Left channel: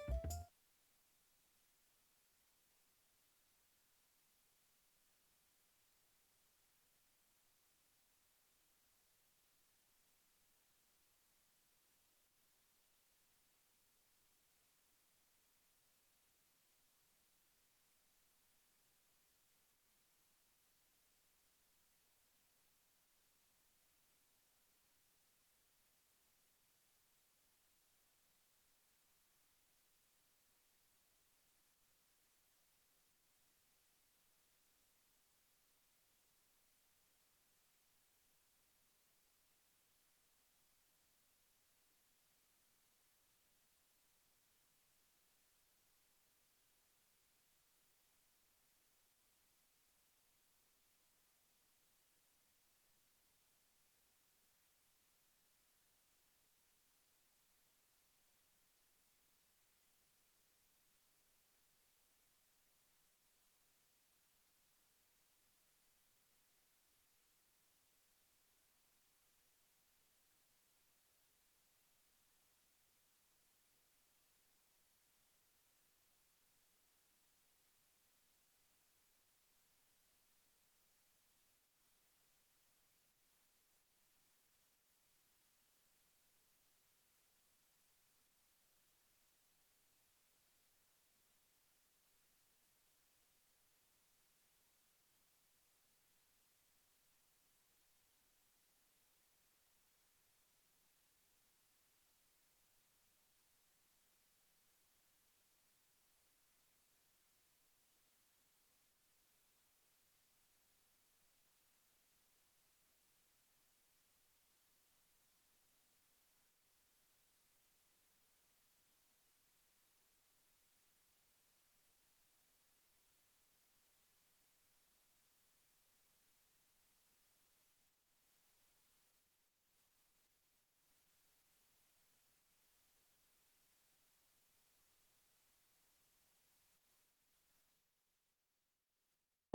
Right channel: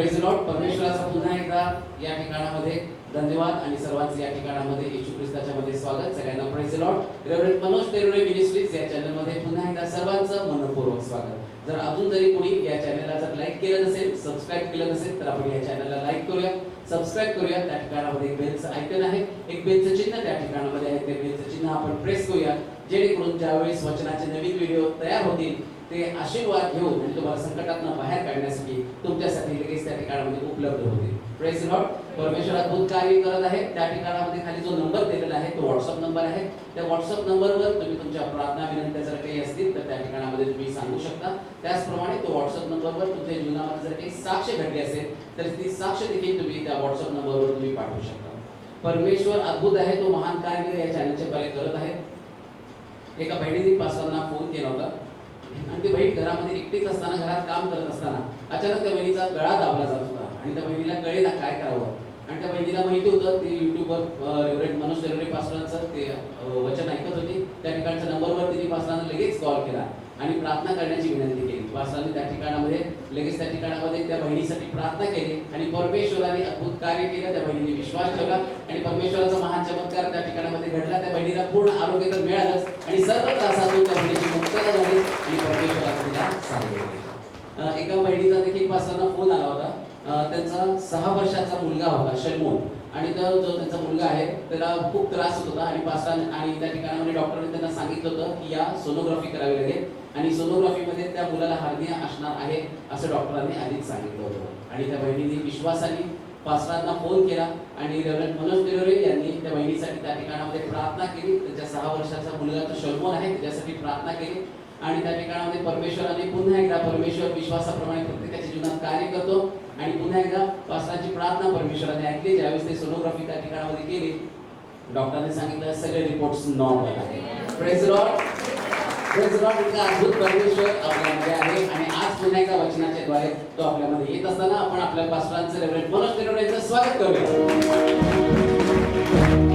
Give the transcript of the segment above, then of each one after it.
Praise Lord. परमेश्वराचा पुन्हा एकदा या ठिकाणामध्ये धन्यवाद आणि सर्वांचे या ठिकाणामध्ये येशू ख्रिस्ताच्या मध्ये स्वागत. सगळ्यांना praise Lord. Reverend Manoj Terure ministries या चॅनलमध्ये पुन्हा एकदा सर्वांचं मनपूर्वक स्वागत. जर अजून तरी कोणी या चॅनलला जर लाईक केलं नसेल, सबस्क्राईब केलं नसेल, तर आपण या चॅनलला लाईक करूया, सबस्क्राईब करूया. त्या ठिकाणामध्ये एक बेलचं आयकॉन आहे, एक बेलचं चिन्ह त्या ठिकाणामध्ये आहे. ते बेलचं चिन्ह आपण प्रेस करूया, जेणेकरून ज्यावेळेस वचनाचे नवीन व्हिडिओ तयार होतील ते आशीर्वाद घेऊन आणि तुम्हाला संकटातून बाहेर काढण्यासाठी तुमच्यासाठी लगेच त्या ठिकाणामध्ये उपलब्ध होतील. Praise Lord. परमेश्वर अद्भुत कार्य करत आहे. त्या ठिकाणामध्ये खाली जो नंबर दिलेला आहे तो व्हॉट्सअप नंबर आहे. त्या व्हॉट्सअप नंबरवर तुम्ही तुमच्या प्रार्थना विनंत्या जर काही असतील तर त्या ठिकाणामध्ये तुम्ही सांगू शकता. त्याचप्रमाणे तो व्हॉट्सअप नंबरवर तुमच्या जीवनामध्ये जर काही साक्ष घडली असेल तर ती साक्ष देखील तुम्ही त्या व्हॉट्सअप नंबरवर तुम्ही पाठवू शकता. परमेश्वर अद्भुत आहे, तो महान कार्य या चॅनलचे कार्य करत आहे. एका बहिणीने पास्टरांना फोन केला होता आणि ती बहीण घरामध्ये एकटीच असताना, घरात काम करत असताना अचानक त्या बहिणीचा गळा दाबला जात होता आणि त्या बहिणीला कळेना काय करावं. आणि त्या बहिणीला माहिती होतं ती युट्यूबवर रेव्हरंड मनोज तेरुरे पास्टरांचं ते वचन ऐकत होती. त्या ठिकाणच्या नंबरवर तिने पास्टरांना लगेच कॉल केला आणि प्रार्थना करण्याची विनंती केली. पास्टरांनी त्या ठिकाणामध्ये लगेच त्या ठिकाणामध्ये त्या बहिणीसाठी प्रार्थना केली आणि परमेश्वराने अद्भुत कार्य केलं. त्या बहिणीने विश्वास ठेवला आणि परमेश्वराचा महान चमत्कार त्या ठिकाणामध्ये घडला. त्या बहिणीला पूर्ण आरोग्य तर मिळालंच आणि सर्व त्रासातून त्या बहिणीची मुक्तता झाली आणि परमेश्वराने तिला सावरले. एका बहिणीचा देखील पास्टरांना फोन आला होता. त्यांचा 6 वर्षाचा मुलगा होता शर्मोन, आणि तो जो त्यांचा मुलगा आहे त्याला खूप त्रास होत होता आणि पास्टरांनी आणि त्या ठिकाणामध्ये डॉक्टरने त्यांना सांगितलं होतं की या सोनोग्राफी करावी लागेल आणि सोनोग्राफीमध्ये त्या मुलाला हार्निया असणार आहे असं डॉक्टरांनी आधीच सांगितलं होतं. आणि त्या बहिणीने विश्वासाने पास्टरांना फोन केला आणि रेव्हरंड मनोज तेरुरे यांनी त्या बहिणीसाठी त्या ठिकाणामध्ये प्रार्थना केली. त्याच्या 6 वर्षाचा मुलगा तो शर्मोन आहे, त्याच्यासाठी प्रार्थना केली आणि त्या ठिकाणामध्ये परमेश्वराने पुन्हा एकदा, परमेश्वर विश्वासाप्रमाणे प्रत्येकाच्या जीवनात कार्य करतो आणि पुन्हा एकदा पास्टरांची प्रार्थना परमेश्वराने ऐकली. ज्यावेळेस ते सोनोग्राफी त्या ठिकाणामध्ये केली, डॉक्टरने सांगितलं सगळे रिपोर्ट्स नॉर्मल आहेत. Praise Lord. Praise Lord. इतका अद्भुत परमेश्वर आपल्यामध्ये आहे आणि आज पुन्हा एकदा वचनाच्या द्वारे तो आपल्यामध्ये येत असताना आपण आपल्या पास्टरांचं रेव्हरंड मनोज तेरुरे यांचं स्वागत करूया.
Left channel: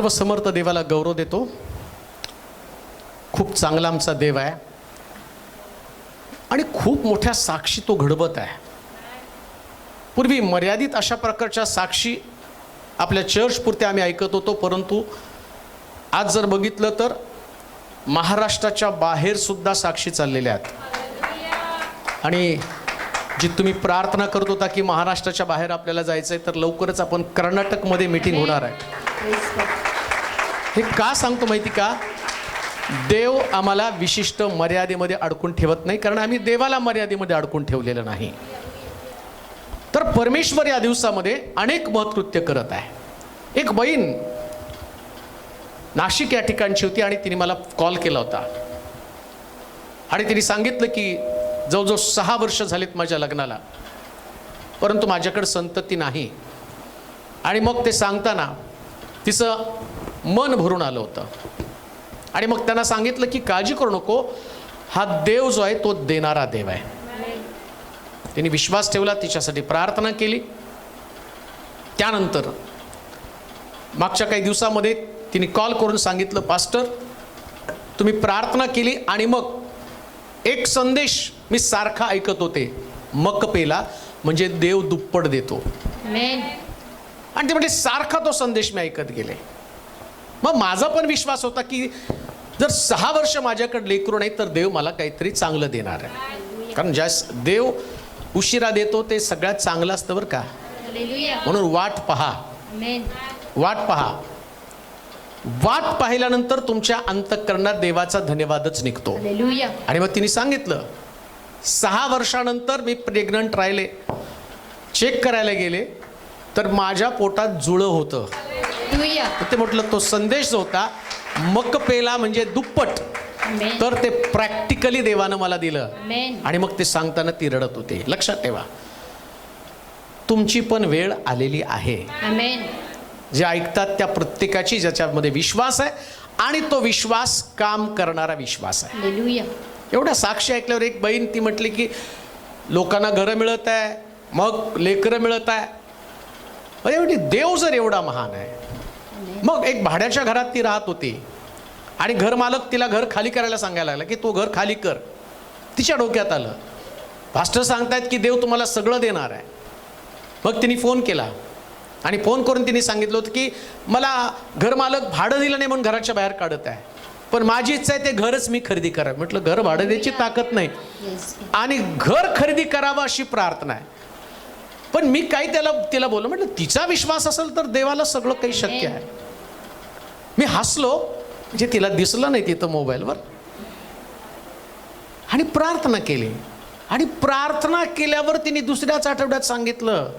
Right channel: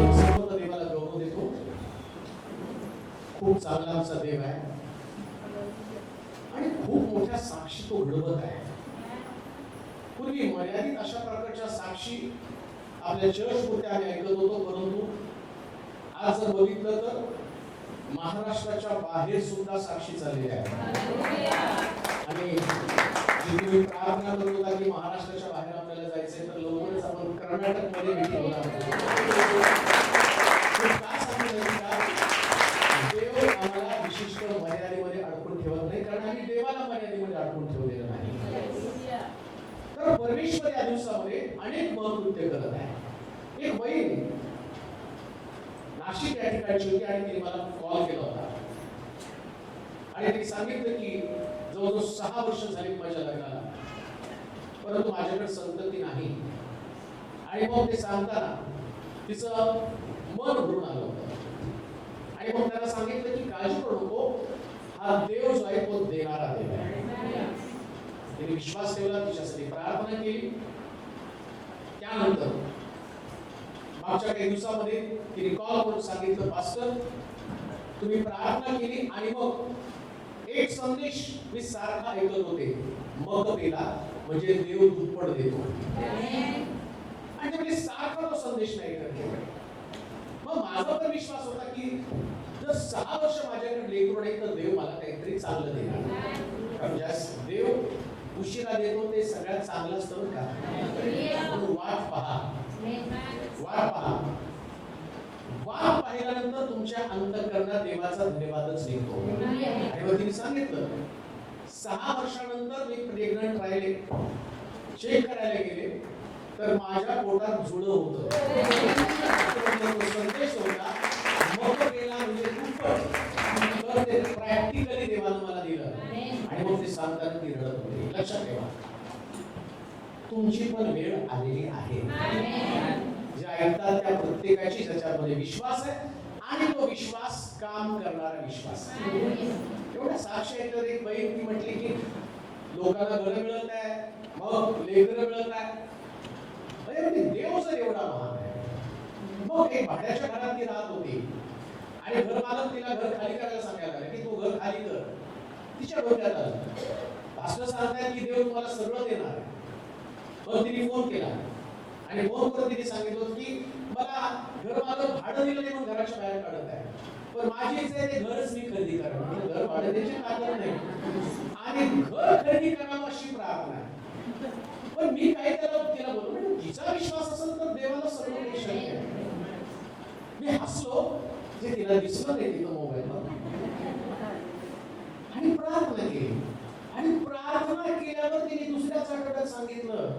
समर्थ देवाला गौरव देतो. खूप चांगला आमचा देव आहे आणि खूप मोठ्या साक्षी तो घडवत आहे. पूर्वी मर्यादित अशा प्रकारच्या साक्षी आपल्या चर्च पुरते आम्ही ऐकत होतो, परंतु आज जर बघितलं तर महाराष्ट्राच्या बाहेर सुद्धा साक्षी चाललेल्या आहेत. आणि जी तुम्ही प्रार्थना करत होता की महाराष्ट्राच्या बाहेर आपल्याला जायचं आहे, तर लवकरच आपण कर्नाटकमध्ये मीटिंग होणार आहे. हे का सांगतो माहिती का? देव आम्हाला विशिष्ट मर्यादेमध्ये अडकून ठेवत नाही, कारण आम्ही देवाला मर्यादेमध्ये अडकून ठेवलेलं नाही. तर परमेश्वर या दिवसामध्ये अनेक महत्कृत्य करत आहे. एक बहीण नाशिक या ठिकाणची होती आणि तिने मला कॉल केला होता आणि तिने सांगितलं की जवळजवळ 6 वर्ष झालीत माझ्या लग्नाला, परंतु माझ्याकडे संतती नाही. आणि मग ते सांगताना तिचं मन भरून आलं होतं आणि मग त्यांना सांगितलं की काळजी करू नको, हा देव जो आहे तो देणारा देव आहे. तिने विश्वास ठेवला, तिच्यासाठी प्रार्थना केली. त्यानंतर मागच्या काही दिवसामध्ये तिने कॉल करून सांगितलं, पास्टर तुम्ही प्रार्थना केली आणि मग एक संदेश मी सारखा ऐकत होते, मकपेला म्हणजे देव दुप्पट देतो. आणि ते म्हणजे सारखा तो संदेश मी ऐकत गेले. मग माझा पण विश्वास होता की जर 6 वर्ष माझ्याकडे लेकरू नाही तर देव मला काहीतरी चांगलं देणार आहे, कारण ज्या देव उशिरा देतो ते सगळ्यात चांगलं असतं बरं का. म्हणून वाट पहा, वाट पहा. वाट पाहिल्यानंतर तुमच्या अंतःकरणात देवाचा धन्यवादच निघतो. आणि मग तिने सांगितलं 6 वर्षानंतर मी प्रेग्नंट राहिले, चेक करायला गेले तर माझ्या पोटात जुळं होतं. ते म्हटलं तो संदेश जो होता मकपेला म्हणजे दुप्पट, तर ते प्रॅक्टिकली देवानं मला दिलं. आणि मग ते सांगताना ती रडत होते. लक्षात ठेवा, तुमची पण वेळ आलेली आहे. जे ऐकतात त्या प्रत्येकाची ज्याच्यामध्ये विश्वास आहे आणि तो विश्वास काम करणारा विश्वास आहे. एवढ्या साक्षी ऐकल्यावर एक बहीण ती म्हटली की लोकांना घरं मिळत आहे, मग लेकरं मिळत आहे. म्हणजे देव जर एवढा महान आहे, मग एक भाड्याच्या घरात ती राहत होती आणि घरमालक तिला घर खाली करायला सांगायला लागला की तू घर खाली कर. तिच्या डोक्यात आलं, पास्टर सांगतायत की देव तुम्हाला सगळं देणार आहे, मग तिने फोन केला आणि फोन करून तिने सांगितलं होतं की मला घरमालक भाडं दिलं नाही म्हणून घराच्या बाहेर काढत आहे, पण माझी इच्छा आहे ते घरच मी खरेदी करा. म्हटलं घर भाडं द्यायची ताकद नाही आणि घर खरेदी करावं अशी प्रार्थना आहे. पण मी काही तिला बोललो, म्हटलं तिचा विश्वास असेल तर देवाला सगळं काही शक्य आहे. मी हसलो, जे तिला दिसलं नाही तिथं मोबाईलवर, आणि प्रार्थना केली. आणि प्रार्थना केल्यावर तिने दुसऱ्याच आठवड्यात सांगितलं,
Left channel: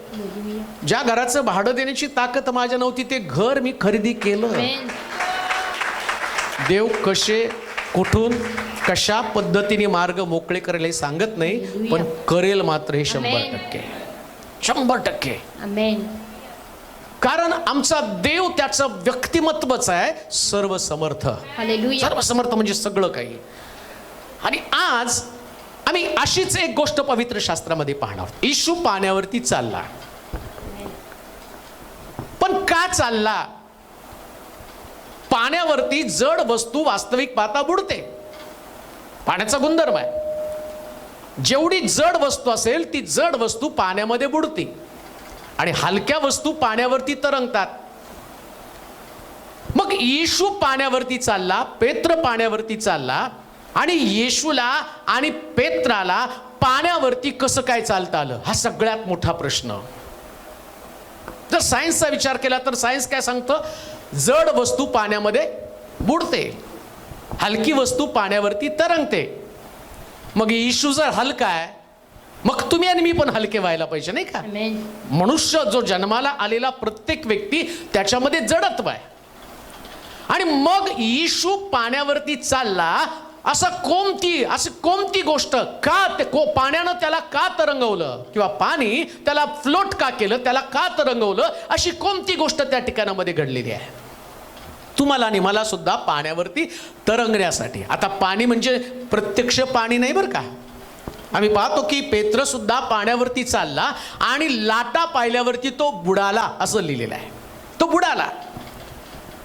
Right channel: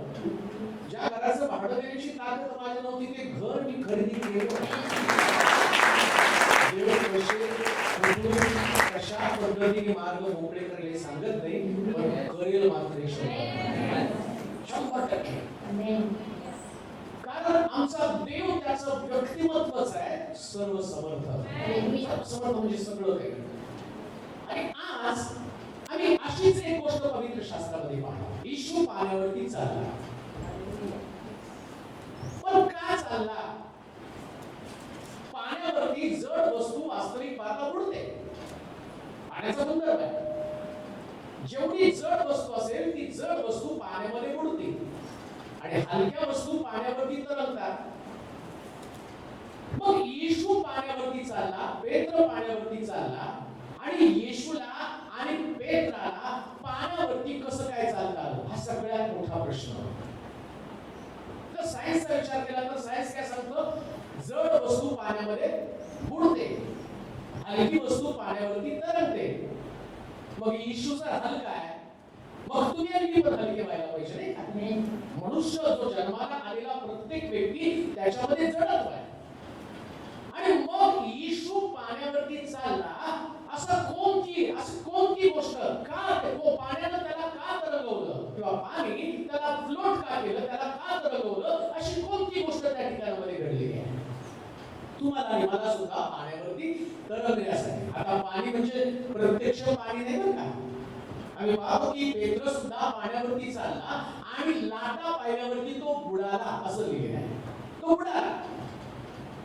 ज्या घराचं भाडं देण्याची ताकद माझ्या नव्हती ते घर मी खरेदी केलं. देव कसे, कुठून, कशा पद्धतीने मार्ग मोकळे करेल हे सांगत नाही, पण करेल मात्र हे 100%. कारण आमचा देव त्याचं व्यक्तिमत्वच आहे सर्वसमर्थ. सर्वसमर्थ म्हणजे सगळं काही. आणि आज आम्ही अशीच एक गोष्ट पवित्र शास्त्रामध्ये पाहणार. येशू पाण्यावरती चालला, पण का चालला? पाण्यावरती जड वस्तू वास्तविक पाहता बुडते. पाण्याचा गुणधर्म आहे, जेवढी जड वस्तू असेल ती जड वस्तू पाण्यामध्ये बुडते आणि हलक्या वस्तू पाण्यावरती तरंगतात. मग येशू पाण्यावरती चालला, पेत्र पाण्यावरती चालला, आणि येशूला आणि पेत्राला पाण्यावरती कसं काय चालता आलं, हा सगळ्यात मोठा प्रश्न. जर सायन्सचा विचार केला तर सायन्स काय सांगतं? जड वस्तू पाण्यामध्ये बुडते, हलकी वस्तू पाण्यावरती तरंगते. मग येशू जर हलका आहे, मग तुम्ही आणि मी पण हलके व्हायला पाहिजे, नाही का? मनुष्य जो जन्माला आलेला प्रत्येक व्यक्ती त्याच्यामध्ये जडत्व आहे. आणि मग येशू पाण्यावरती चालला, अशी कोणती गोष्ट का पाण्यानं त्याला का तरंगवलं, किंवा पाणी त्याला फ्लोट का केलं, त्याला का तरंगवलं, अशी कोणती गोष्ट त्या ठिकाणामध्ये घडलेली आहे तुम्हाला आणि मला सुद्धा पाण्यावरती तरंगण्यासाठी. आता पाणी म्हणजे प्रत्यक्ष पाणी नाही बरं का. आम्ही पाहतो की पेत्र सुद्धा पाण्यावरती चालला आणि लाटा पाहिल्यावरती तो बुडाला, असं लिहिलेलं आहे, तो बुडाला.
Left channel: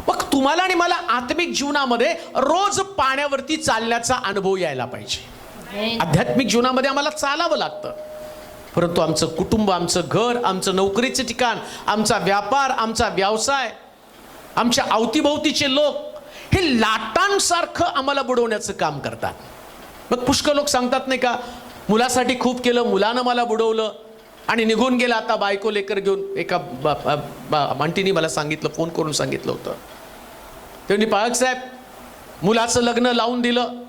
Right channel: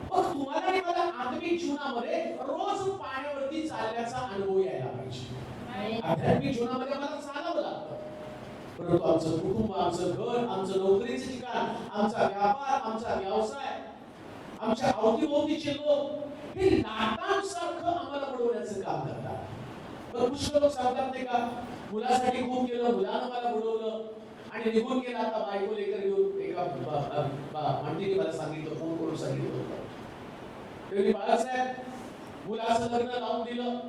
मग तुम्हाला आणि मला आत्मिक जीवनामध्ये रोज पाण्यावरती चालण्याचा अनुभव यायला पाहिजे. आध्यात्मिक जीवनामध्ये आम्हाला चालावं लागतं, परंतु आमचं कुटुंब, आमचं घर, आमचं नोकरीचं ठिकाण, आमचा व्यापार, आमचा व्यवसाय, आमच्या अवतीभोवतीचे लोक हे लाटांसारखं आम्हाला बुडवण्याचं काम करतात. मग पुष्कळ लोक सांगतात नाही का, मुलासाठी खूप केलं, मुलानं मला बुडवलं आणि निघून गेला, आता बायको लेकर घेऊन. एका आंटीनी मला सांगितलं, फोन करून सांगितलं होतं, त्यांनी पाळक साहेब मुलाचं लग्न लावून दिलं,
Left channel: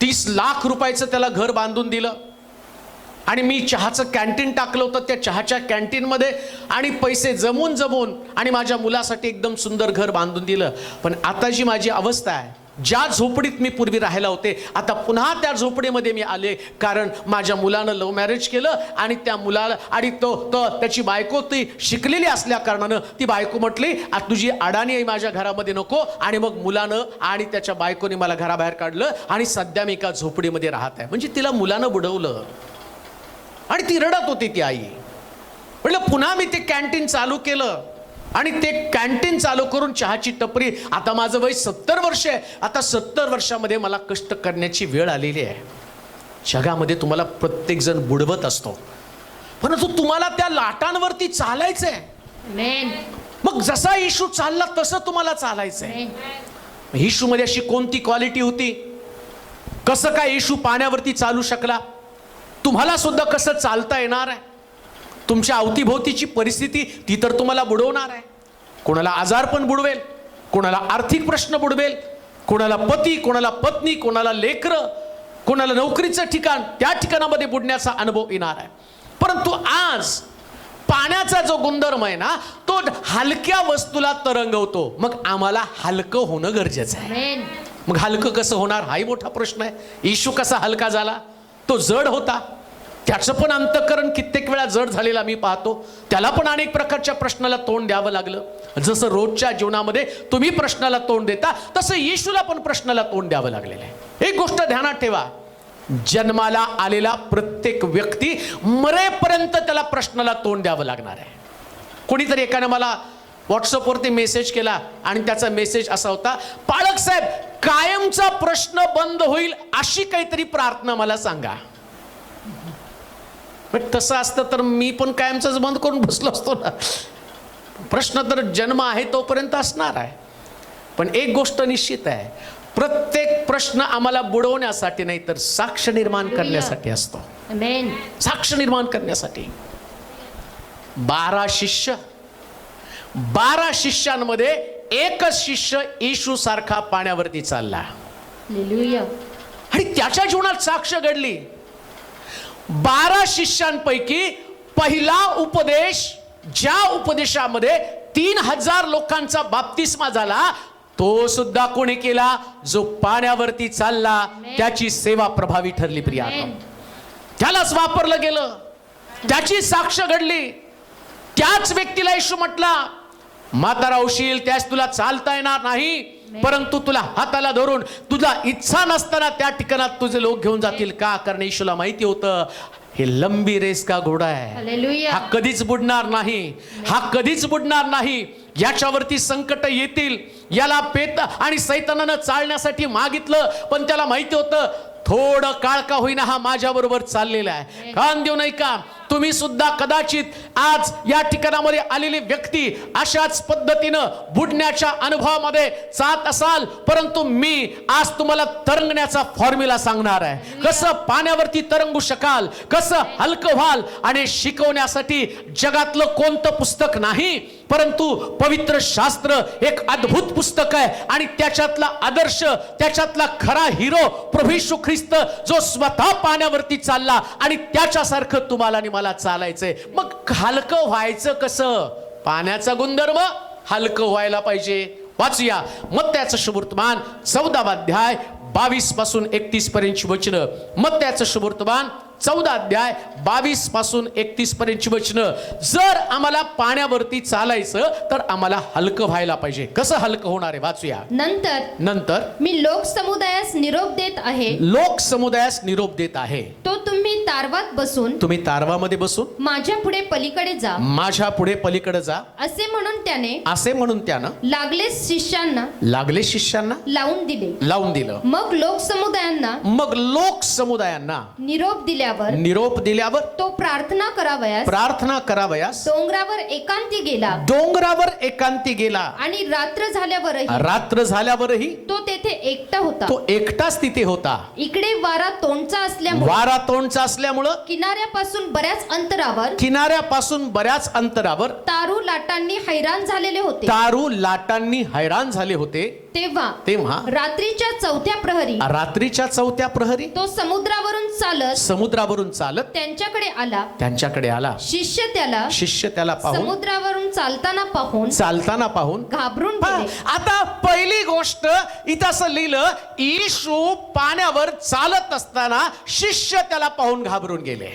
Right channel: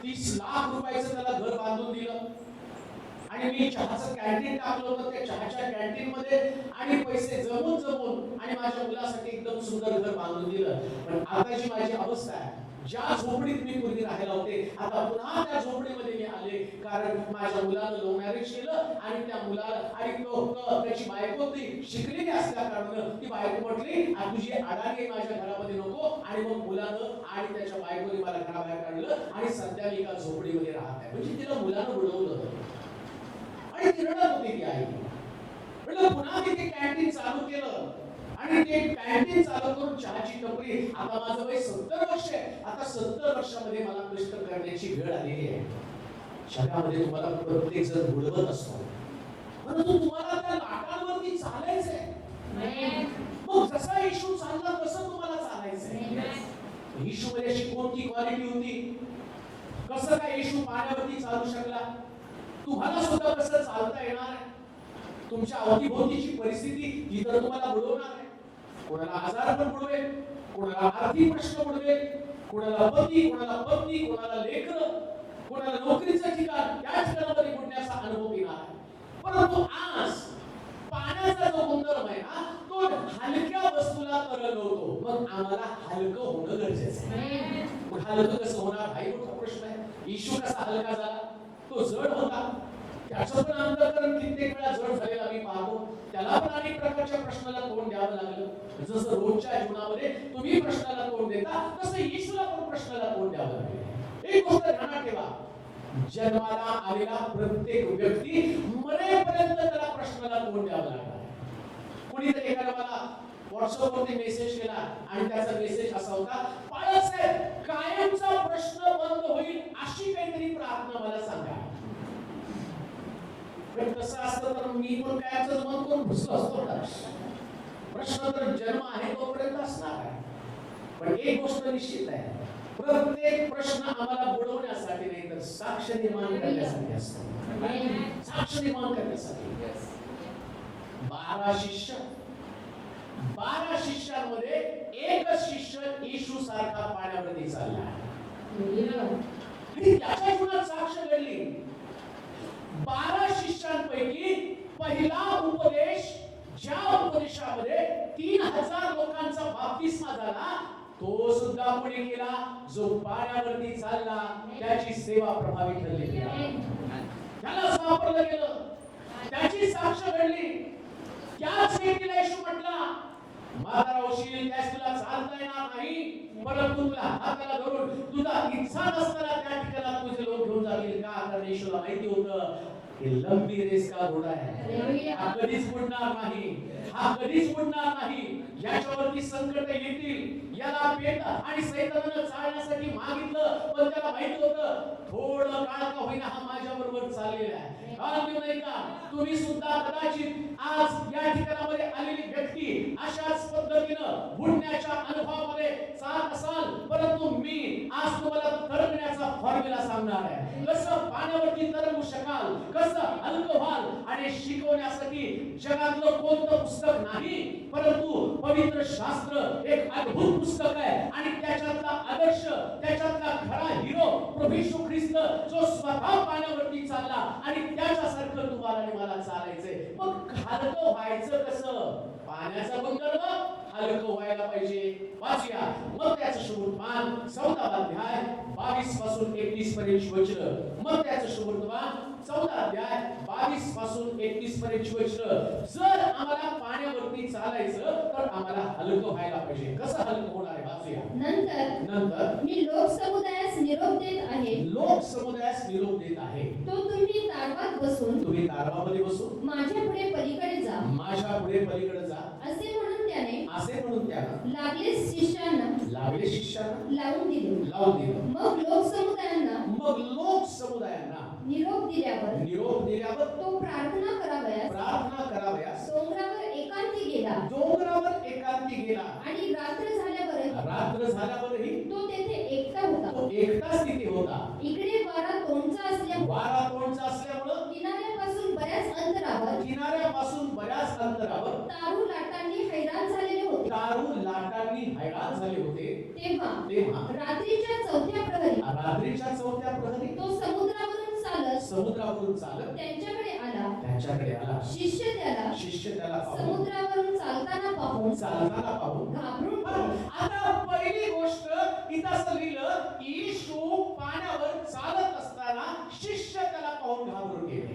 30 लाख रुपयाचं त्याला घर बांधून दिलं, आणि मी चहाचं कॅन्टीन टाकलं होतं त्या चहाच्या कॅन्टीनमध्ये, आणि पैसे जमून आणि माझ्या मुलासाठी एकदम सुंदर घर बांधून दिलं. पण आता जी माझी अवस्था आहे, ज्या झोपडीत मी पूर्वी राहायला होते, आता पुन्हा त्या झोपडीमध्ये मी आले, कारण माझ्या मुलानं लव्ह मॅरेज केलं आणि त्या मुलाला, आणि त्याची बायको ती शिकलेली असल्या कारणानं ती बायको म्हटली, तुझी अडाणी आहे माझ्या घरामध्ये नको. आणि मग मुलानं आणि त्याच्या बायकोने मला घराबाहेर काढलं आणि सध्या मी एका झोपडीमध्ये राहत आहे. म्हणजे तिला मुलानं बुडवलं आणि ती रडत होती ती आई. म्हटलं पुन्हा मी ते कॅन्टीन चालू केलं आणि ते कॅन्टीन चालू करून चहाची टपरी. आता माझं वय 70 वर्ष आहे. आता 70 वर्षामध्ये मला कष्ट करण्याची वेळ आलेली आहे. जगामध्ये तुम्हाला प्रत्येक जण बुडवत असतो, परंतु तुम्हाला त्या लाटांवरती चालायचंय. मग जसा येशू चालला तसं तुम्हाला चालायचंय. येशू मध्ये अशी कोणती क्वालिटी होती? कसं काय येशू पाण्यावरती चालू शकला? तुम्हाला सुद्धा कसं चालता येणार आहे? तुमच्या अवतीभोवतीची परिस्थिती ती तर तुम्हाला बुडवणार आहे. कोणाला आजार पण बुडवेल, कोणाला आर्थिक प्रश्न बुडवेल, कोणाला पती, कोणाला पत्नी, कोणाला लेकरं, कोणाला नोकरीचं ठिकाण, त्या ठिकाणामध्ये बुडण्याचा अनुभव येणार आहे. परंतु आज पाण्याचा जो गुणधर्म आहे ना, तो हलक्या वस्तूला तरंगवतो. मग आम्हाला हलकं होणं गरजेचं आहे. मग हलकं कसं होणार हाही मोठा प्रश्न आहे. येशू कसा हलका झाला? तो जड होता, त्याचं पण अंतःकरण कित्येक वेळा जड झालेला मी पाहतो. त्याला पण अनेक प्रकारच्या प्रश्नाला तोंड द्यावं लागलं. जसं रोजच्या जीवनामध्ये तुम्ही प्रश्नाला तोंड देता, तसं येशूला पण प्रश्नाला तोंड द्यावं लागलेलं आहे. एक गोष्ट ध्यानात ठेवा, जन्माला आलेला प्रत्येक व्यक्ती मरेपर्यंत त्याला प्रश्नाला तोंड द्यावं लागणार आहे. कोणीतरी एकाने मला व्हॉट्सअपवरती मेसेज केला आणि त्याचा मेसेज असा होता, पाळक साहेब कायमचा प्रश्न बंद होईल अशी काहीतरी प्रार्थना मला सांगा. पण तसं असतं तर मी पण कायमचंच बंद करून बसलो असतो ना. प्रश्न तर जन्म आहे तोपर्यंत असणार आहे. पण एक गोष्ट निश्चित आहे, प्रत्येक प्रश्न आम्हाला बुडवण्यासाठी नाही तर साक्ष निर्माण करण्यासाठी असतो. आमेन. साक्ष निर्माण करण्यासाठी. 12 शिष्य, 12 शिष्यांमध्ये एकच शिष्य येशू सारखा पाण्यावरती चालला हालेलुया. आणि त्याच्या जीवनात साक्ष घडली. 12 शिष्यांपैकी पहिला उपदेश, ज्या उपदेशामध्ये 3000 लोकांचा बाप्तिस्मा झाला, तो सुद्धा कोणी केला? जो पाण्यावरती चालला. त्याची सेवा प्रभावी ठरली प्रिया. त्यालाच वापरलं गेलं, त्याची साक्ष घडली. त्याच व्यक्तीला येशू म्हटला, म्हातारा होशील, त्यास तुला चालता येणार नाही, परंतु तुला हाताला धरून तुझा इच्छा नसताना त्या ठिकाणात तुझे लोक घेऊन जातील. का? कारण येशूला माहिती होतं हे लंबी रेस का घोडा आहे, हालेलुया. हा कधीच बुडणार नाही, हा कधीच बुडणार नाही. याच्यावरती संकट येतील. याला पेत आणि सैतानानं चालण्यासाठी मागितलं, पण त्याला माहिती होतं थोडं काळ का होईना हा माझ्या बरोबर चाललेला आहे. कान देऊ नाही का? तुम्ही सुद्धा कदाचित आज या ठिकाणामध्ये आलेली व्यक्ती अशाच पद्धतीनं बुडण्याच्या अनुभवामध्ये जात असाल, परंतु मी आज तुम्हाला तरंगण्याचा फॉर्म्युला सांगणार आहे. कसं पाण्यावरती तरंगू शकाल, कसं हलकं व्हाल. आणि शिकवण्यासाठी जगातलं कोणतं पुस्तक नाही, परंतु पवित्र शास्त्र एक अद्भुत पुस्तक आहे. आणि त्याच्यातला आदर्श, त्याच्यातला खरा हिरो प्रभू येशू ख्रिस्त, जो स्वतः पाण्यावरती चालला आणि त्याच्यासारखं तुम्हाला आणि मला चालायचंय. मग हलकं व्हायचं कसं? पाण्याचा गुणधर्म हलकं व्हायला पाहिजे. वाचूया मत्त्याचं शुभवर्तमान 14 अध्याय 22 पासून 31 पर्यंतची वचनं. मत्त्याचं शुभवर्तमान 14 अध्याय 22 पासून 31 पर्यंतची वचनं. जर आम्हाला पाण्यावरती चालायचं तर आम्हाला हलकं व्हायला पाहिजे. कसं हलकं होणार आहे? वाचूया. नंतर मी लोक समुदायास निरोप देत आहे. लोक समुदायास निरोप देत आहे. तो तुम्ही तारवात बसून, तुम्ही तारवामध्ये बसून माझ्या पुढे पलीकडे जा, माझ्या पुढे पलीकडे जा, असे म्हणून त्याने लागले शिष्यांना लावून दिले. मग लोक समुदायांना निरोप दिल्यावर तो प्रार्थना करावयास डोंगरावर एकांती गेला. आणि रात्र झाल्यावरही तो तेथे एकटाच तिथे होता. इकडे वारा तोंडचा असल्यामुळं किनाऱ्यापासून बऱ्याच अंतरावर तारू लाटांनी हैराण झाले होते. तेव्हा रात्रीच्या चौथ्या प्रहरी तो समुद्रावरून चालत त्यांच्याकडे आला. शिष्य त्याला पाहून समुद्रावरून चालताना पाहून घाबरून गेले. आता पहिली गोष्ट इथं असं लिहिलं, येशू पाण्यावर चालत असताना शिष्य त्याला पाहून घाबरून गेले.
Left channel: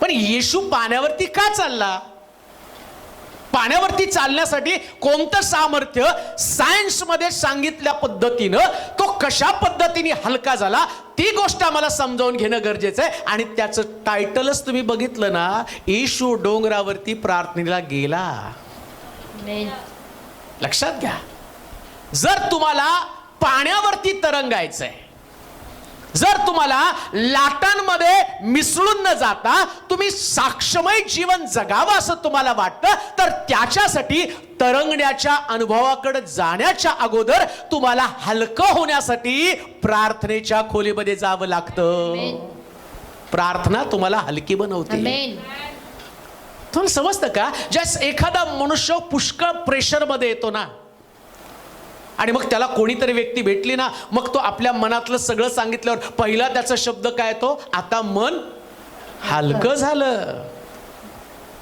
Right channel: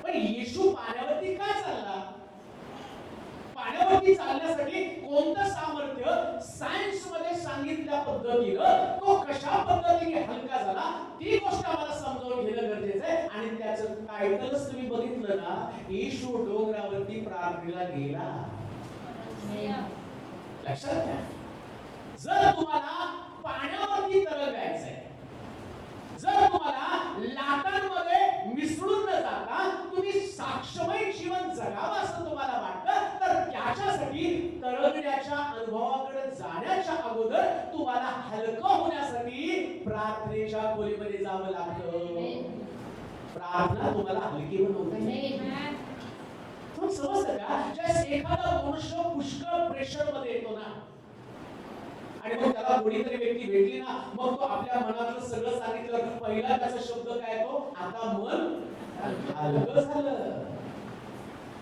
पण येशू पाण्यावरती का चालला? पाण्यावरती चालण्यासाठी कोणतं सामर्थ्य? सायन्स मध्ये सांगितल्या पद्धतीनं तो कशा पद्धतीने हलका झाला ती गोष्ट आम्हाला समजावून घेणं गरजेचं आहे. आणि त्याचं टायटलच तुम्ही बघितलं ना, येशू डोंगरावरती प्रार्थनेला गेला. लक्षात घ्या, जर तुम्हाला पाण्यावरती तरंगायचंय, जर तुम्हाला लाटांमध्ये मिसळून न जाता तुम्ही साक्षमय जीवन जगावं असं तुम्हाला वाटतं, तर त्याच्यासाठी तरंगण्याच्या अनुभवाकडे जाण्याच्या अगोदर तुम्हाला हलकं होण्यासाठी प्रार्थनेच्या खोलीमध्ये जावं लागतं. प्रार्थना तुम्हाला हलकी बनवते. तुम्हाला समजतं का? ज्या एखादा मनुष्य पुष्कळ प्रेशर मध्ये येतो ना, आणि मग त्याला कोणीतरी व्यक्ती भेटली ना, मग तो आपल्या मनातलं सगळं सांगितल्यावर पहिला त्याचा शब्द काय तो? आता मन हलकं झालं.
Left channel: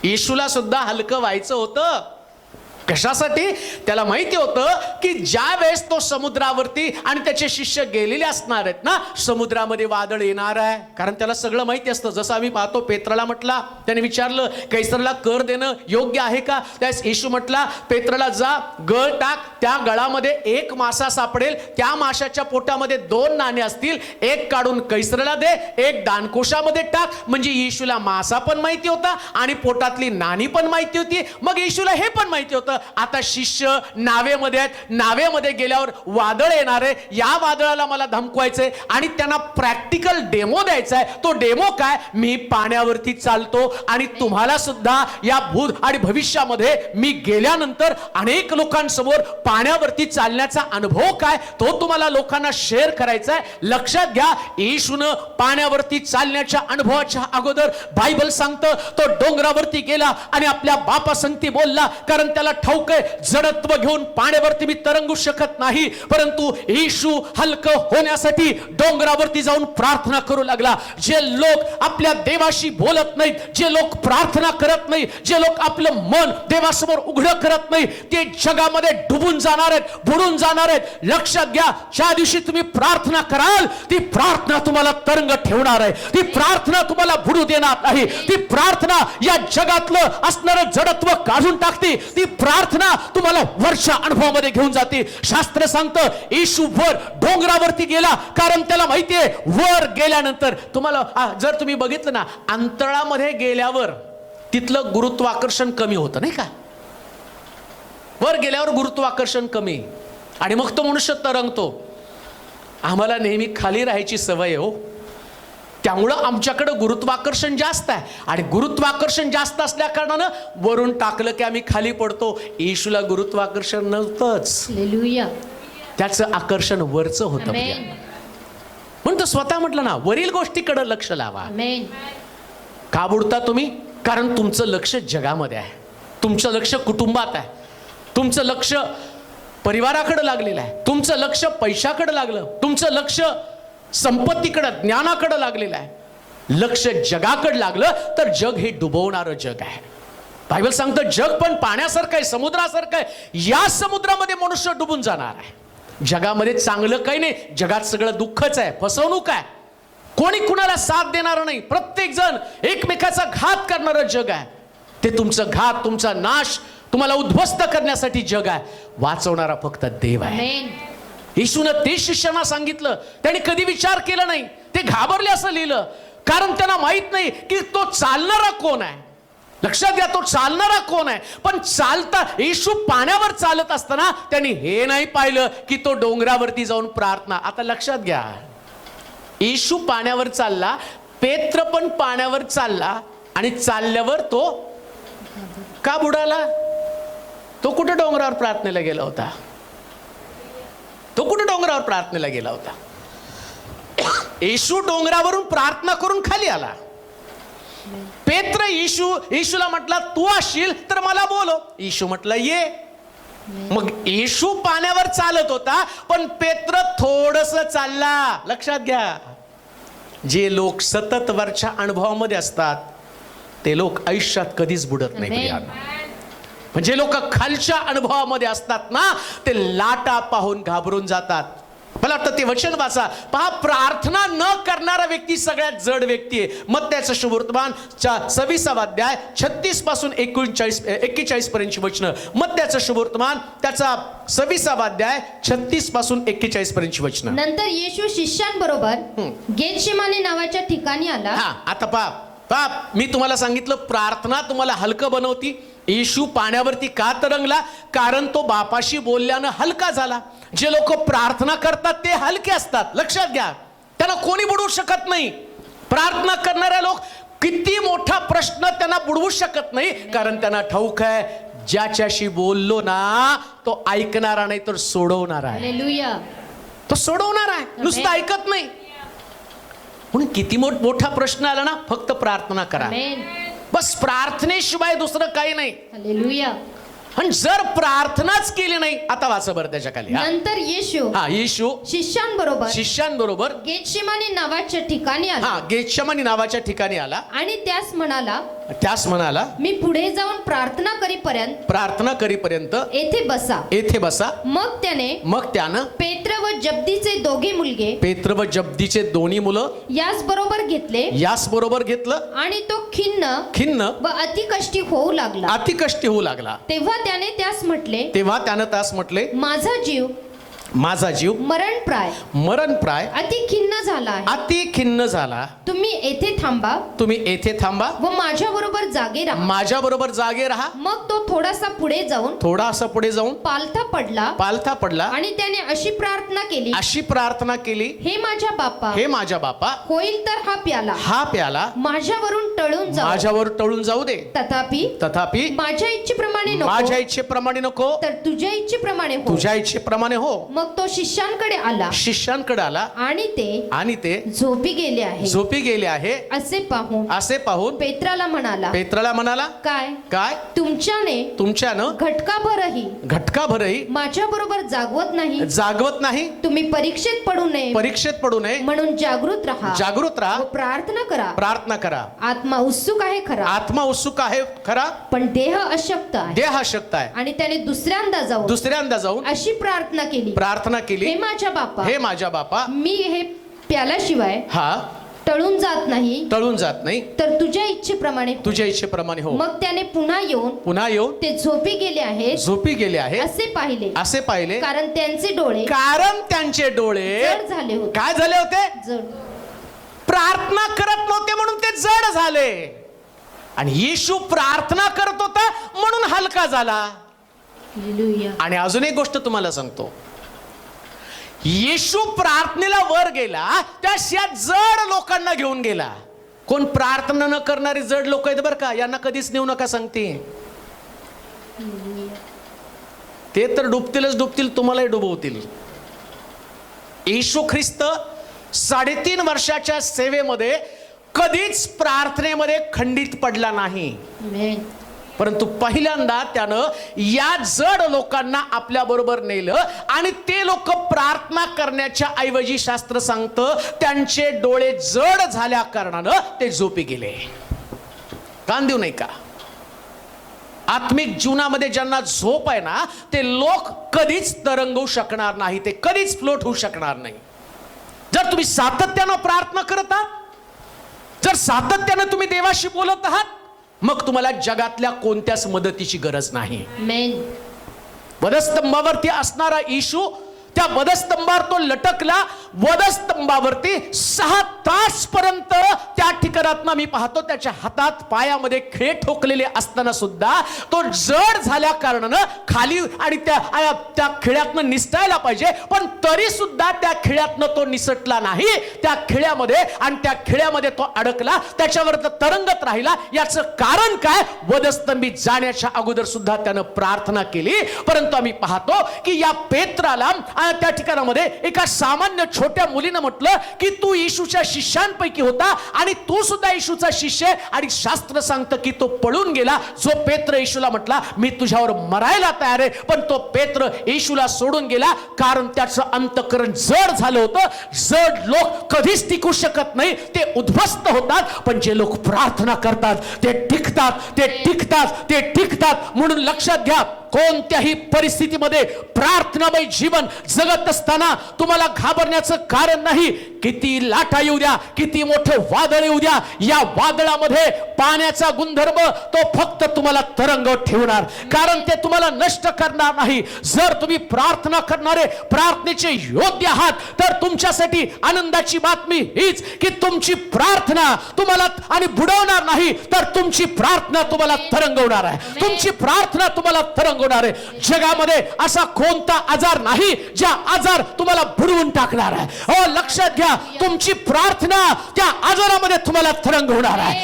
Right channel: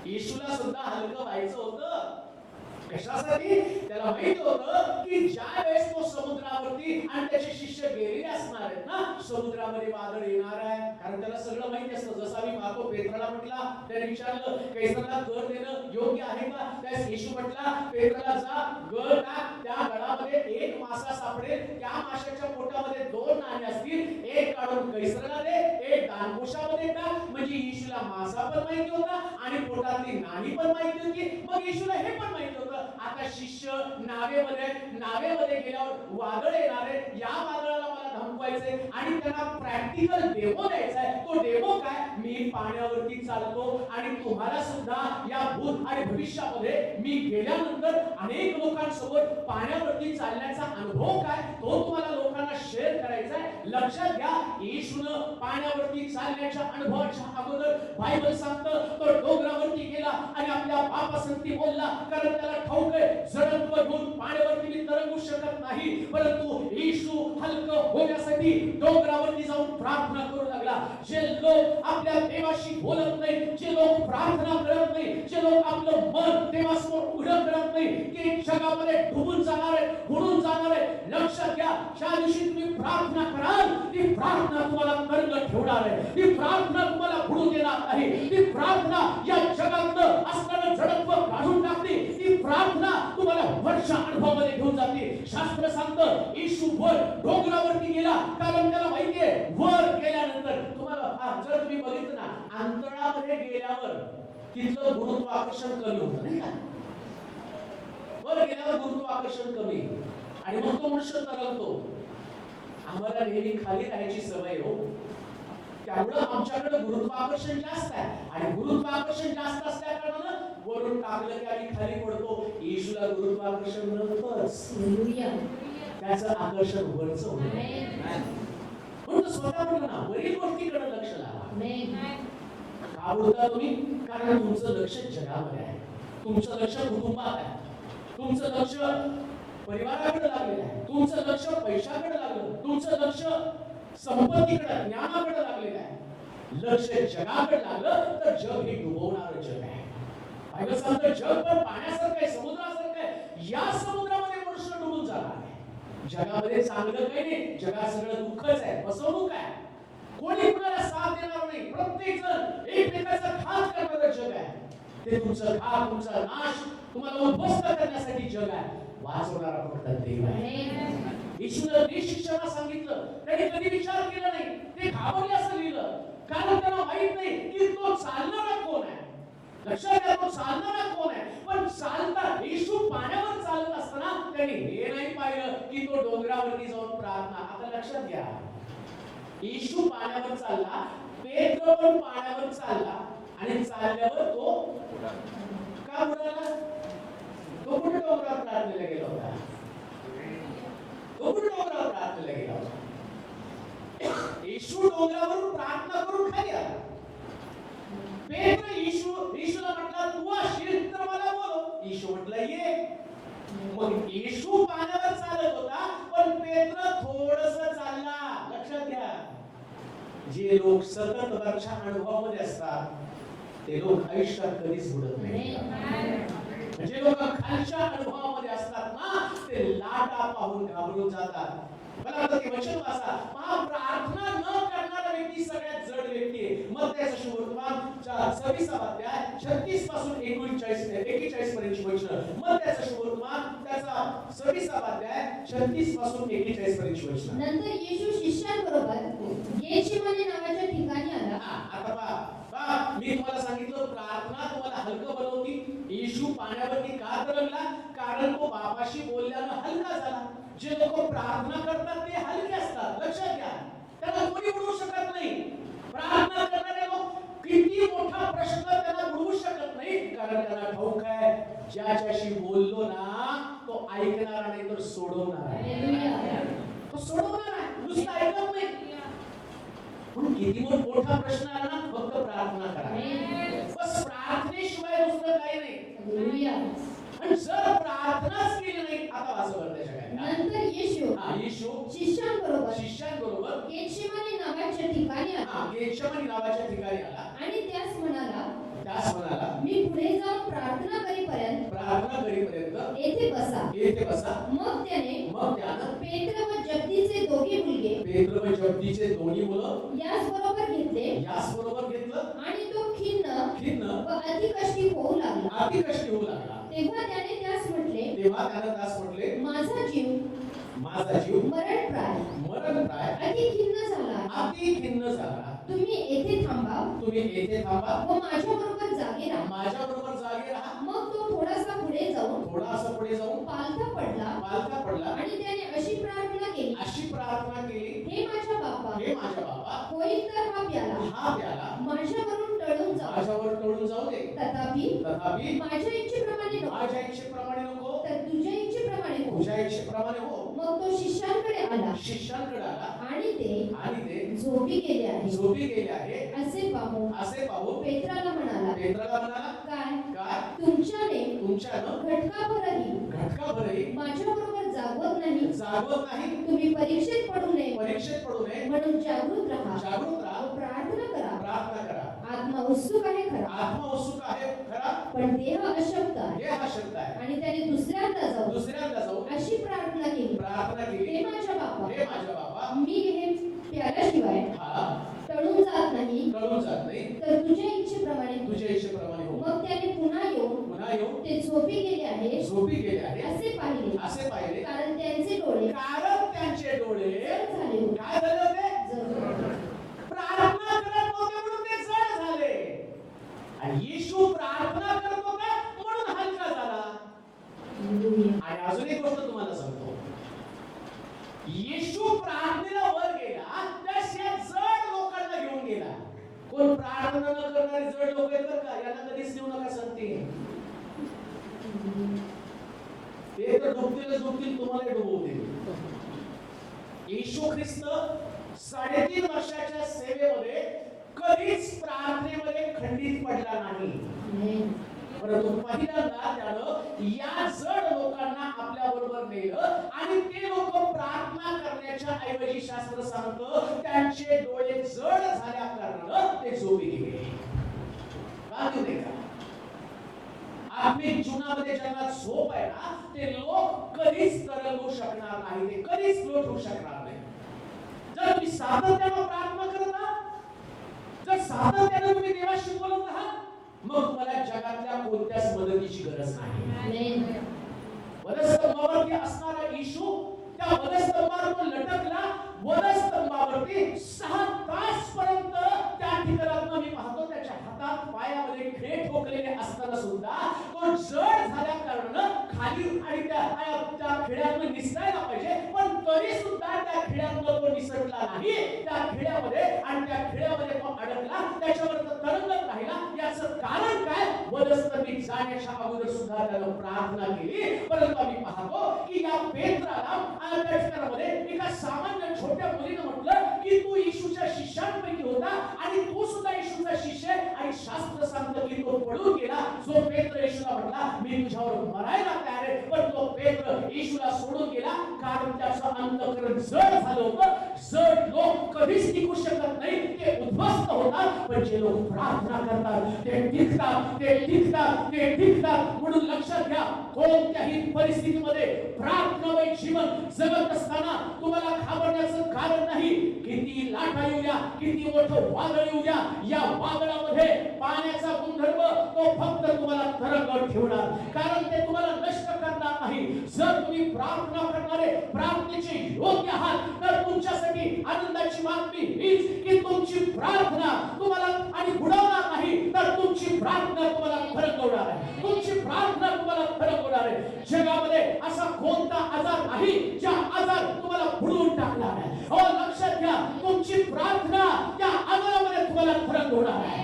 येशूला सुद्धा हलकं व्हायचं होतं. कशासाठी? त्याला माहिती होतं की ज्या वेळेस तो समुद्रावरती आणि त्याचे शिष्य गेलेले असणार आहेत ना, समुद्रामध्ये वादळ येणार आहे. कारण त्याला सगळं माहिती असतं. जसं आम्ही पाहतो, पेत्राला म्हटला, त्याने विचारलं कैसरला कर देणं योग्य आहे का? त्यास येशू म्हटला, पेत्राला जा, गळ टाक, त्या गळामध्ये एक मासा सापडेल, त्या माशाच्या पोटामध्ये 2 नाणे असतील, एक काढून कैसरला दे, एक दानकोशामध्ये टाक. म्हणजे येशूला मासा पण माहिती होता आणि पोटातली नाणी पण माहिती होती. मग येशूला हे पण माहिती होतं लागलं आता शिष्य नावेमध्ये आहेत, नावेमध्ये गेल्यावर वादळ येणार आहे, या वादळाला मला धमकवायचंय आणि त्यांना प्रॅक्टिकल डेमो द्यायचा आहे. तो डेमो काय, मी पाण्यावरती चालतो आणि तुम्हाला सुद्धा या भूत आणि भविष्यामध्ये मी गेल्यानंतर अनेक लोकांसमोर पाण्यावरती चालण्याचा अनुभव काय तो तुम्हाला लोकांना शेअर करायचा आहे. लक्षात घ्या, येशूनं पाण्यावरती चालण्याच्या अनुभवाच्या अगोदर बायबल सांगतं तो डोंगरावरती गेला आणि आपल्या बापा संगती बोलला, कारण त्याला ठाऊक आहे जडत्व घेऊन पाण्यावरती मी तरंगू शकत नाही. परंतु येशू हलकं होण्यासाठी डोंगरावरती जाऊन प्रार्थना करू लागला. जे लोक आपल्या देवाशी बोलत नाहीत, जे लोक प्रार्थना करत नाही, जे लोक आपलं मन देवासमोर उघडं करत नाही, ते जगामध्ये डुबून जाणार आहेत, बुडून जाणार आहेत. लक्षात घ्या, ज्या दिवशी तुम्ही प्रार्थना कराल ती प्रार्थना तुम्हाला तरंग ठेवणार आहे, ती प्रार्थना तुम्हाला बुडू देणार नाही, ती प्रार्थना या जगातलं असणारं जडत्व काढून टाकते, ती प्रार्थना तुम्हाला वरच्या अनुभवामध्ये घेऊन जाते. शास्त्र सांगतं येशू वर डोंगरावरती गेला, कारण त्याला माहितीये वर गेल्यानंतर तुम्हाला जर तुम्ही बघितलं ना, अंतराळामध्ये गेल्यावर तिथलं गुरुत्वाकर्षण कमी होतं नाही का, वर गेल्यावर गुरुत्वाकर्षण कमी आणि मग तो मनुष्य तरंगतो. आम्हाला नेहमी खाली राहायची सवय हो, त्यामुळं आमच्याकडं गुरुत्वाकर्षण जास्त आहे आणि गुरुत्वाकर्षण जास्त असल्या कारणानं वरून टाकलं की आम्ही खाली पडतो. येशूला गुरुत्वाकर्षण नव्हतंच, हालेलुया. त्याचं आकर्षण वरचं होतं. आमेन. म्हणून तो स्वतः म्हटलं ना, वरील गोष्टीकडे लक्ष लावा. आमेन. का बुडता तुम्ही, कारण तुमचं लक्ष जगामध्ये आहे, तुमचं लक्ष कुटुंबात आहे, तुमचं लक्ष परिवाराकडे लागलेलं आहे, तुमचं लक्ष पैशाकडे लागलं, तुमचं लक्ष संपत्तीकडे ज्ञानाकडे लागलेलं आहे. लक्ष जगाकडे लागलं तर जग हे डुबवणारं जग आहे. बायबल सांगतं जग पण पाण्यासारखं आहे, समुद्रासारखं आहे, या समुद्रामध्ये मनुष्य डुबून जाणार आहे. जगामध्ये चांगलं काही नाही, जगात सगळं दुःखच आहे, फसवणूक आहे, कोणी कुणाला साथ देणार नाही, प्रत्येक जण एकमेकाचा घात करणारं जग आहे. ते तुमचं घात, तुमचा नाश, तुम्हाला उद्ध्वस्त करण्यासाठी जग आहे. वाचवणारा फक्त देव आहे. आमेन. येशूनं ते शिष्यांना सांगितलं, त्यांनी कधी विचार केला नाही, ते घाबरले असं लिहिलं, कारण त्यांना माहित नाही की तो चालणारा कोण आहे. लक्षात घ्या, तो चालणारा कोण आहे. पण चालता येशू पाण्यावर चालत असताना त्यांनी हे नाही पाहिलं की तो डोंगरावरती जाऊन प्रार्थना. आता लक्षात घ्या, येशू पाण्यावर चालला, पेत्र पण पाण्यावर चालला आणि चालल्यावर तो का बुडाला? तो कुठे डोंगरावर प्रार्थनेला गेला होता? तो कुठे डोंगरावर प्रार्थनेला गेला होता? येशू डोंगरावरून प्रार्थना करून खाली आला. पेत्र येशूला म्हटला तू असशील तर मला बोलव. येशू म्हटलं ये. मग येशू पाण्यावर चालत होता, पण पेत्र थोडस चालला. लक्षात घ्या, जे लोक सतत वरच्या अनुभवामध्ये असतात ते लोक आयुष्यात कधीच बुडत नाही. म्हणजे लोक खालच्या अनुभवामध्ये असतात ना, ते लाटा पाहून घाबरून जातात. मला वाटतं ते वचन वाचा पहा, प्रार्थना न करणारा व्यक्ती सगळ्यात जड व्यक्ती आहे. मत्त्याचं शुभवर्तमान 26 अध्याय 36 पासून 41 पर्यंतची वचनं. मत्त्याचं शुभवर्तमान त्याचा 26 अध्याय 36 पासून 41 पर्यंतची वचनं. नंतर येशू शिष्यांबरोबर गेतशेमाने नावाच्या ठिकाणी आला. आता पहा, मी तुम्हाला सांगितलं प्रार्थना तुम्हाला हलकं बनवती. येशू पाण्यावरती का तरंगला? कारण तो बापाशी बोलल्यानं हलका झाला. जे लोक प्रार्थना करतात ते हलके असतात. लक्षात घ्या, त्यांना कोणी बुडवू शकत नाही. प्रार्थना करणारे लोक किती मोठा प्रश्न त्यांना बुडवू शकत नाही, कारण त्यांना ठाऊक आहे ज्याच्याशी बोललो ना तो ऐकणारा नाही तर सोडवणारा आहे. हालेलुया. तो सोडवणार आहे, नुसतं ऐकत नाही. म्हणून किती मोठा प्रश्न आला ना, फक्त प्रार्थना करा. आमेन. बस प्रार्थनेशिवाय दुसरं काही नाही. हालेलुया. पण जर प्रार्थनाच केली नाही, आता वाचा बरं त्याच्या खाली. नंतर येशू शिष्यांबरोबर गेतशेमाने नावाच्या ठिकाणी आला. गेतशेमानी नावाच्या ठिकाणी आला आणि त्यास म्हणाला मी पुढे जाऊन प्रार्थना करीपर्यंत येथे बसा. मग त्यानं पेत्र व जब्दीचे दोन्ही मुलं यास बरोबर घेतलं आणि तो खिन्न व अतिकष्टी होऊ लागला. तेव्हा त्याने त्यास म्हटले माझा जीव मरणप्राय अति खिन्न झाला आहे. अति खिन्न झाला. तुम्ही येथे थांबा व माझ्या बरोबर जागे राहा. मग तो थोडासा पुढे जाऊन पालथा पडला आणि त्याने अशी प्रार्थना केली, हे माझ्या बापा, होईल तर हा प्याला माझ्यावरून टळून जाऊ दे. तथापि माझ्या इच्छेप्रमाणे नको, तर तुझ्या इच्छेप्रमाणे हो. मग तो शिष्यांकडे आला आणि ते झोपी गेले आहे असे पाहून पेत्राला म्हणाला, काय तुमच्यानं घटकाभरही माझ्या बरोबर जागवत नाही. तुम्ही परीक्षेत पडू नये म्हणून जागृत राहा. प्रार्थना करा. आत्मा उत्सुक आहे खरा, पण देह अशक्त आहे. आणि त्याने दुसऱ्यांदा जाऊन अशी प्रार्थना केली, हे माझ्या बापा, मी हे प्याल्याशिवाय टळून जात नाही, तर तुझ्या इच्छेप्रमाणे हो. मग त्याने पुन्हा येऊन ते झोपी गेले आहे असे पाहिले, कारण त्यांचे डोळे जड झाले होते. काय झाले होते? प्रार्थना करत नव्हते म्हणून ते जड झाले. आणि येशू प्रार्थना करत होता म्हणून हलका झाला. आणि अजून एक गोष्ट तुम्हाला सांगतो, येशू प्रार्थनेला वर गेला त्या जड लोकांना घेऊन गेला. कोण प्रार्थना न करणारी जड लोक आहेत बरं का, यांना कधीच नेऊ नका सांगते. ते तर डुबतील, तुम्हालाही डुबवतील. येशू ख्रिस्त 3.5 वर्षाच्या सेवेमध्ये कधीच प्रार्थनेमध्ये खंडित पडला नाही. परंतु पहिल्यांदा त्यानं या जड लोकांना आपल्या बरोबर नेलं आणि ते लोक प्रार्थना करण्याच्या ऐवजी शास्त्र सांगतं त्यांचे डोळे जड झाल्या कारणानं ते झोपी गेले. कान देऊ नये का? आत्मिक जीवनामध्ये ज्यांना झोप आहे ना, ते लोक कधीच तरंगू शकणार नाही, ते कधीच फ्लोट होऊ शकणार नाही. जर तुम्ही सातत्यानं प्रार्थना करत आहात, जर सातत्यानं तुम्ही देवाशी बोलत आहात, मग तुम्हाला जगातल्या कोणत्याच मदतीची गरज नाही. वधस्तंभावरती असणारा येशू, त्या वधस्तंभावर तो लटकला. वधस्तंभावरती 6 तास पर्यंत त्या ठिकाणात मी पाहतो त्याच्या हातात पायामध्ये खिळे ठोकलेले असताना सुद्धा तो जड झाल्या कारणानं खाली आणि त्या खिळ्यातनं निसटायला पाहिजे, पण तरी सुद्धा त्या खिळ्यातनं तो निसटला नाही. त्या खिळ्यामध्ये तो अडकला, त्याच्यावर तरंगत राहिला. याचं कारण काय? वधस्तंभी जाण्याच्या अगोदर सुद्धा त्यानं प्रार्थना केली. परंतु आम्ही पाहतो की या पेत्राला त्या ठिकाणामध्ये एका सामान्य छोट्या मुलीनं म्हटलं की तू येशूच्या शिष्यांपैकी होता आणि तू सुद्धा येशूचा शिष्य आहे. आणि शास्त्र सांगतं की तो पळून गेला. जो पेत्र येशूला म्हटला मी तुझ्यावर मरायला तयार आहे, पण तो पेत्र येशूला सोडून गेला, कारण त्याचं अंतःकरण जड झालं होतं. जड लोक कधीच टिकू शकत नाही, ते उद्ध्वस्त होतात. पण जे लोक प्रार्थना करतात ते टिकतात. म्हणून लक्षात घ्या, कोणत्याही परिस्थितीमध्ये प्रार्थनामय जीवन जगत असताना तुम्हाला घाबरण्याचं कारण नाही. किती लाटा येऊ द्या, किती मोठं वादळ येऊ द्या, या वादळामध्ये पाण्याचा गुणधर्म तो फक्त तुम्हाला तरंगत ठेवणार, कारण ते तुम्हाला नष्ट करणार नाही. जर तुम्ही प्रार्थना करणारे प्रार्थनेचे योग्य आहात, तर तुमच्यासाठी आनंदाची बातमी हीच की तुमची प्रार्थना तुम्हाला आणि बुडवणार नाही, तर तुमची प्रार्थना तुम्हाला तरंगवणार आहे. तुमची प्रार्थना तुम्हाला तरंगवणार आहे. जगामध्ये असा कोणता आजार नाही ज्या आजार तुम्हाला बुडवून टाकणार आहे. हो, लक्षात घ्या, तुमची प्रार्थना त्या आजारामध्ये तुम्हाला तरंगवणार आहे.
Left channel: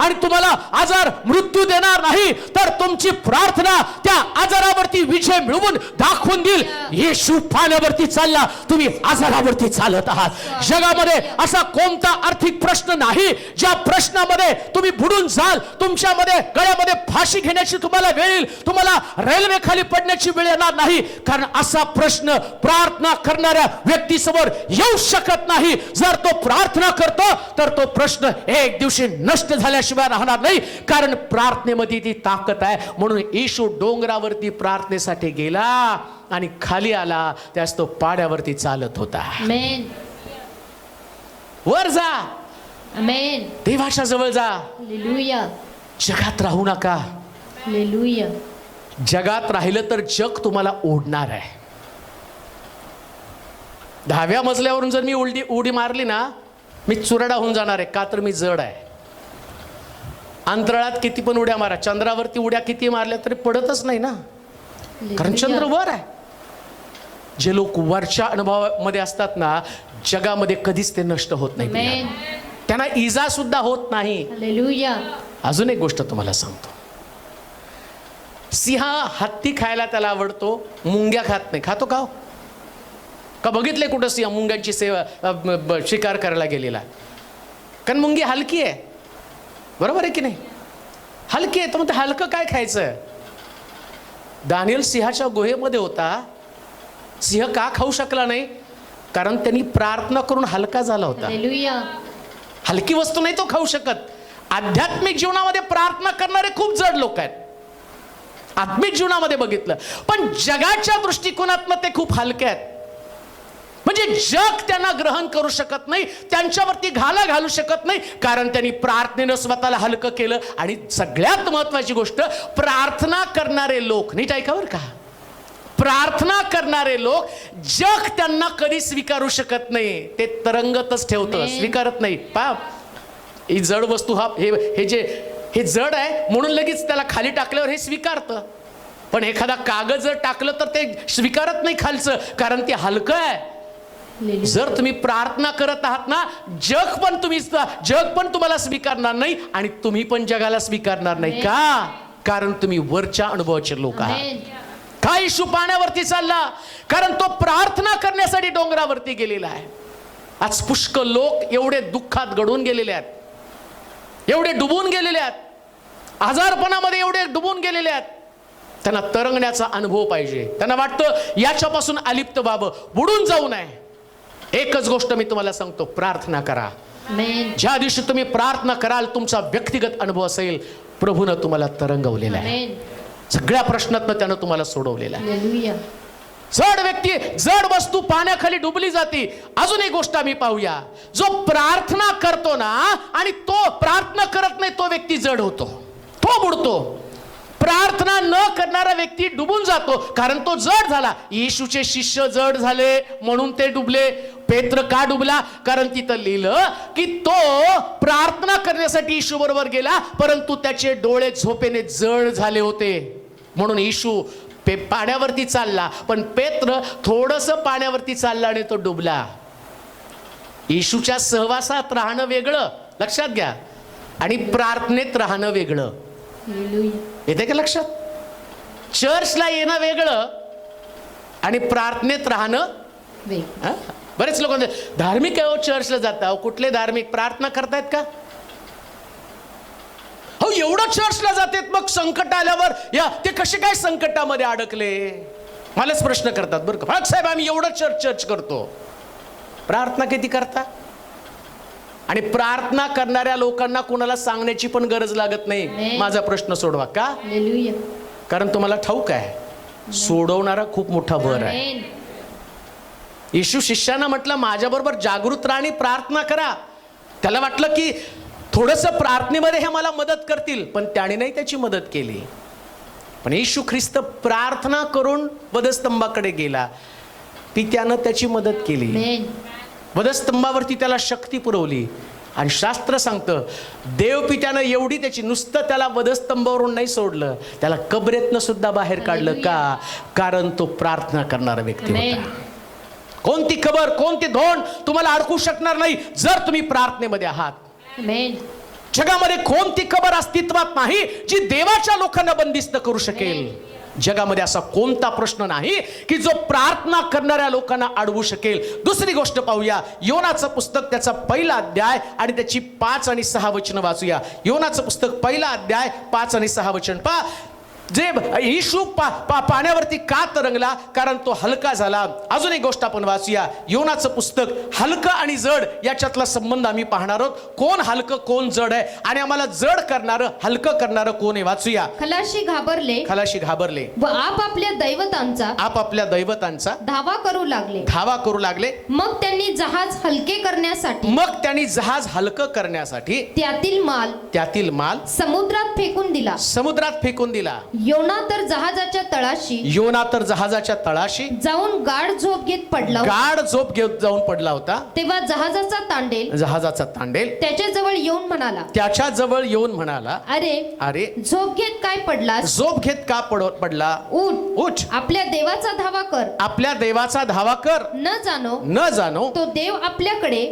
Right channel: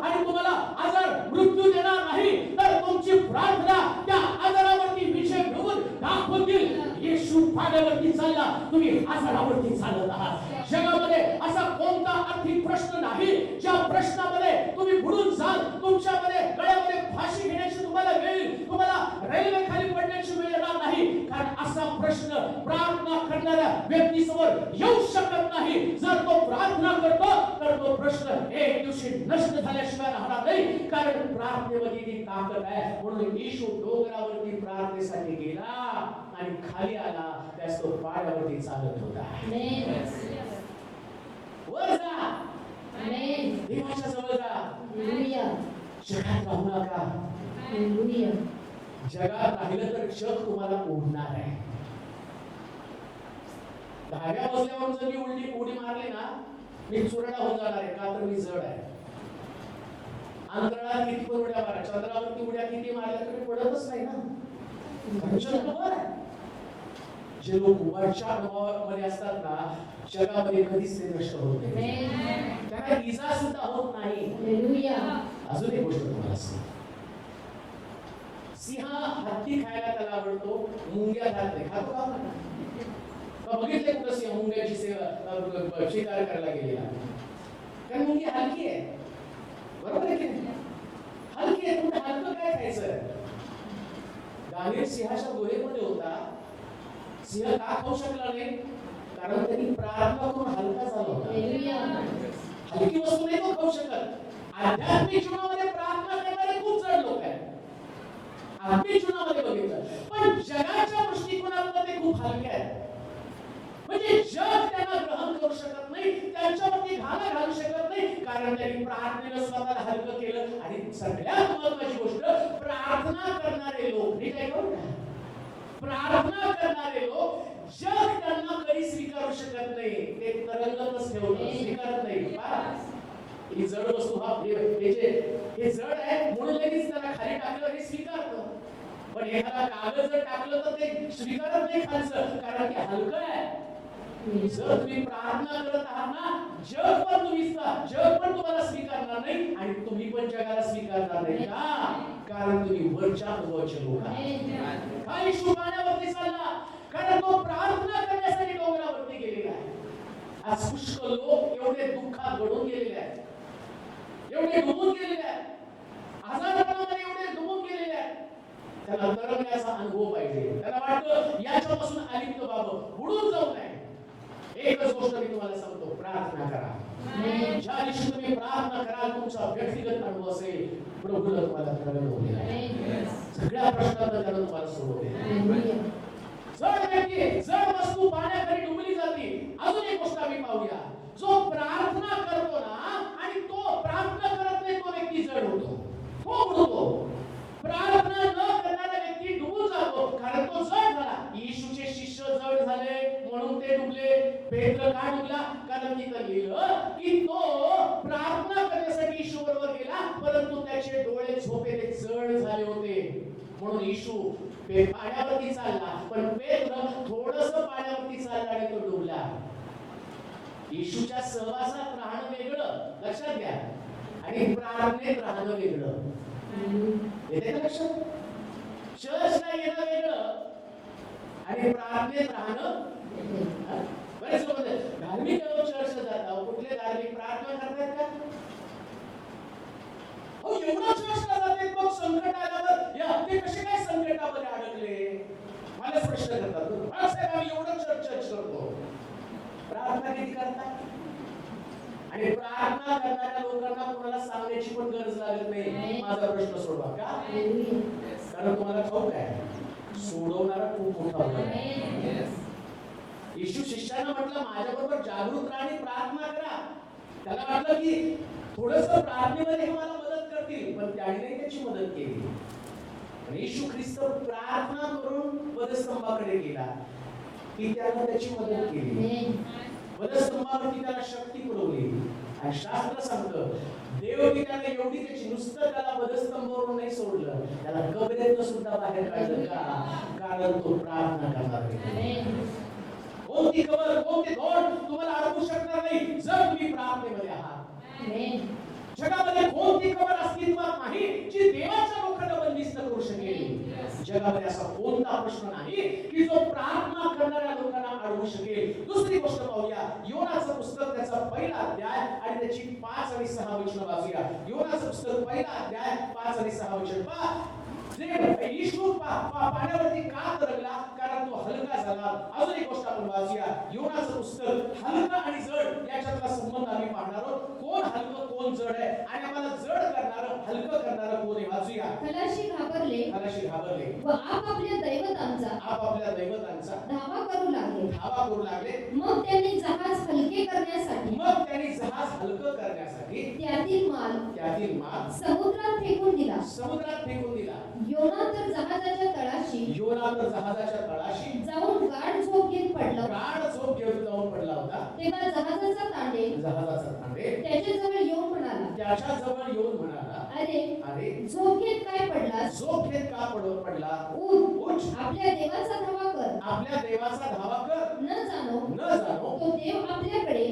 आणि तुम्हाला आजार मृत्यू देणार नाही, तर तुमची प्रार्थना त्या आजारावरती विजय मिळवून दाखवून देईल. येशू पाण्यावरती चालला, तुम्ही आजारावरती चालत आहात. जगामध्ये असा कोणता आर्थिक प्रश्न नाही ज्या प्रश्नामध्ये तुम्ही बुडून जाल. तुमच्यामध्ये गळ्यामध्ये फाशी घेण्याची तुम्हाला वेळ येईल, तुम्हाला रेल्वे खाली पडण्याची वेळ येणार नाही, कारण असा प्रश्न प्रार्थना करणाऱ्या व्यक्तीसमोर येऊ शकत नाही. जर तो प्रार्थना करतो तर तो प्रश्न एक दिवशी नष्ट झाल्याशिवाय राहणार नाही, कारण प्रार्थनेमध्ये ती ताकद आहे. म्हणून येशू डोंगरावरती प्रार्थनेसाठी गेला आणि खाली आला, त्यास तो पाड्यावरती चालत होता. वर जा, देवाच्या जवळ जा. जगात राहू नका. जगात राहिलं तर जग तुम्हाला ओढणार आहे. 10व्या मजल्यावरून जर मी उडी मारली ना, मी चुराडा होऊन जाणार आहे. का तर मी जड आहे. अंतराळात किती पण उड्या मारा, चंद्रावरती उड्या किती मारल्या तरी पडतच नाही ना, कारण चंद्र वर आहे. जे लोक वरच्या अनुभवामध्ये असतात ना, जगामध्ये कधीच ते नष्ट होत नाही, त्यांना इजा सुद्धा होत नाही. हालेलुया. अजून एक गोष्ट तुम्हाला सांगतो. सिंह हत्ती खायला त्याला आवडतो, मुंग्या खात नाही. खातो का? का बघितले कुठं सिंह मुंग्यांची शिकार करायला गेलेला? कारण मुंगी हलकी आहे, बरोबर आहे की नाही? हलकी आहे, तर मग ते हलकं काय खायचं? दानियल सिंहाच्या गुहेमध्ये होता. सिंह का खाऊ शकला नाही? कारण त्यांनी प्रार्थना करून हलका झाला होता. हालेलुया. हलकी वस्तू नाही तो खाऊ शकत. आध्यात्मिक जीवनामध्ये प्रार्थना करणारे खूप जड लोक आहेत, आत्मिक जीवनामध्ये बघितलं. पण जगाच्या दृष्टिकोनातनं ते खूप हलके आहेत. म्हणजे जग त्यांना ग्रहण करू शकत नाही, त्यांच्यावरती घाला घालू शकत नाही, कारण त्यांनी प्रार्थनेनं स्वतःला हलकं केलं. आणि सगळ्यात महत्वाची गोष्ट, प्रार्थना करणारे लोक, नीट ऐका बरं का, प्रार्थना करणारे लोक जग त्यांना कधी स्वीकारू शकत नाही. ते तरंगतच ठेवतं, स्वीकारत नाही. ही जड वस्तू, हे जड आहे म्हणून लगेच त्याला खाली टाकल्यावर हे स्वीकारतं. पण एखादा कागद जर टाकलं तर ते स्वीकारत नाही खालचं, कारण ते हलकं आहे. जर तुम्ही प्रार्थना करत आहात ना, जग पण तुम्हाला स्वीकारणार नाही आणि तुम्ही पण जगाला स्वीकारणार नाही. का? कारण तुम्ही वरच्या अनुभवाचे लोक आहात. काय येशू पाण्यावरती चालला? कारण तो प्रार्थना करण्यासाठी डोंगरावरती गेलेला आहे. आज पुष्कळ लोक एवढे दुःखात गढून गेलेले आहेत, एवढे डुबून गेलेले आहेत, आजारपणामध्ये एवढे डुबून गेलेले आहेत. त्यांना तरंगण्याचा अनुभव पाहिजे. त्यांना वाटतं याच्यापासून अलिप्त व्हावं, बुडून जाऊ नये. एकच गोष्ट मी तुम्हाला सांगतो, प्रार्थना करा. ज्या दिवशी तुम्ही प्रार्थना कराल, तुमचा व्यक्तिगत अनुभव असेल, प्रभूनं तुम्हाला तरंगवलेला आहे. सगळ्या प्रश्नातनं त्यानं तुम्हाला सोडवलेला आहे. जड व्यक्ती, जड वस्तू पाण्याखाली डुबली जाते. अजून एक गोष्ट आम्ही पाहूया, जो प्रार्थना करतो ना आणि तो प्रार्थना करत नाही, तो व्यक्ती जड होतो, तो बुडतो. प्रार्थना न करणारा व्यक्ती डुबून जातो, कारण तो जड झाला. येशूचे शिष्य जड झाले म्हणून ते डुबले. पेत्र का डुबला? कारण तिथं लिहिलं की तो प्रार्थना करण्यासाठी येशू बरोबर गेला, परंतु त्याचे डोळे झोपेने जड झाले होते. म्हणून येशू पाण्यावरती चालला, पण पेत्र थोडंसं पाण्यावरती चालला आणि तो डुबला. येशूच्या सहवासात राहणं वेगळं, लक्षात घ्या, आणि प्रार्थनेत राहणं वेगळं. येते का लक्षात? चर्चला येणं वेगळं आणि प्रार्थनेत राहणं. बरेच लोक धार्मिक आहे, चर्चला जाता, कुठले धार्मिक? प्रार्थना करतायत का? हो, एवढं चर्चला जातात, मग संकट आल्यावर ते कसे काय संकटामध्ये अडकले? मलाच प्रश्न करतात बरं का. साहेब, आम्ही एवढं चर्च करतो, प्रार्थना किती करता? आणि प्रार्थना करणाऱ्या लोकांना कोणाला सांगण्याची पण गरज लागत नाही, माझा प्रश्न सोडवा. का? कारण तुम्हाला ठाऊक आहे, सोडवणारा खूप मोठा भर आहे. येशू शिष्यांना म्हटलं, माझ्याबरोबर जागृत राहा आणि प्रार्थना करा. त्याला वाटलं की थोडंसं प्रार्थनेमध्ये हे मला मदत करतील, पण त्याने नाही त्याची मदत केली. पण येशू ख्रिस्त प्रार्थना करून वधस्तंभाकडे गेला, पित्यानं त्याची मदत केली. वधस्तंभावरती त्याला शक्ती पुरवली. आणि शास्त्र सांगतं, देवपित्यानं एवढी त्याची, नुसतं त्याला वधस्तंभावरून नाही सोडलं, त्याला कबरेतनं सुद्धा बाहेर काढलं. का? कारण तो प्रार्थना करणारा व्यक्ती होता. कोणती खबर, कोणती धोंड तुम्हाला अडकू शकणार नाही जर तुम्ही प्रार्थनेमध्ये आहात. जगामध्ये कोणती खबर अस्तित्वात नाही जी देवाच्या लोकांना बंदिस्त करू शकेल. जगामध्ये असा कोणता प्रश्न नाही की जो प्रार्थना करणाऱ्या लोकांना अडवू शकेल. दुसरी गोष्ट पाहूया, योनाचं पुस्तक, त्याचा 1 अध्याय आणि त्याची 5 आणि 6 वचनं वाचूया. योनाचं पुस्तक 1 अध्याय 5 आणि 6 वचन पहा. जे येशू पाण्यावरती का तरंगला? कारण तो हलका झाला. अजून एक गोष्ट आपण वाचूया, योनाचं पुस्तक. हलकं आणि जड याच्यातला संबंध आम्ही पाहणार आहोत. कोण हलकं, कोण जड आहे, आणि आम्हाला जड करणारं, हलकं करणारं कोण आहे? वाचूया. खलाशी घाबरले व आपापल्या दैवतांचा धावा करू लागले. मग त्यांनी जहाज हलके करण्यासाठी त्यातील माल समुद्रात फेकून दिला. योना तर जहाजाच्या तळाशी योना तर जहाजाच्या तळाशी जाऊन गाढ झोप घेत पडला होता. गाढ झोप घेत जाऊन पडला होता. तेव्हा जहाजाचा तांडेल जहाजाचा तांडेल त्याच्या जवळ येऊन म्हणाला, त्याच्या जवळ येऊन म्हणाला, अरे अरे झोप घेत काय पडलास? झोप घेत का पडला? उठ, उठ, आपल्या देवाचा धावा कर. आपल्या देवाचा धावा कर. न जाणो तो देव आपल्याकडे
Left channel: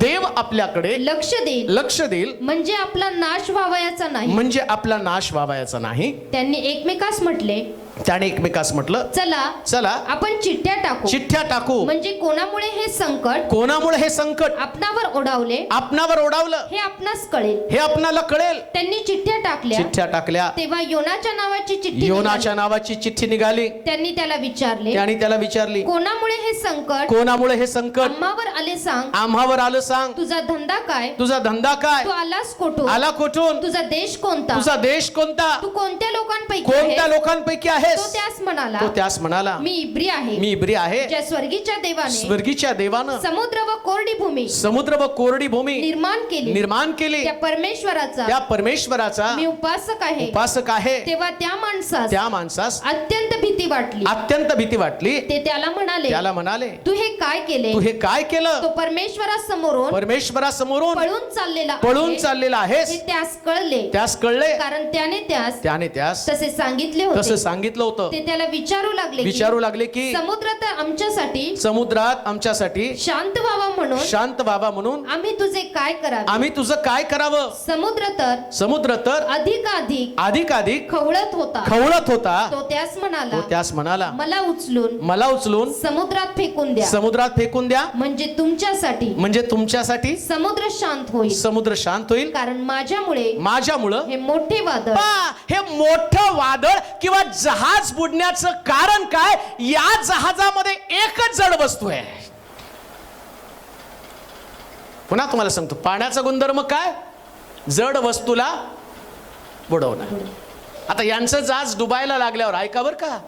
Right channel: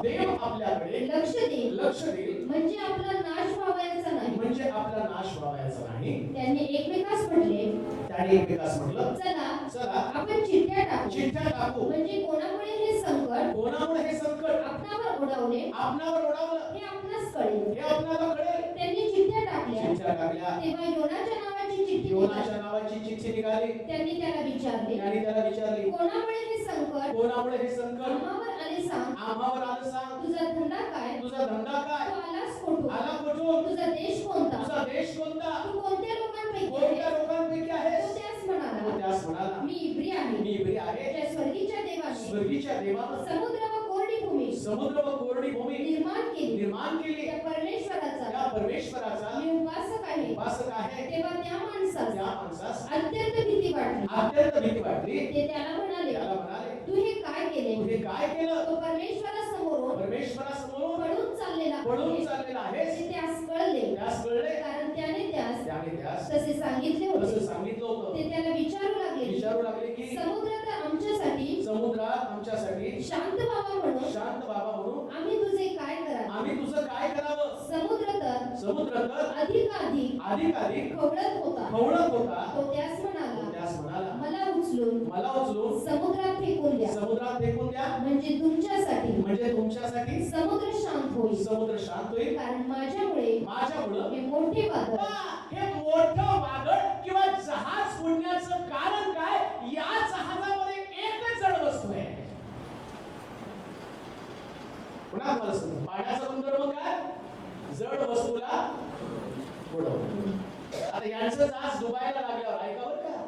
देव आपल्याकडे लक्ष देईल म्हणजे आपला नाश व्हावयाचा नाही. म्हणजे आपला नाश व्हावयाचा नाही. त्यांनी एकमेकास म्हटले, त्याने एकमेकास म्हटलं, चला आपण चिठ्ठ्या टाकू. म्हणजे कोणामुळे हे संकट आपणावर ओढावले हे आपणास कळेल. हे आपणाला कळेल. त्यांनी चिठ्ठ्या टाकल्या. तेव्हा योनाच्या नावाची चिठ्ठी निघाली. त्यांनी त्याला विचारली, कोणामुळे हे संकट आम्हावर आलं सांग. तुझा धंदा काय? तू आला कोठून? तुझा देश कोणता? तू कोणत्या लोकांपैकी आहेस? तो त्यास म्हणाला, मी इब्री आहे. ज्या स्वर्गीच्या देवानं समुद्र व कोरडी भूमी निर्माण केली त्या परमेश्वराचा मी उपासक आहे. तेव्हा त्या माणसास अत्यंत भीती वाटली. ते त्याला म्हणाले, तू हे काय केलं? तो परमेश्वरासमोरून पळून चाललेला आहेस. त्यास कळले कारण त्याने त्यास तसे सांगितलं होतं. ते त्याला विचारू लागले की समुद्रात आमच्यासाठी शांत व्हावा म्हणून आम्ही तुझं काय करावं? समुद्र तर अधिक खवळत होता. तो त्यास म्हणाला, मला उचलून समुद्रात फेकून द्या. म्हणजे तुमच्यासाठी समुद्र शांत होईल. कारण माझ्यामुळं हे मोठं वादळ किंवा जहाज बुडण्याचं कारण काय? या जहाजामध्ये एकच जड वस्तू आहे. पुन्हा तुम्हाला सांगतो, पाण्याचा गुणधर्म काय? जड वस्तूला बुडवणं. आता यांचं जहाज डुबायला लागल्यावर ऐका बरं का,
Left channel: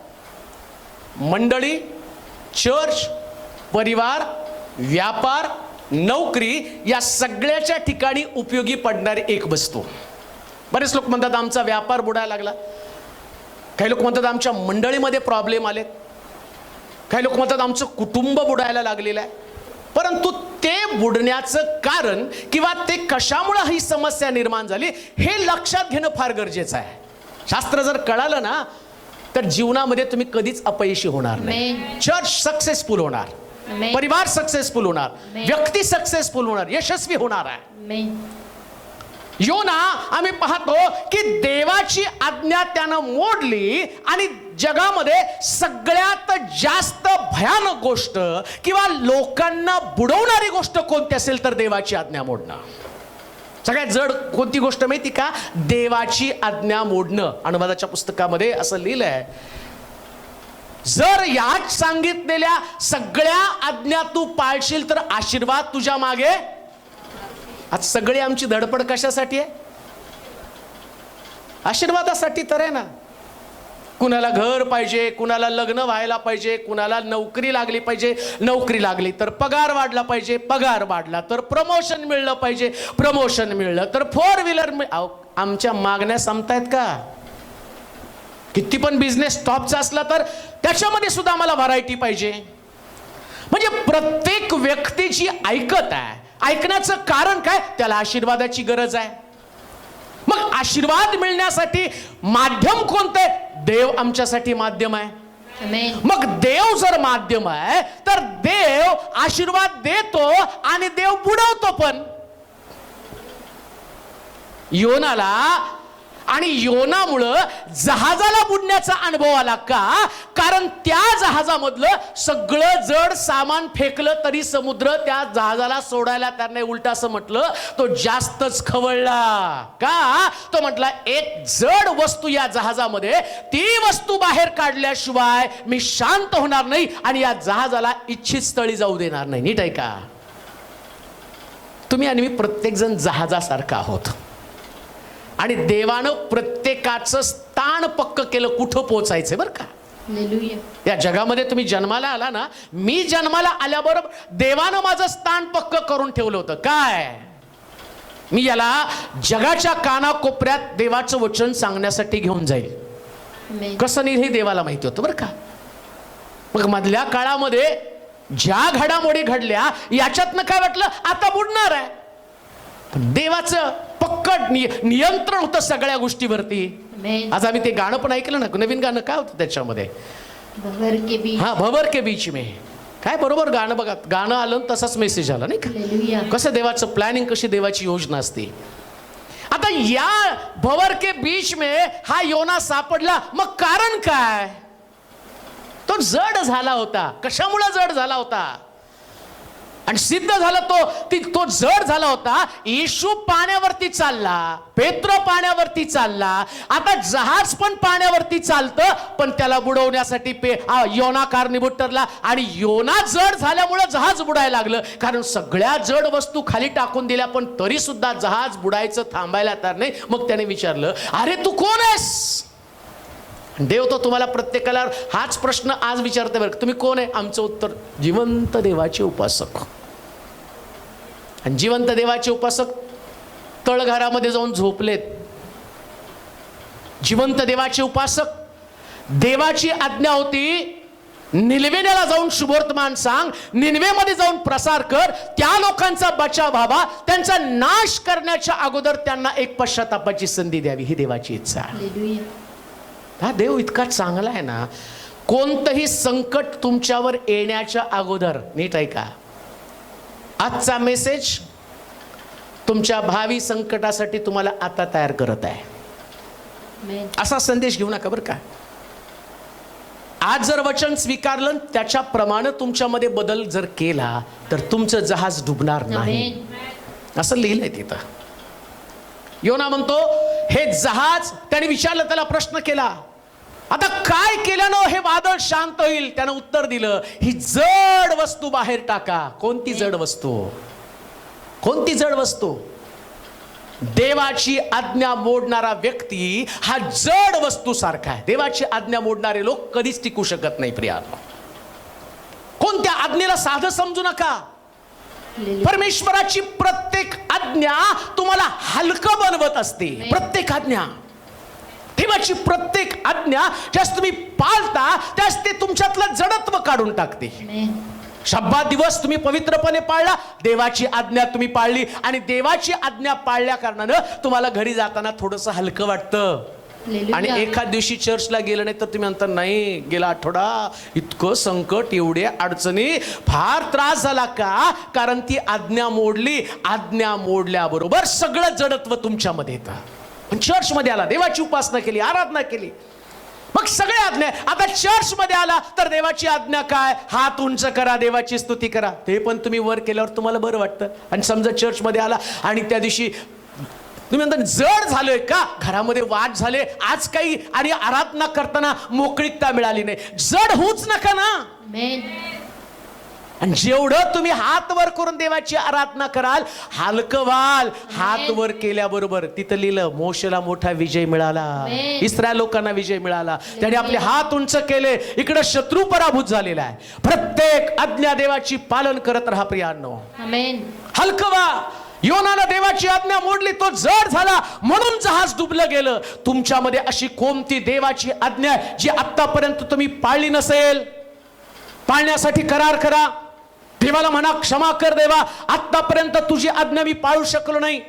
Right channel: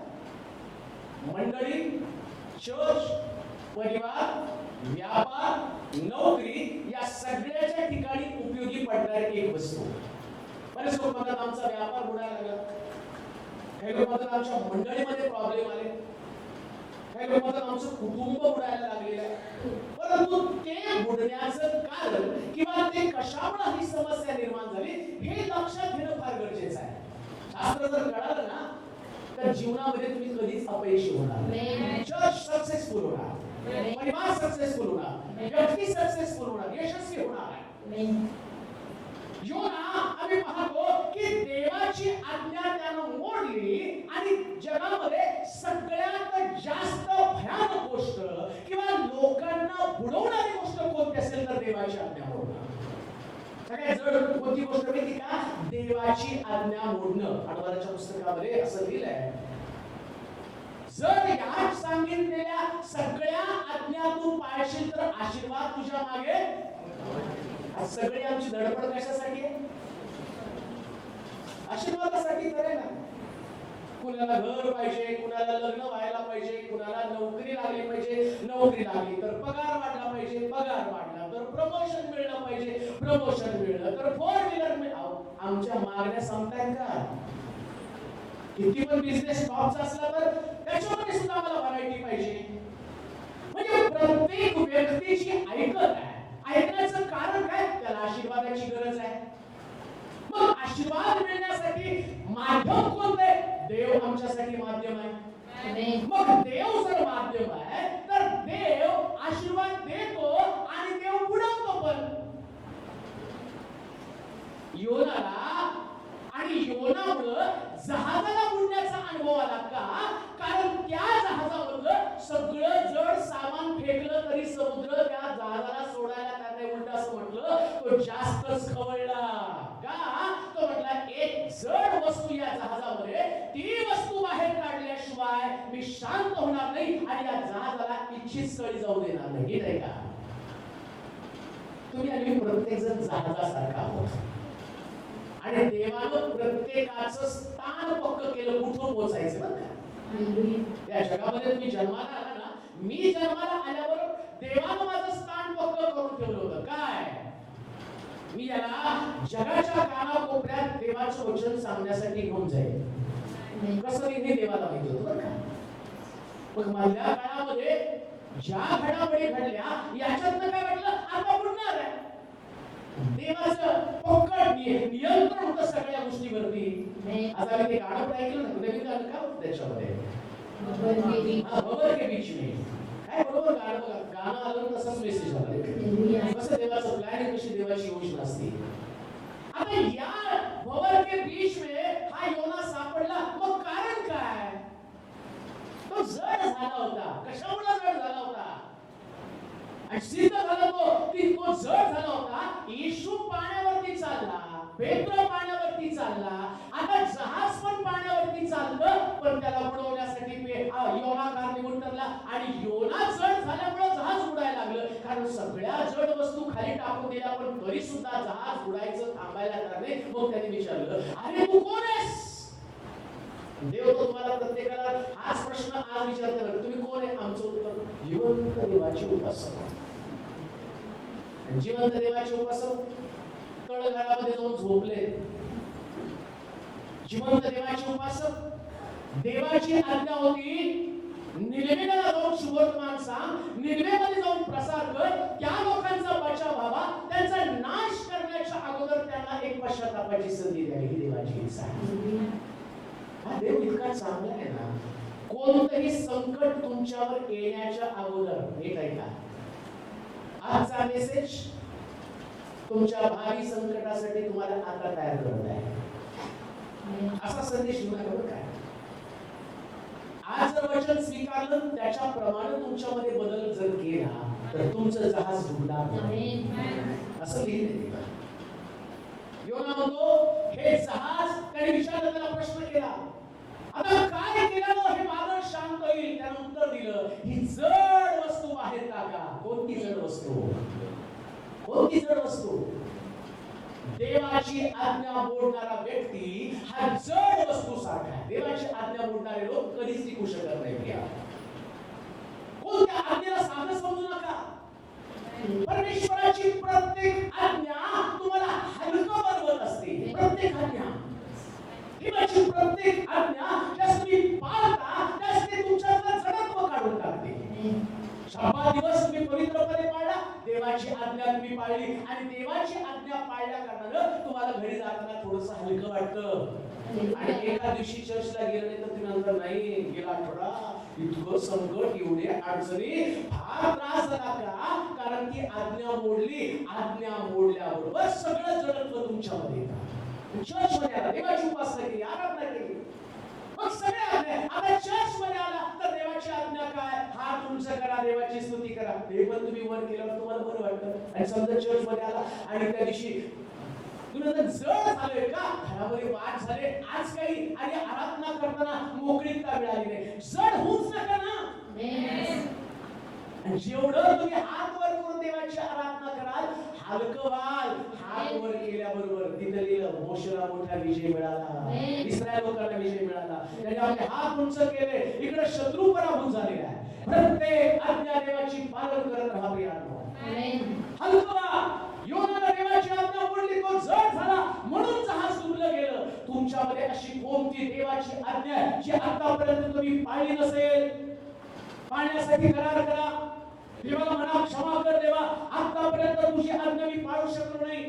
मंडळी, चर्च, परिवार, व्यापार, नोकरी या सगळ्याच्या ठिकाणी उपयोगी पडणारी एक वस्तू. बरेच लोक म्हणतात आमचा व्यापार बुडायला लागला. काही लोक म्हणतात आमच्या मंडळीमध्ये प्रॉब्लेम आले. काही लोक म्हणतात आमचं कुटुंब बुडायला लागलेलं आहे. परंतु ते बुडण्याचं कारण किंवा ते कशामुळे ही समस्या निर्माण झाली हे लक्षात घेणं फार गरजेचं आहे. शास्त्र जर कळालं ना तर जीवनामध्ये तुम्ही कधीच अपयशी होणार नाही. चर्च सक्सेसफुल होणार, परिवार सक्सेसफुल होणार, व्यक्ती सक्सेसफुल होणार, यशस्वी होणार आहे. योना आम्ही पाहतो की देवाची आज्ञा त्यानं मोडली आणि जगामध्ये सगळ्यात जास्त भयानक गोष्ट किंवा लोकांना बुडवणारी गोष्ट कोणती असेल तर देवाची आज्ञा मोडणं. सगळ्यात जड कोणती गोष्ट माहिती का? देवाची आज्ञा मोडणं. अनुवादाच्या पुस्तकामध्ये असं लिहिलंय, जर याच सांगितलेल्या सगळ्या आज्ञा तू पाळशील तर आशीर्वाद तुझ्या मागे. आज सगळी आमची धडपड कशासाठी आहे? आशीर्वादासाठी तर आहे ना. कुणाला घर पाहिजे, कुणाला लग्न व्हायला पाहिजे, कुणाला नोकरी लागली पाहिजे, नोकरी लागली तर पगार वाढला पाहिजे, पगार वाढला तर प्रमोशन मिळलं पाहिजे, प्रमोशन मिळलं तर 4 व्हीलर. आमच्या मागण्या संपतायत का? किती पण बिझनेस टॉपचा असला तर त्याच्यामध्ये सुद्धा आम्हाला व्हरायटी पाहिजे. म्हणजे प्रत्येक व्यक्तीची ऐकत आहे. ऐकण्याचं कारण काय? त्याला आशीर्वादाची गरज आहे. मग आशीर्वाद मिळण्यासाठी माध्यम कोणते? देव आमच्यासाठी माध्यम आहे. मग देव जर माध्यम आहे तर देव आशीर्वाद देतो आणि देव बुडवतो पण. योनाला आणि योनामुळं जहाजाला बुडण्याचा अनुभव आला का? कारण त्या जहाजामधलं सगळं जड सामान फेकलं तरी समुद्र त्या जहाजाला सोडायला त्याने उलट असं म्हटलं, तो जास्तच खवळला. का? तो म्हटला एक जड वस्तू या जहाजामध्ये, ती वस्तू बाहेर काढल्याशिवाय मी शांत होणार नाही आणि या जहाजाला इच्छित स्थळी जाऊ देणार नाही. नीट आहे का? तुम्ही आणि मी प्रत्येक जण जहाजासारखा आहोत आणि देवानं प्रत्येकाचं स्थान पक्क केलं कुठं पोहोचायचं बरं का. या जगामध्ये तुम्ही जन्माला आला ना, मी जन्माला आल्याबरोबर देवानं माझं स्थान पक्क करून ठेवलं होतं. काय? मी याला जगाच्या कानाकोपऱ्यात देवाचं वचन सांगण्यासाठी घेऊन जाईल. Amen. कसं नेईल हे देवाला माहिती होतं बरं का. मग मधल्या काळामध्ये ज्या घडामोडी घडल्या याच्यातनं काय वाटलं आता बुडणार आहे. पण देवाचं पक्कड नियंत्रण होतं सगळ्या गोष्टीवरती. Amen. आज आम्ही ते गाणं पण ऐकलं ना, नवीन गाणं काय होतं त्याच्यामध्ये, भवर के बीच. हा भवर के बीच में. काय बरोबर गाणं बघा, गाणं आलं आणि तसाच मेसेज आला नाही का. हालेलुया. कसं देवाचं प्लॅनिंग, कशी देवाची योजना असते. आता या भवर के बीच में हा योना सापडला. मग कारण काय, तो जड झाला होता. कशामुळे जड झाला होता आणि सिद्ध झाला तो जड झाला होता. येशू पाण्यावरती चालला, पेत्र पाण्यावरती चालला, आता जहाज पण पाण्यावरती चालतं, पण त्याला बुडवण्यासाठी योना कारणीभूत ठरला. आणि योना जड झाल्यामुळे जहाज बुडायला लागलं. कारण सगळ्या जड वस्तू खाली टाकून दिल्या, पण तरी सुद्धा जहाज बुडायचं थांबायला तयार नाही. मग त्याने विचारलं, अरे तू कोण आहेस. देव तो तुम्हाला प्रत्येकाला हाच प्रश्न आज विचारते बरं, तुम्ही कोण आहे. आमचं उत्तर, जिवंत देवाचे उपासक. आणि जिवंत देवाचे उपासक तळघरामध्ये जाऊन झोपलेत. जिवंत देवाचे उपासक, देवाची आज्ञा होती निनवेला जाऊन शुभवर्तमान सांग, निनवेमध्ये जाऊन प्रसार कर, त्या लोकांचा बचाव व्हावा, त्यांचा नाश करण्याच्या अगोदर त्यांना एक पश्चातापाची संधी द्यावी, ही देवाची इच्छा आहे. हालेलुया. हा देव इतका चांगला आहे ना. कोणतंही संकट तुमच्यावर येण्याच्या अगोदर, नीट ऐका, आजचा मेसेज तुमच्या भावी संकटासाठी तुम्हाला आता तयार करत आहे. Amen. असा संदेश घेऊ नका बरं का. आज जर वचन स्वीकारलं, त्याच्याप्रमाणे तुमच्यामध्ये बदल जर केला, तर तुमचं जहाज डुबणार नाही. Amen. असं लिहिलंय तिथं. योना म्हणतो, हे जहाज, त्याने विचारलं, त्याला प्रश्न केला, आता काय केल्यानं हे वादळ शांत होईल. त्यानं उत्तर दिलं, ही जड वस्तू बाहेर टाका. कोणती जड वस्तू, कोणती जड वस्तू. देवाची आज्ञा मोडणारा व्यक्ती हा जड वस्तू सारखा आहे. देवाची आज्ञा मोडणारे लोक कधीच टिकू शकत नाही प्रियानो. कोणत्या आज्ञेला साधं समजू नका. परमेश्वराची प्रत्येक आज्ञा तुम्हाला हलकं बनवत असते. प्रत्येक आज्ञा, देवाची प्रत्येक आज्ञा ज्यास तुम्ही पाळता त्यास ते तुमच्यातलं जडत्व काढून टाकते. Amen. शब्बात दिवस तुम्ही पवित्रपणे पाळला, देवाची आज्ञा तुम्ही पाळली, आणि देवाची आज्ञा पाळल्या कारणानं तुम्हाला घरी जाताना थोडंसं हलकं वाटतं. हालेलुया. आणि एखाद दिवशी चर्चला गेलं नाही तर तुम्ही म्हणता, नाही गेला आठवडा इतकं संकट, एवढ्या अडचणी, फार त्रास झाला का. कारण ती आज्ञा मोडली. आज्ञा मोडल्याबरोबर सगळं जडत्व तुमच्यामध्ये येतं. पण चर्चमध्ये आला, देवाची उपासना केली, आराधना केली, मग सगळे आज्ञा. आता चर्च मध्ये आला तर देवाची आज्ञा काय, हात उंच करा, देवाची स्तुती करा. ते पण तुम्ही वर केल्यावर तुम्हाला बरं वाटतं. आणि समजा चर्च मध्ये आला आणि त्या दिवशी तुम्ही म्हणता जड झालोय का, घरामध्ये वाद झाले, आज काही आणि आराधना करताना मोकळीकता मिळाली नाही, जड होऊच नका ना. Amen. आणि जेवढं तुम्ही हात वर करून देवाची आराधना कराल, हलकं व्हाल. हात वर केल्याबरोबर तिथं लिहिलं, मोशेला मोठा विजय मिळाला, इस्रायल लोकांना विजय मिळाला. त्याने आपले हात उंच केले, इकडे शत्रू पराभूत झालेला आहे. प्रत्येक आज्ञा देवाची पालन करत राहा प्रियांनो. Amen. हलकं व्हा. योनानं देवाची आज्ञा मोडली, तो जड झाला, म्हणून जहाज डुबलं गेलं. तुमच्यामध्ये अशी कोणती देवाची आज्ञा जी आतापर्यंत तुम्ही पाळली नसेल, पाळण्यासाठी करार करा. देवाला म्हणा, क्षमा कर देवा, आतापर्यंत तुझी आज्ञा मी पाळू शकलो नाही.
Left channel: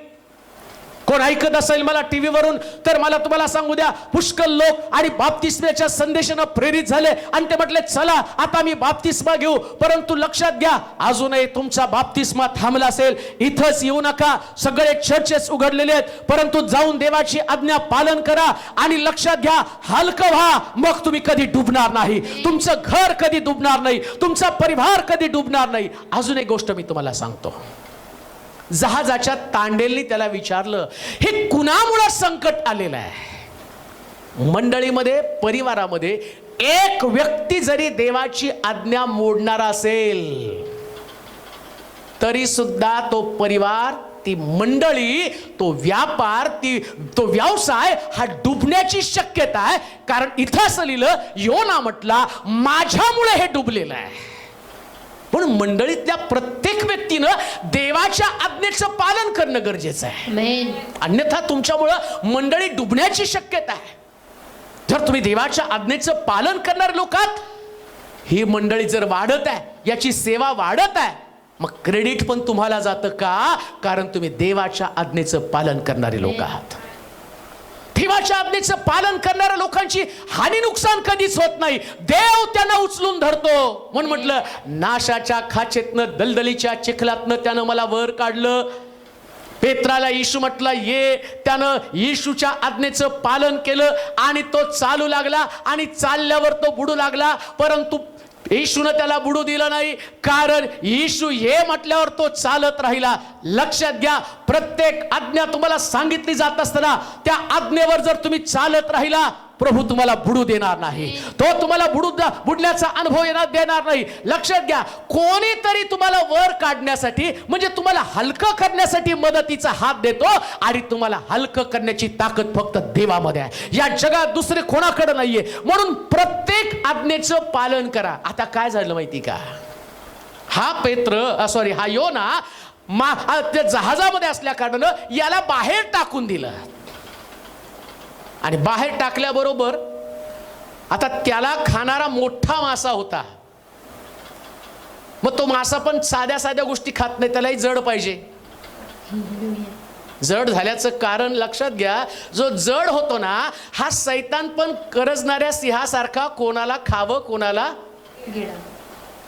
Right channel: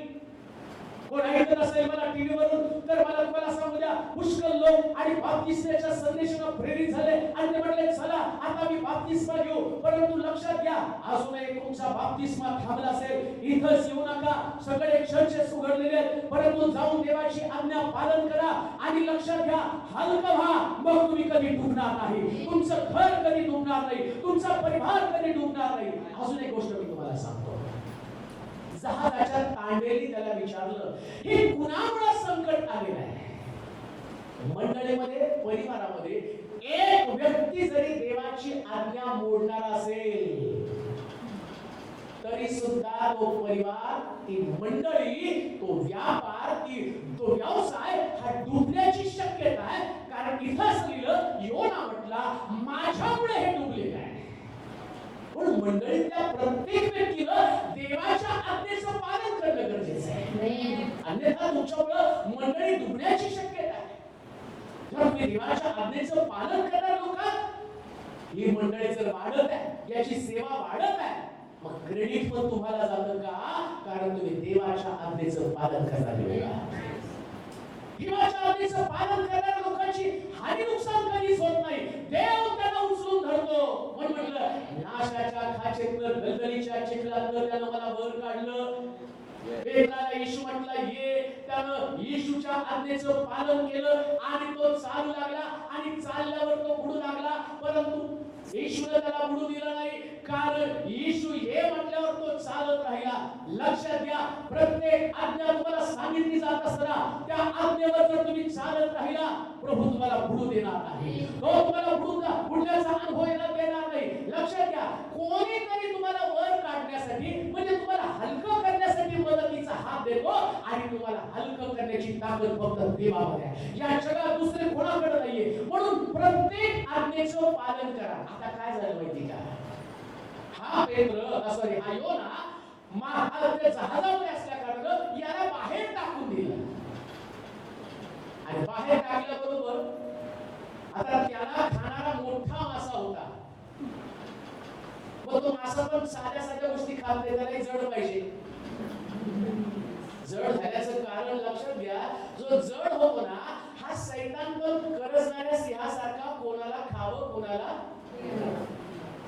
कोण ऐकत असेल मला टीव्ही वरून, तर मला तुम्हाला सांगू द्या, पुष्कळ लोक आणि बाप्तिस्म्याच्या संदेशानं प्रेरित झाले आणि ते म्हटले, चला आता मी बाप्तिस्मा घेऊ. परंतु लक्षात घ्या, अजूनही तुमचा बाप्तिस्मा थांबला असेल, इथंच येऊ नका. सगळे चर्चेस उघडलेले आहेत, परंतु जाऊन देवाची आज्ञा पालन करा. आणि लक्षात घ्या, हलकं व्हा, मग तुम्ही कधी डुबणार नाही. तुमचं घर कधी डुबणार नाही, तुमचा परिवार कधी डुबणार नाही. अजून एक गोष्ट मी तुम्हाला सांगतो. जहाजाच्या तांडेलनी त्याला विचारलं, हे कुणामुळे संकट आलेलं आहे. मंडळीमध्ये, परिवारामध्ये एक व्यक्ती जरी देवाची आज्ञा मोडणारा असेल, तरी सुद्धा तो परिवार, ती मंडळी, तो व्यापार, तो व्यवसाय हा डुबण्याची शक्यता आहे. कारण इथं असं लिहिलं, योना म्हटला, माझ्यामुळे हे डुबलेलं आहे. म्हणून मंडळीतल्या प्रत्येक व्यक्तीनं देवाच्या आज्ञेचं पालन करणं गरजेचं आहे. Amen. अन्यथा तुमच्यामुळं मंडळी डुबण्याची शक्यता आहे. जर तुम्ही देवाच्या आज्ञेचं पालन करणारे लोक आहात, ही मंडळी जर वाढत आहे, याची सेवा वाढत आहे, मग क्रेडिट पण तुम्हाला जातं का? कारण तुम्ही देवाच्या आज्ञेचं पालन करणारे लोक आहात. देवाच्या आज्ञेचं पालन करणाऱ्या लोकांची हानी नुकसान कधीच होत नाही. देव त्यांना उचलून धरतो. म्हणून म्हटलं, नाशाच्या खाचेतनं, दलदलीच्या चिखलातनं त्यानं मला वर काढलं. पेत्राला येशू म्हटलं ये. त्यानं येशूच्या आज्ञेचं पालन केलं आणि तो चालू लागला आणि चालल्यावर तो बुडू लागला. परंतु येशूने त्याला बुडू दिलं नाही, कारण येशू ये म्हटल्यावर तो चालत राहिला. लक्षात घ्या, प्रत्येक आज्ञा तुम्हाला सांगितली जात असताना त्या आज्ञेवर जर तुम्ही चालत राहिला, प्रभू तुम्हाला बुडू देणार नाही. तो तुम्हाला बुडण्याचा अनुभव देणार नाही. लक्षात घ्या, कोणीतरी तुम्हाला वर काढण्यासाठी, म्हणजे तुम्हाला हलकं करण्यासाठी मदतीचा हात देतो आणि तुम्हाला हलकं करण्याची ताकद फक्त देवामध्ये आहे. या जगात दुसरे कोणाकडे नाहीये. म्हणून प्रत्येक आज्ञेचं पालन करा. आता काय झालं माहिती का? हा योना त्या जहाजामध्ये असल्या कारणानं याला बाहेर टाकून दिलं. आणि बाहेर टाकल्याबरोबर आता त्याला खाणारा मोठा मासा होता. मग तो मासा पण साध्या साध्या गोष्टी खात नाही, त्यालाही जड पाहिजे. जड झाल्याचं कारण लक्षात घ्या, जो जड होतो ना, हा सैतान पण करजणाऱ्या सिंहासारखा कोणाला खावं कोणाला,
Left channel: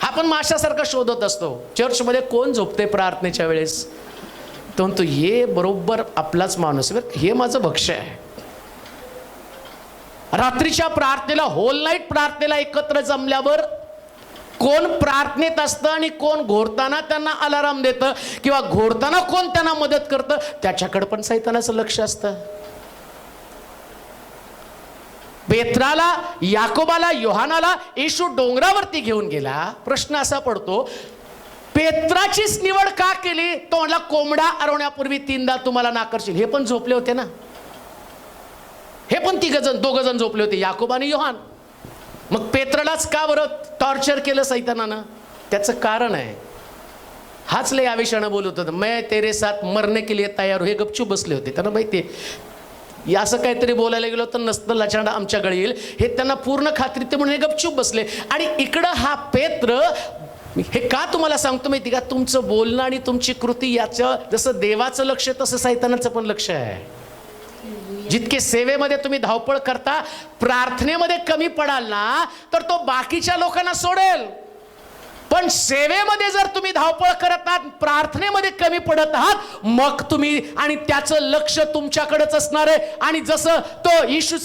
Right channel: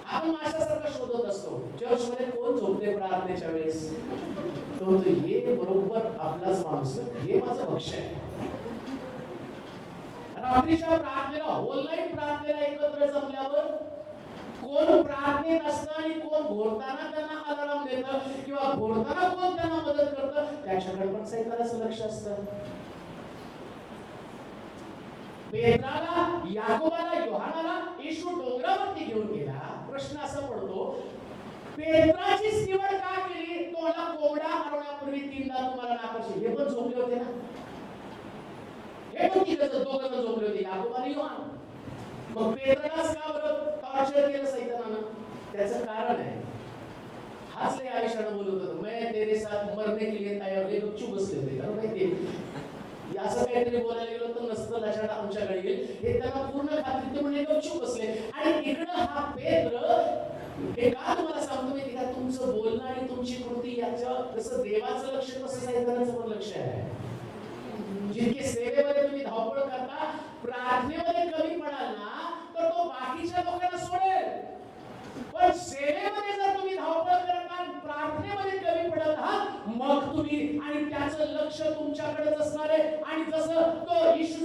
हा पण माशासारखा शोधत असतो. चर्चमध्ये कोण झोपते प्रार्थनेच्या वेळेस? तो म्हणतो हे बरोबर आपलाच माणूस, हे माझं भक्ष्य आहे. रात्रीच्या प्रार्थनेला, होल नाईट प्रार्थनेला एकत्र जमल्यावर कोण प्रार्थनेत असतं आणि कोण घोरताना त्यांना अलाराम देतं किंवा घोरताना कोण त्यांना मदत करतं, त्याच्याकडे पण सैतानाचं लक्ष असतं. पेत्राला, याकोबाला, योहानाला येशू डोंगरावरती घेऊन गेला. प्रश्न असा पडतो, पेत्राचीच निवड का केली? तो म्हणला कोंबडा अरवण्यापूर्वी 3दा तुम्हाला नाकारशील. हे पण झोपले होते ना, हे पण दोघ जण झोपले होते, याकोब आणि योहान. मग पेत्रालाच का बरं टॉर्चर केलं सैतानानं? त्याचं कारण आहे, हाच लय आवेशानं बोलत होता, मैं तेरे साथ मरने के लिए तयार. हे गपचूप बसले होते. त्यांना माहिती असं काहीतरी बोलायला गेलो तर नसतं लचांडा आमच्याकडे येईल, हे त्यांना पूर्ण खात्री. ते म्हणून हे गपचूप बसले. आणि इकडं हा पेत्र, हे का तुम्हाला सांगतो माहिती का? तुमचं बोलणं आणि तुमची कृती याचं जसं देवाचं लक्ष तसं सैतानाचं पण लक्ष आहे. जितके सेवेमध्ये तुम्ही धावपळ करता, प्रार्थनेमध्ये कमी पडाल ना, तर तो बाकीच्या लोकांना सोडेल. पण सेवेमध्ये जर तुम्ही धावपळ करत आहात, प्रार्थनेमध्ये कमी पडत आहात, मग तुम्ही, आणि त्याचं लक्ष तुमच्याकडेच असणार आहे. आणि जसं तो येशू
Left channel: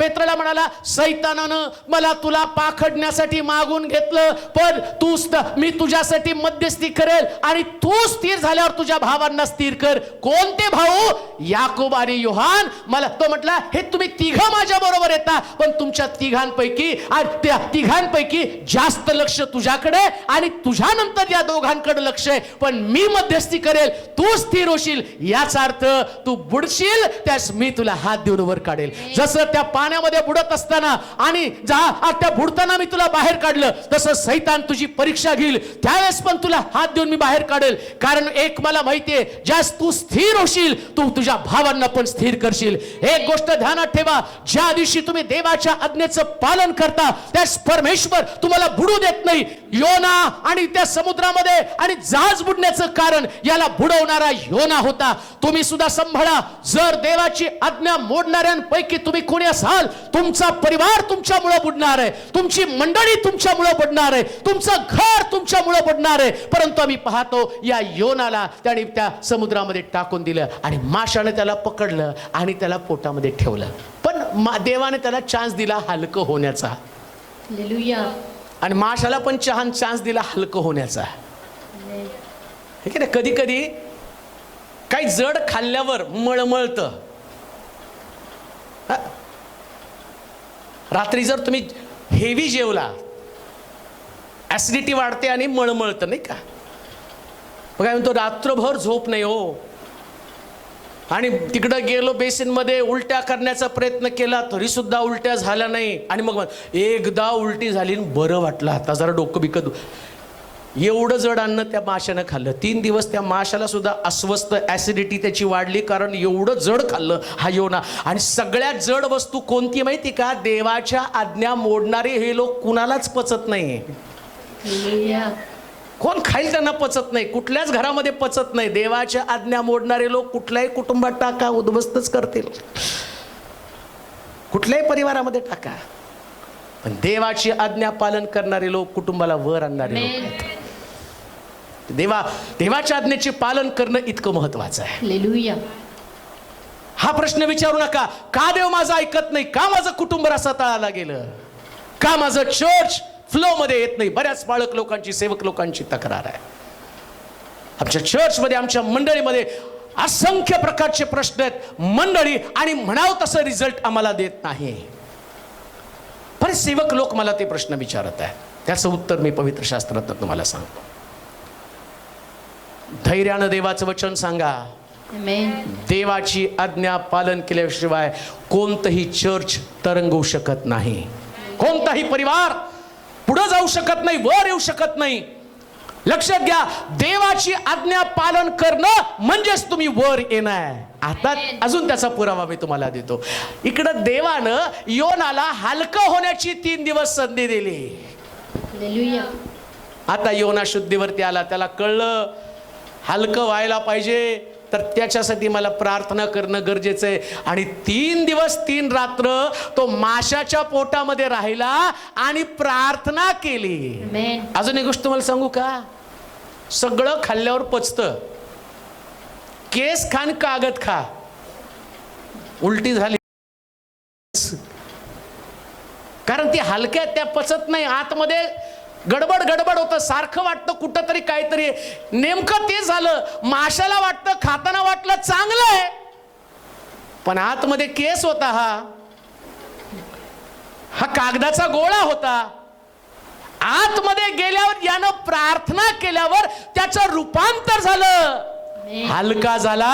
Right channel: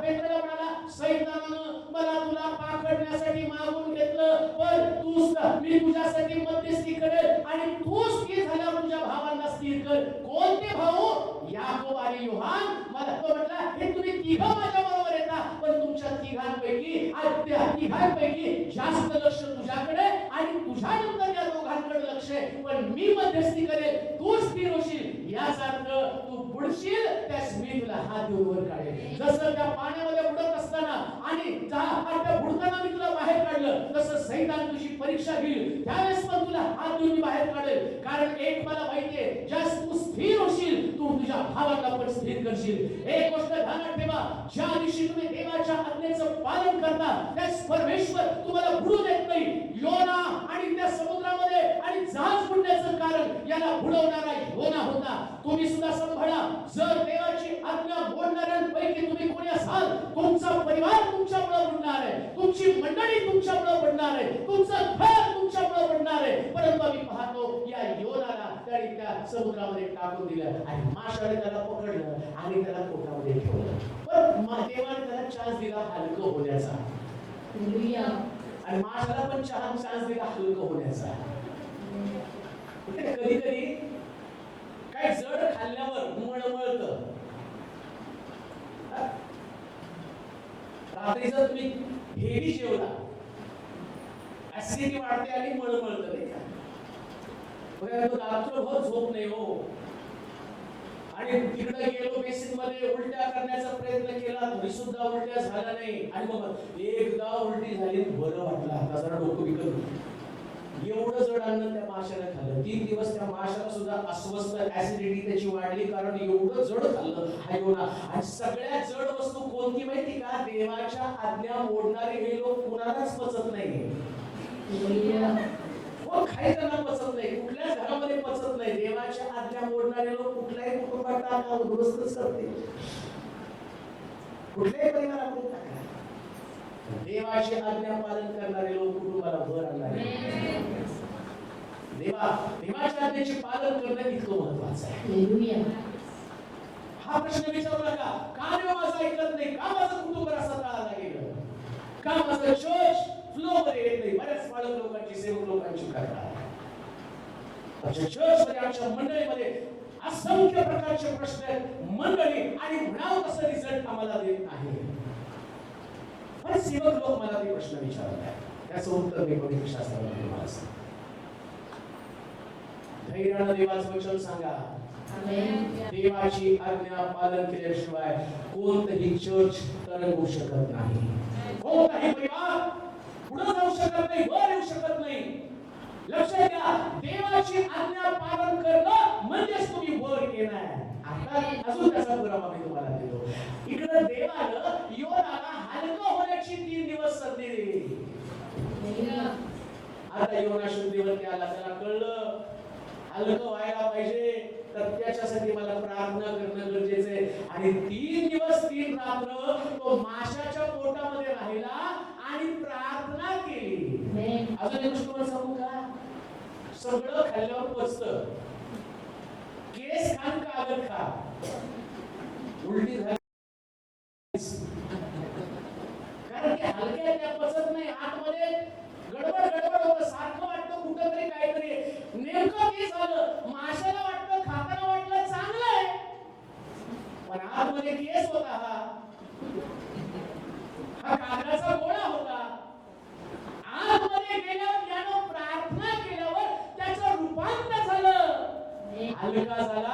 पेत्राला म्हणाला, सैतानानं मला तुला पाखडण्यासाठी मागून घेतलं, पण मी तुझ्यासाठी मध्यस्थी करेल आणि तू स्थिर झाल्यावर तुझ्या भावांना स्थिर कर. कोणते भाऊ? याकोब आणि योहान. मला तो म्हटला, हे तुम्ही तिघं माझ्या बरोबर येता, पण तुमच्या तिघांपैकी जास्त लक्ष तुझ्याकडे आणि तुझ्यानंतर या दोघांकडे लक्ष आहे, पण मी मध्यस्थी करेल, तू स्थिर होशील. याचा अर्थ तू बुडशील, त्यास मी तुला हात देऊन वर काढेल. जसं त्या पाण्यामध्ये बुडत असताना आणि त्या बुडताना मी तुला बाहेर काढलं, तसं सैतान तुझी परीक्षा घेईल, त्यावेळेस पण तुला हात देऊन मी बाहेर काढेल. कारण एक मला माहितीये, ज्यास तू स्थिर होशील, तू तुझ्या भावांना पण स्थिर करशील. एक गोष्ट ध्यानात ठेवा, ज्या दिवशी तुम्ही देवाच्या आज्ञेचं पालन करता, त्यास परमेश्वर तुम्हाला बुडू देत नाही. योना आणि त्या समुद्रामध्ये आणि जहाज बुडण्याचं कारण याला बुडवणारा योना होता. तुम्ही सुद्धा सांभाळा, जर देवाची आज्ञा मोडणाऱ्यांपैकी तुम्ही कोणी असाल, तुमचा परिवार तुमच्यामुळे बुडणार आहे, तुमची मंडळी तुमच्यामुळे बुडणार आहे, तुमचं घर तुमच्यामुळे बुडणार आहे. परंतु आम्ही पाहतो या योनाला त्याने त्या समुद्रामध्ये टाकून दिलं आणि माशाने त्याला पकडलं आणि त्याला पोटामध्ये ठेवलं. पण देवाने त्याला चान्स दिला हलकं होण्याचा. हालेलुया. आणि माशाला पण चान्स दिला हलकं होण्याचा. ठीक आहे ना? कधी कधी काही जड खाल्ल्यावर मळमळतं. रात्री जर तुम्ही हेवी जेवला, ऍसिडिटी वाढते आणि मळमळतं, नाही का? काय म्हणतो, रात्रभर झोप नाही हो. आणि तिकडं गेलो बेसिनमध्ये, उलट्या करण्याचा प्रयत्न केला तरी सुद्धा उलट्या झाल्या नाही. आणि मग एकदा उलटी झाली, बरं वाटलं, आता जरा डोकं बिकत. एवढं जड अन्न त्या माशानं खाल्लं. 3 दिवस त्या माशाला सुद्धा अस्वस्थ, ऍसिडिटी त्याची वाढली, कारण एवढं जड खाल्लं हा योना. आणि सगळ्यात जड वस्तू कोणती माहिती का? देवाच्या आज्ञा मोडणारे हे लोक कुणालाच पचत नाही. कोण खाईल त्यांना पचत नाही, कुठल्याच घरामध्ये पचत नाही. देवाच्या आज्ञा मोडणारे लोक कुठल्याही कुटुंबात टाका, उद्ध्वस्तच करतील, कुठल्याही परिवारामध्ये टाका. पण देवाची आज्ञा पालन करणारे लोक कुटुंबाला वर आणणारे लोक. देवाच्या आज्ञेचे पालन करणं इतकं महत्वाचं आहे. हालेलुया. हा प्रश्न विचारू नका, का देव माझं ऐकत नाही, का माझं कुटुंब रसातळाला गेलं, का माझं चर्च फ्लो मध्ये येत नाही. बऱ्याच बाळक लोकांची, सेवक लोकांची तक्रार आहे. आमच्या चर्चमध्ये, आमच्या मंडळीमध्ये असंख्य प्रकारचे प्रश्न आहेत. मंडळी आणि म्हणावं तसं रिझल्ट आम्हाला देत नाही. बरेच सेवक लोक मला ते प्रश्न विचारत आहेत. त्याचं उत्तर मी पवित्र शास्त्रात तुम्हाला सांगतो. धैर्यानं देवाचं वचन सांगा. देवाची आज्ञा पालन केल्याशिवाय कोणतंही चर्च तरंगू शकत नाही, कोणताही परिवार पुढे जाऊ शकत नाही, वर येऊ शकत नाही. लक्षात घ्या, देवाची आज्ञा पालन करणं म्हणजेच तुम्ही वर येणार. आता अजून त्याचा पुरावा मी तुम्हाला देतो. इकडं देवानं योनाला हलकं होण्याची 3 दिवस संधी दिली. आता योना शुद्धीवरती आला. त्याला कळलं हलकं व्हायला पाहिजे, तर त्याच्यासाठी मला प्रार्थना करणं गरजेचं आहे. आणि 3 दिवस 3 रात्र तो माशाच्या पोटामध्ये राहिला आणि प्रार्थना केली. अजून एक गोष्ट तुम्हाला सांगू का? सगळं खाल्ल्यावर पचतं. केस खान कागद खा, उलटी झाली, कारण ती हलक्या त्या पचत नाही. आतमध्ये गडबड होतं, सारखं वाटतं कुठं तरी काहीतरी. नेमकं ते झालं. माशाला वाटतं, खाताना वाटलं चांगलं आहे, पण आतमध्ये केस होता. हा कागदाचा गोळा होता. आतमध्ये गेल्यावर यानं प्रार्थना केल्यावर त्याचं रूपांतर झालं, हलका झाला.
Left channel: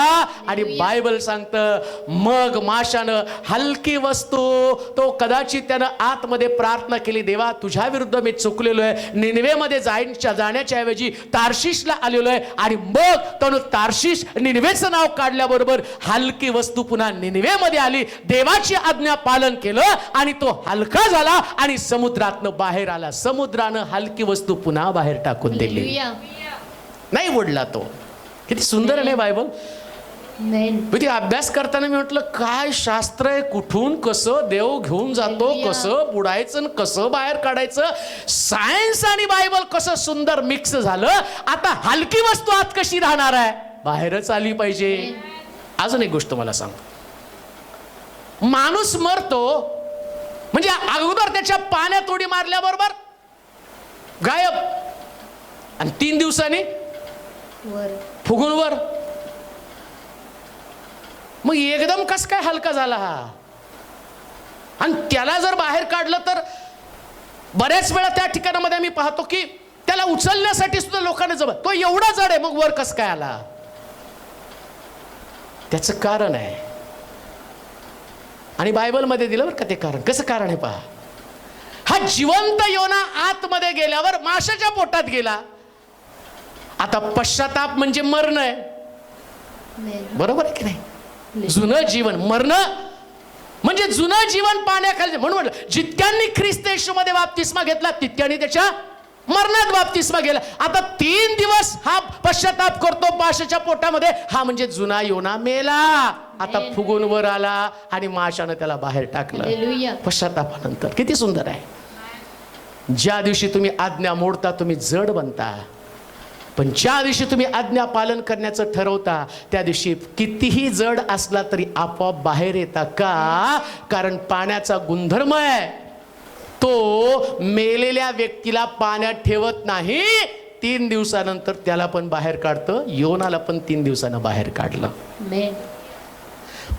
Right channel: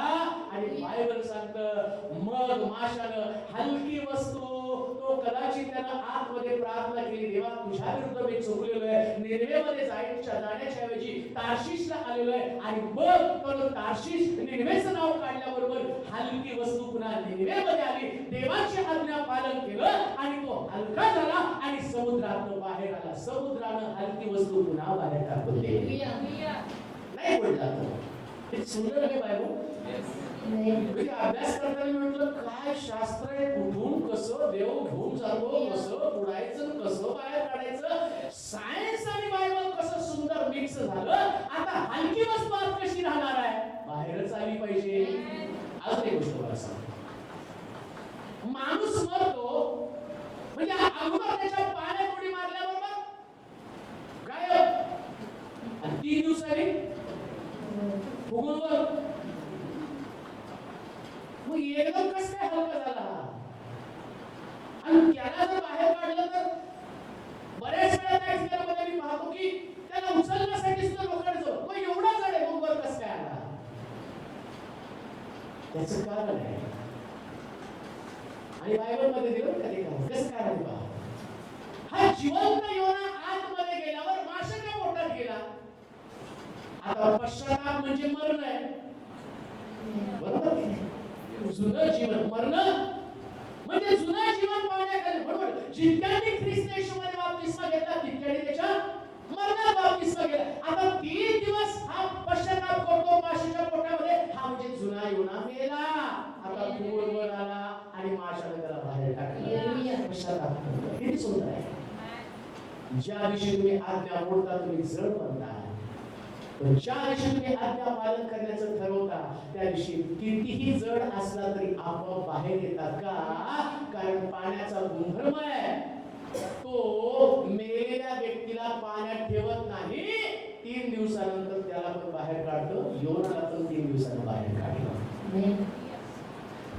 आणि बायबल सांगतं मग माशानं हलकी वस्तू, तो कदाचित त्यानं आतमध्ये प्रार्थना केली, देवा तुझ्या विरुद्ध मी चुकलेलो आहे, निनवेमध्ये जाण्याच्या ऐवजी तार्शिशला आलेलो आहे. आणि मग त्यानं तार्शिश, निनवेचं नाव काढल्याबरोबर हलकी वस्तू पुन्हा निनवेमध्ये आली. देवाची आज्ञा पालन केलं आणि तो हलका झाला आणि समुद्रातनं बाहेर आला. समुद्रानं हलकी वस्तू पुन्हा बाहेर टाकून दिली, नाही उडला तो. किती सुंदर आहे बायबल. ते अभ्यास करताना मी म्हटलं काय शास्त्र आहे, कुठून कसं देव घेऊन जातो, कसं बुडायचं, कसं बाहेर काढायचं. सायन्स आणि बायबल कसं सुंदर मिक्स झालं. आता हलकी वस्तू आत कशी राहणार आहे, बाहेरच आली पाहिजे. अजून एक गोष्ट मला सांगतो, माणूस मरतो म्हणजे अगोदर त्याच्या पाण्यात उडी मारल्याबरोबर गायब, आणि 3 दिवसांनी फुगून वर. मग एकदम कस काय हलका झाला हा? आणि त्याला जर बाहेर काढलं तर बऱ्याच वेळा त्या ठिकाणामध्ये आम्ही पाहतो की त्याला उचलण्यासाठी सुद्धा लोकांना जमत, तो एवढा जड आहे, मग वर कस काय आला? त्याचं कारण आहे. आणि बायबलमध्ये दिलं बरं का ते कारण. कसं कारण आहे पहा. हा जिवंत योना आतमध्ये गेल्यावर माशाच्या पोटात गेला. आता पश्चाताप म्हणजे मरण आहे, बरोबर आहे की नाही? जुनं जीवन, मरण म्हणजे जुनं जीवन पाण्याखाली. म्हणून जितक्यांनी ख्रिस्त येशूमध्ये बाप्तिस्मा घेतला तितक्यांनी त्याच्या मरणात बाप्तिस्मा गेला. आता 3 दिवस हा पश्चाताप करतो माशाच्या पोटामध्ये. हा म्हणजे जुना योना मेला, आता फुगून वर आला आणि माशानं त्याला बाहेर टाकलं पश्चातापानंतर. किती सुंदर आहे. ज्या दिवशी तुम्ही आज्ञा मोडता तुम्ही जड बनता, पण ज्या दिवशी तुम्ही आज्ञा पालन करण्याचं ठरवता त्या दिवशी कितीही जड असला तरी आपोआप बाहेर येता. का? कारण पाण्याचा गुणधर्म आहे, तो मेलेल्या व्यक्तीला पाण्यात ठेवत नाही, 3 दिवसानंतर त्याला पण बाहेर काढतं. योनाला पण 3 दिवसानं बाहेर काढलं.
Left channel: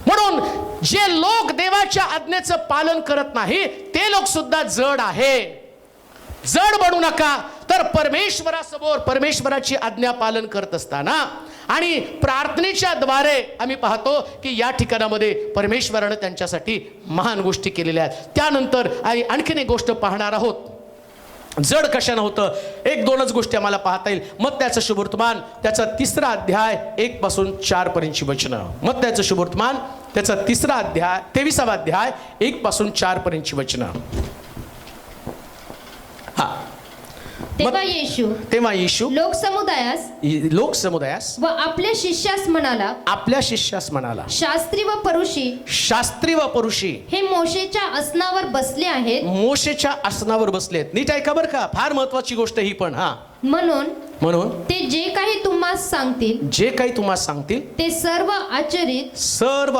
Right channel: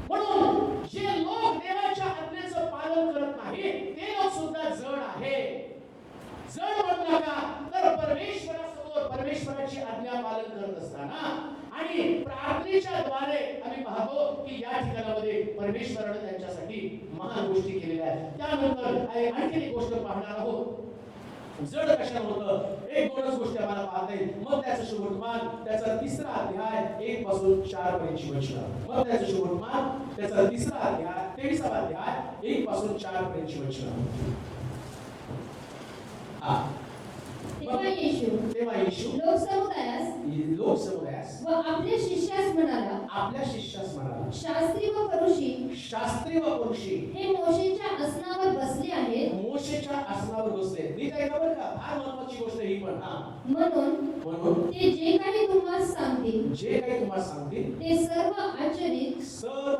म्हणून जे लोक देवाच्या आज्ञेचं पालन करत नाही ते लोक सुद्धा जड आहे. जड बनू नका. तर परमेश्वरासमोर परमेश्वराची आज्ञा पालन करत असताना आणि प्रार्थनेच्या द्वारे आम्ही पाहतो की या ठिकाणामध्ये परमेश्वरानं त्यांच्यासाठी महान गोष्टी केलेल्या आहेत. त्यानंतर आणखीन एक गोष्ट पाहणार आहोत. जड कशानं होतं? एक दोनच गोष्टी आम्हाला पाहता येईल. मत्त्याचं शुभवर्तमान त्याचा 3रा अध्याय 1 पासून 4 पर्यंतची वचनं. मत्त्याचं शुभवर्तमान त्याचा 3रा अध्याय 23वा अध्याय 1 पासून 4 पर्यंतची वचनं. हा. तेव्हा येशू लोकसमुदायास व आपल्या शिष्यास म्हणाला, शास्त्री व परुषी हे मोशेच्या आसनावर बसले आहेत. नीट ऐका बरं का, फार महत्वाची गोष्ट ही पण. हा, म्हणून ते जे काही तुम्हाला सांगतील ते सर्व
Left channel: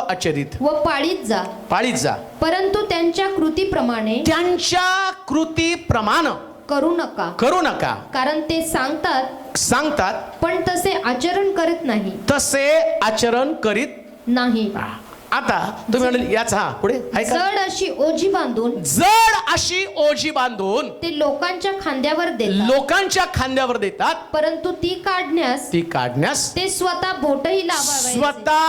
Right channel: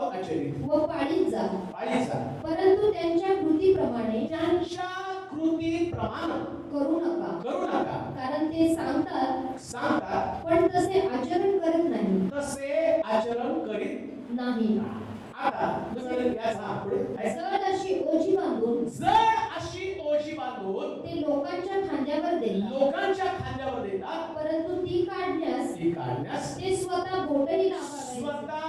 आचरित व पाळीत जा, परंतु त्यांच्या कृतीप्रमाणे करू नका, कारण ते सांगतात पण तसे आचरण करीत नाही. आता तुम्ही म्हणाल याचा पुढे जड अशी ओझी बांधून ते लोकांच्या खांद्यावर देतात, परंतु ती काढण्यास ते स्वतः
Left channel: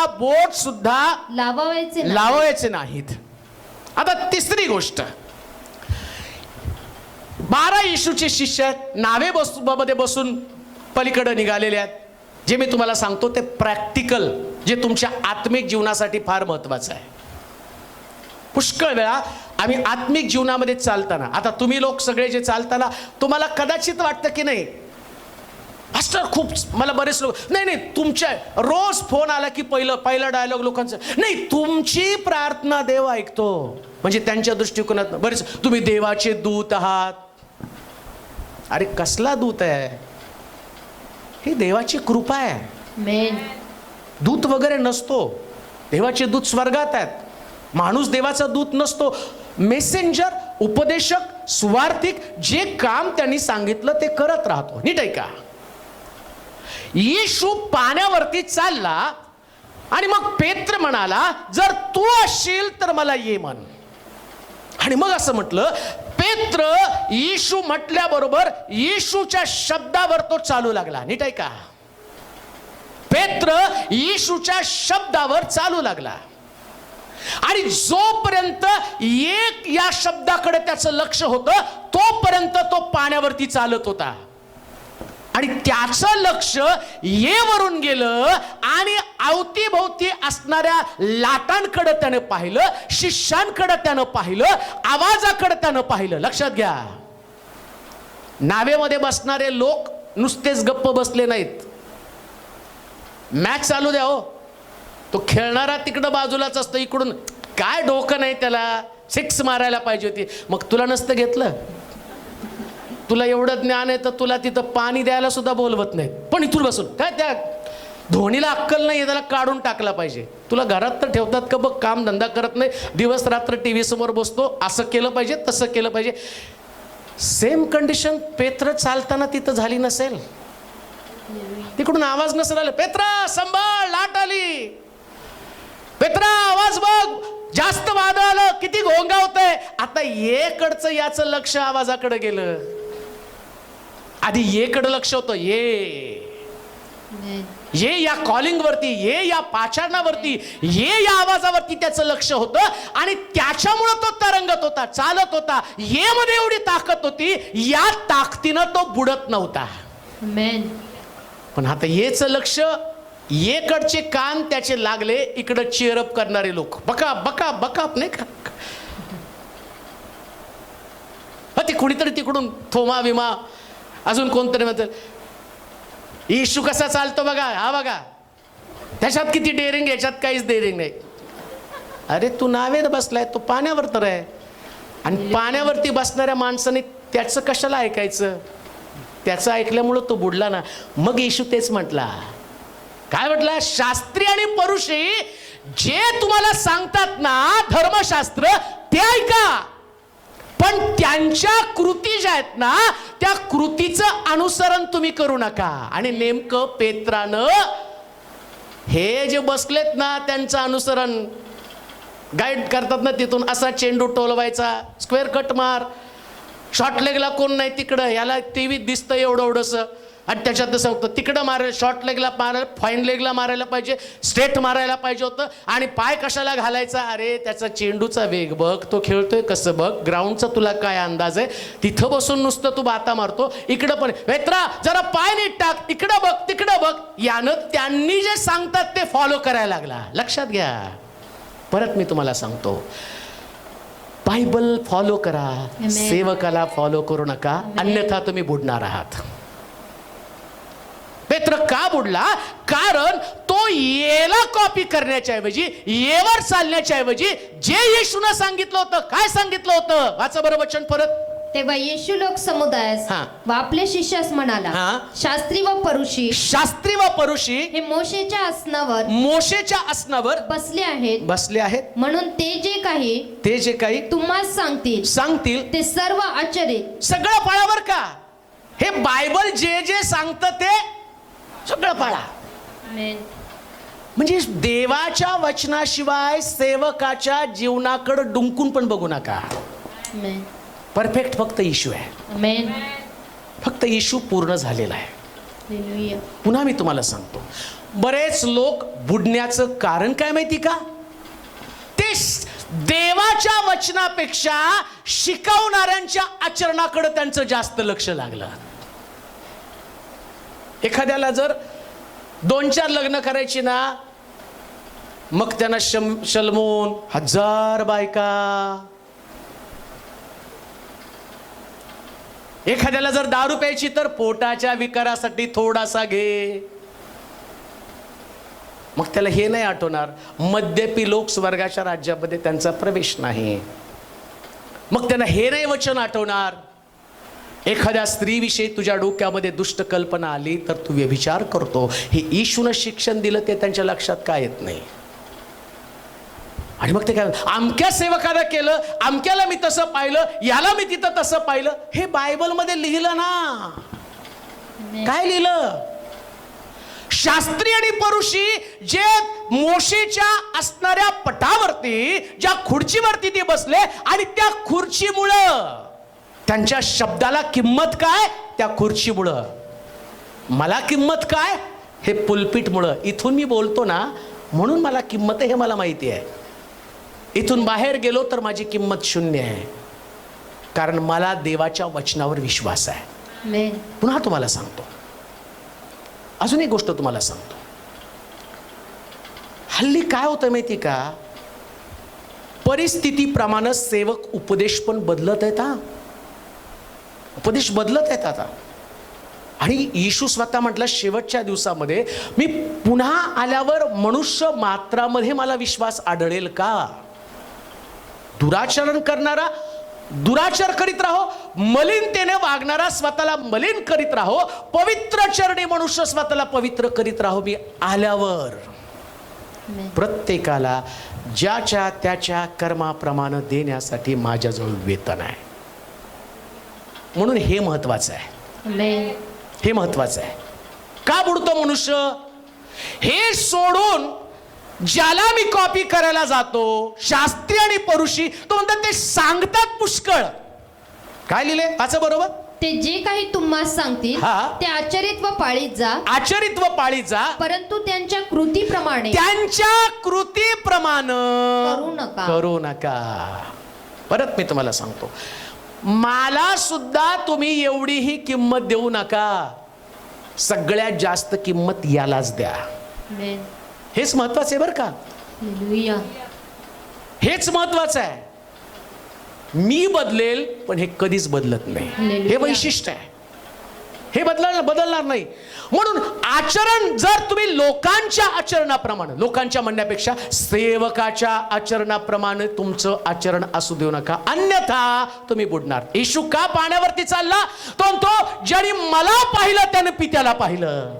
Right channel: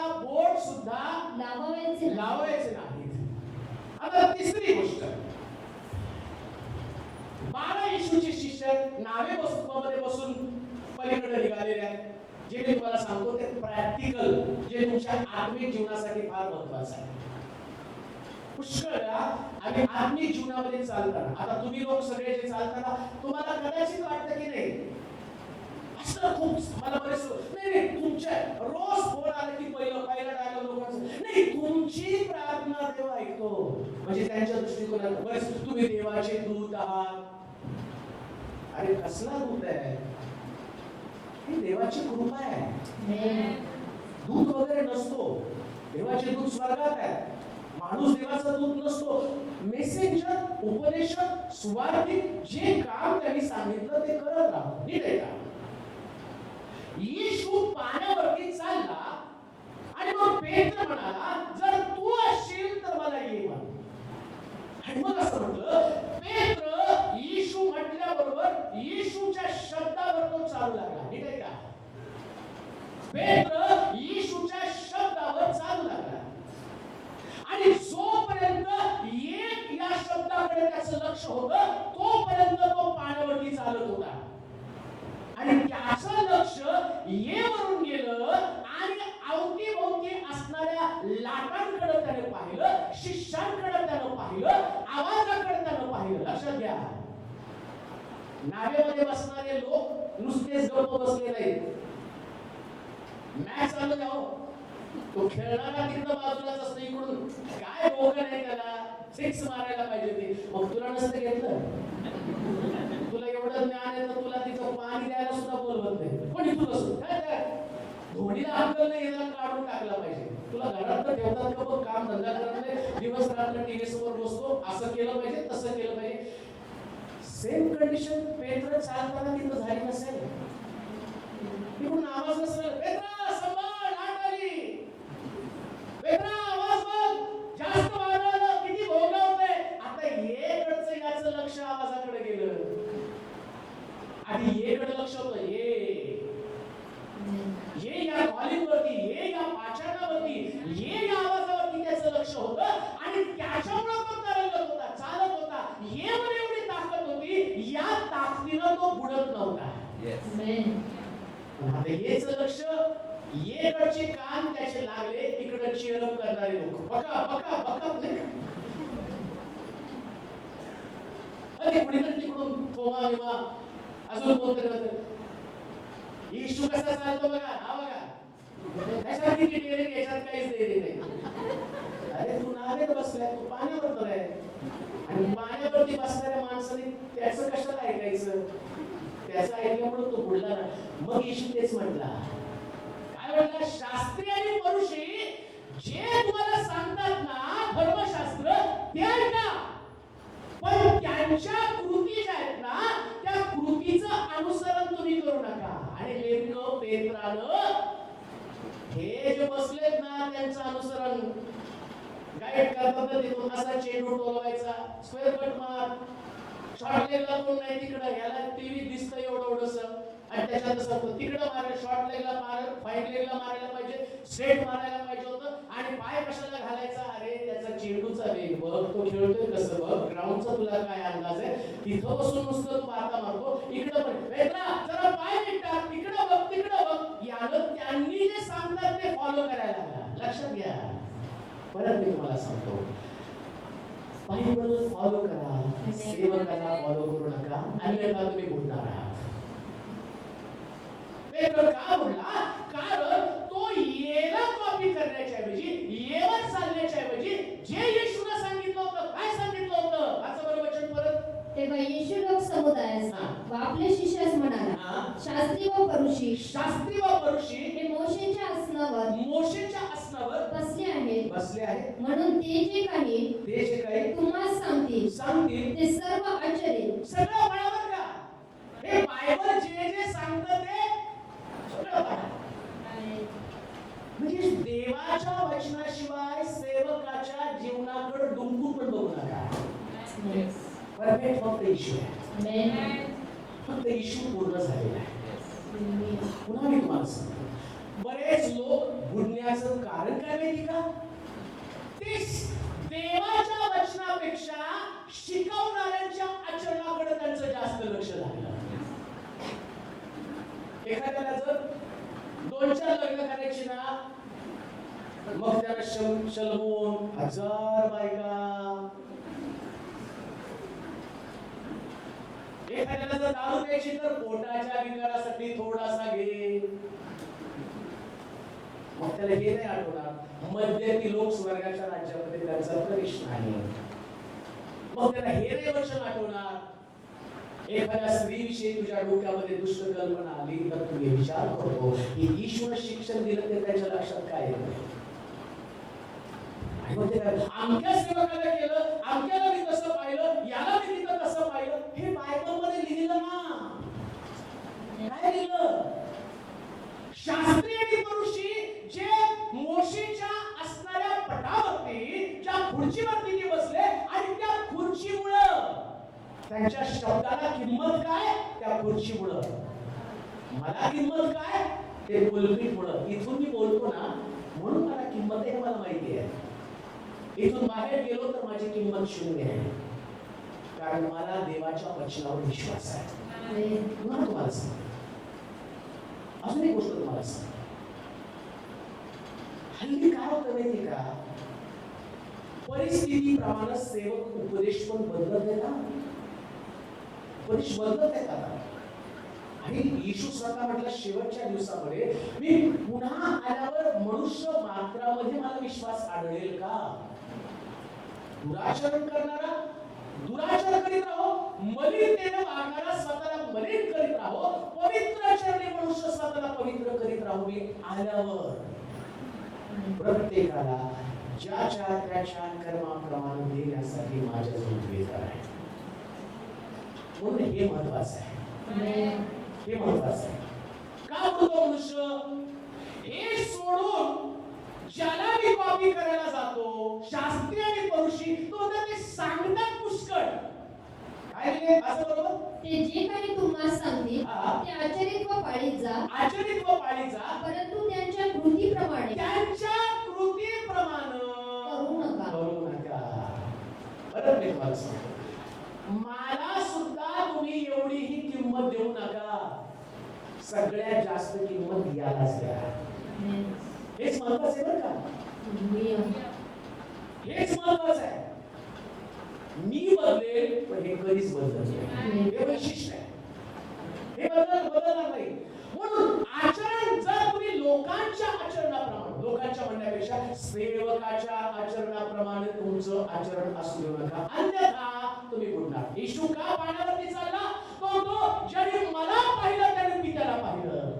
बोट सुद्धा लावायचे नाहीत. आता तिसरी गोष्ट, 12 येशूचे शिष्य नावेमध्ये बसून पलीकडे निघालेले आहेत. जे मी तुम्हाला सांगतो ते प्रॅक्टिकल, जे तुमच्या आत्मिक जीवनासाठी फार महत्वाचं आहे. पुष्कळ वेळा आम्ही आत्मिक जीवनामध्ये चालताना, आता तुम्ही लोक सगळे जे चालताना तुम्हाला कदाचित वाटतं की नाही मास्टर खूप, मला बरेच लोक नाही तुमच्या रोज फोन आला की पहिला डायलॉग लोकांचं, नाही तुमची प्रार्थना देव ऐकतो. म्हणजे त्यांच्या दृष्टिकोनात बरेच, तुम्ही देवाचे दूत आहात. अरे कसला दूत आहे? ही देवाची कृपा आहे. दूत वगैरे नसतो. देवाचे दूत स्वर्गात आहेत. माणूस देवाचा दूत नसतो. मेसेंजर, उपदेशक, सुवार्थिक, जे काम त्यांनी सांगितलं ते करत राहतो. नीट आहे का? येशू पाण्यावरती चालला आणि मग पेत्र म्हणाला, जर तू असशील तर मला ये म्हण. आणि मग असं म्हटलं, पेत्र येशू म्हटल्याबरोबर येशूच्या शब्दावर तो चालू लागला. नीट आहे का? पेत्र येशूच्या शब्दावर चालू लागला आणि जोपर्यंत एक या शब्दाकडे त्याचं लक्ष होतं तोपर्यंत तो पाण्यावरती चालत होता. आणि त्याचं लक्ष येवरून गेलं आणि अवतीभोवती असणाऱ्या लाटांकडे त्याने पाहिलं, शिष्यांकडे त्यानं पाहिलं, आवाजाकडे त्यानं पाहिलं. लक्षात घ्या, नावेमध्ये बसणारे लोक नुसतेच गप्प बसले नाहीत. मॅच चालू द्या हो, तो खेळणारा तिकडं बाजूलाच असतो, इकडून काय डोकं नाही त्याला, 6 मारायला पाहिजे होती. मग तुला नसतं घेतलं? तुला एवढं ज्ञान आहे तर तुला तिथं पाणी द्यायला सुद्धा बोलवत नाही, पण इथून बसून काय त्या धोनीला अक्कल नाही, त्याला काढून टाकला पाहिजे. तुला घरात तर ठेवतात का बघ, काम धंदा करत नाही, दिवस रात्र टीव्ही समोर बसतो, असं केलं पाहिजे तसं केलं पाहिजे. सेम कंडिशन पेत्र चालताना तिथं झाली नसेल. तिकडून आवाज नसेल आला, पेत्रा संभाळ, लाट आली, पेत्रा आवाज बघ, जास्त वादळ आलं, किती घोंगावतंय. आता येकडचं याचं लक्ष आवाजाकडे गेलं. आधी येकडे लक्ष होतं, ये या कॉलिंग वरती, ये या पाचारणावरती, ये या आवाजावरती त्याचं लक्ष होतं आणि त्याच्यामुळे तो तरंगत होता, चालत होता. ये मध्ये एवढी ताकद होती, या ताकदीनं तो बुडत नव्हता. पण आता येच लक्ष, येकडचे कान त्याचे लागले, इकडे चेअरअप करणारे लोक बका बका बका नाही का, ते कुणीतरी तिकडून थोमा विमा अजून कोणतरी म्हणतात, येशू कसा चालतो बघा, हा बघा, त्याच्यात किती डेअरिंग, याच्यात काहीच डेअरिंग नाही. अरे तू नावेत बसलाय, तू पाण्यावर तर आहे. आणि पाण्यावरती बसणाऱ्या माणसाने त्याचं कशाला ऐकायचं? त्याचं ऐकल्यामुळं तो बुडला ना. मग येशू तेच म्हटला, काय म्हटलं? शास्त्री आणि परुषी जे तुम्हाला सांगतात ना धर्मशास्त्र, ते ऐका, पण त्यांच्या कृती ज्या आहेत ना त्या कृतीचं अनुसरण तुम्ही करू नका. आणि नेमकं पेत्रानं हे जे बसलेत ना त्यांचं अनुसरण गाईड करतात ना, तिथून असा चेंडू टोलवायचा, स्क्वेअर कट मार, शॉर्ट लेगला कोण नाही तिकडं, याला टीव्हीत दिसतं एवढं एवढंसं, आणि त्याच्यात तसं होतं, तिकडं मारायला, शॉर्ट लेगला मारायला, फाईन लेगला मारायला पाहिजे, स्ट्रेट मारायला पाहिजे होतं, आणि पाय कशाला घालायचा? अरे त्याचा चेंडूचा वेग बघ, तो खेळतोय कसं बघ, ग्राउंडचा तुला काय अंदाज आहे? तिथं बसून नुसतं तू बाता मारतो, इकडं पण वेत्रा जरा पाय नीट टाक, इकडं बघ तिकडं बघ. यानं त्यांनी जे सांगतात ते फॉलो करायला लागला. लक्षात घ्या, परत मी तुम्हाला सांगतो, बायबल फॉलो करा, सेवकाला फॉलो करू नका, अन्यथा तुम्ही बुडणार आहात. पेत्र का बुडला? कारण तो येला कॉपी करण्याच्या ऐवजी, येवर चालण्याच्या ऐवजी जे येशूने सांगितलं होतं, काय सांगितलं होतं? वाचा बरं वचन परत. तेव्हा येशू लोक समुदायास व आपल्या शिष्यास म्हणाला, शास्त्री व परुषी हे मोशेच्या आसनावर बसले आहेत म्हणून ते जे काही तुम्हाला सांगतील ते सर्व आचरित. सगळं पाळावर का? हे बायबल जे जे सांगतं ते सगळं पाळा. म्हणजे देवाच्या वचनाशिवाय सेवकाच्या जीवनाकडे डुंकून पण बघू नका. परफेक्ट फक्त येशू आहे. फक्त येशू पूर्ण झालेला आहे. पुन्हा मी तुम्हाला सांगतो, बरेच लोक बुडण्याचं कारण काय माहिती का? ते देवाच्या वचनापेक्षा शिकवणाऱ्यांच्या आचरणाकडे त्यांचं जास्त लक्ष लागलं. एखाद्याला जर 2-4 लग्न करायची ना, मग त्यांना शलमून 1000 बायका. एखाद्याला जर दारू प्यायची तर पोटाच्या विकारासाठी थोडासा घे. मग त्याला हे नाही आठवणार, मद्यपी लोक स्वर्गाच्या राज्यामध्ये त्यांचा प्रवेश नाही. मग त्यांना हे नाही वचन आठवणार. एखाद्या स्त्रीविषयी तुझ्या डोक्यामध्ये दुष्ट कल्पना आली तर तू व्यभिचार करतो. हे येशूने शिक्षण दिलं ते त्यांच्या लक्षात काय येत नाही. आणि मग ते काय, अमक्या सेवकाला केलं, अमक्याला मी तसं पाहिलं, याला मी तिथं तसं पाहिलं. हे बायबलमध्ये लिहिलं ना. काय लिहिलं? शास्त्री आणि परुषी जे मोशेच्या असणाऱ्या पटावरती, ज्या खुर्चीवरती ते बसले, आणि त्या खुर्चीमुळं त्यांच्या शब्दाला किंमत काय? त्या खुर्चीमुळं. मला किंमत काय? हे पुलपीटमुळं. इथून मी बोलतो ना म्हणून मला किंमत आहे, हे मला माहिती आहे. इथून बाहेर गेलो तर माझी किंमत 0 आहे, कारण मला देवाच्या वचनावर विश्वास आहे. पुन्हा तुम्हाला सांगतो, अजून एक गोष्ट तुम्हाला सांगतो. हल्ली काय होतं माहिती का? परिस्थितीप्रमाणे सेवक उपदेश पण बदलत आहेत. उपदेश बदलत आहेत आता. आणि येशू स्वतः म्हटलं, शेवटच्या दिवसामध्ये मी पुन्हा आल्यावर मनुष्य मात्रामध्ये मला विश्वास आढळेल का? दुराचरण करणारा दुराचार करीत राहो, मलिनतेने वागणारा स्वतःला मलिन करीत राहो, पवित्र चरणी मनुष्य स्वतःला पवित्र करीत राहो. मी आल्यावर प्रत्येकाला ज्याच्या त्याच्या कर्माप्रमाणे देण्यासाठी माझ्याजवळ वेतन आहे. म्हणून हे महत्वाचं आहे. हे महत्वाचं आहे. का बुडतो मनुष्य? हे सोडून ज्याला मी कॉपी करायला जातो, शास्त्री आणि परुषी, तो म्हणतात ते सांगतात पुष्कळ. काय लिहिले? वाचा बरोबर. ते जे काही तुम्हाला सांगतील ते आचरित व पाळीत जा, परंतु त्यांच्या कृतीप्रमाणे करू नका. परत मी तुम्हाला सांगतो, मला सुद्धा तुम्ही एवढीही किंमत देऊ नका. सगळ्यात जास्त किंमत यालाच द्या. हेच महत्वाचं आहे बरं का. हेच महत्वाचं आहे. मी बदलेल पण हे कधीच बदलत नाही. हे वैशिष्ट्य आहे. हे बदलणार नाही. म्हणून आचरण जर तुम्ही लोकांच्या आचरणाप्रमाणे, लोकांच्या म्हणण्यापेक्षा सेवकाच्या आचरणाप्रमाणे तुमचं आचरण असू देऊ नका, अन्यथा तुम्ही बुडणार. येशू का पाण्यावरती चालला? तो ज्याने मला पाहिलं त्याने पित्याला पाहिलं.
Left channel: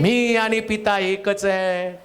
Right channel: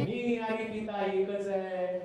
मी आणि पिता एकच आहे.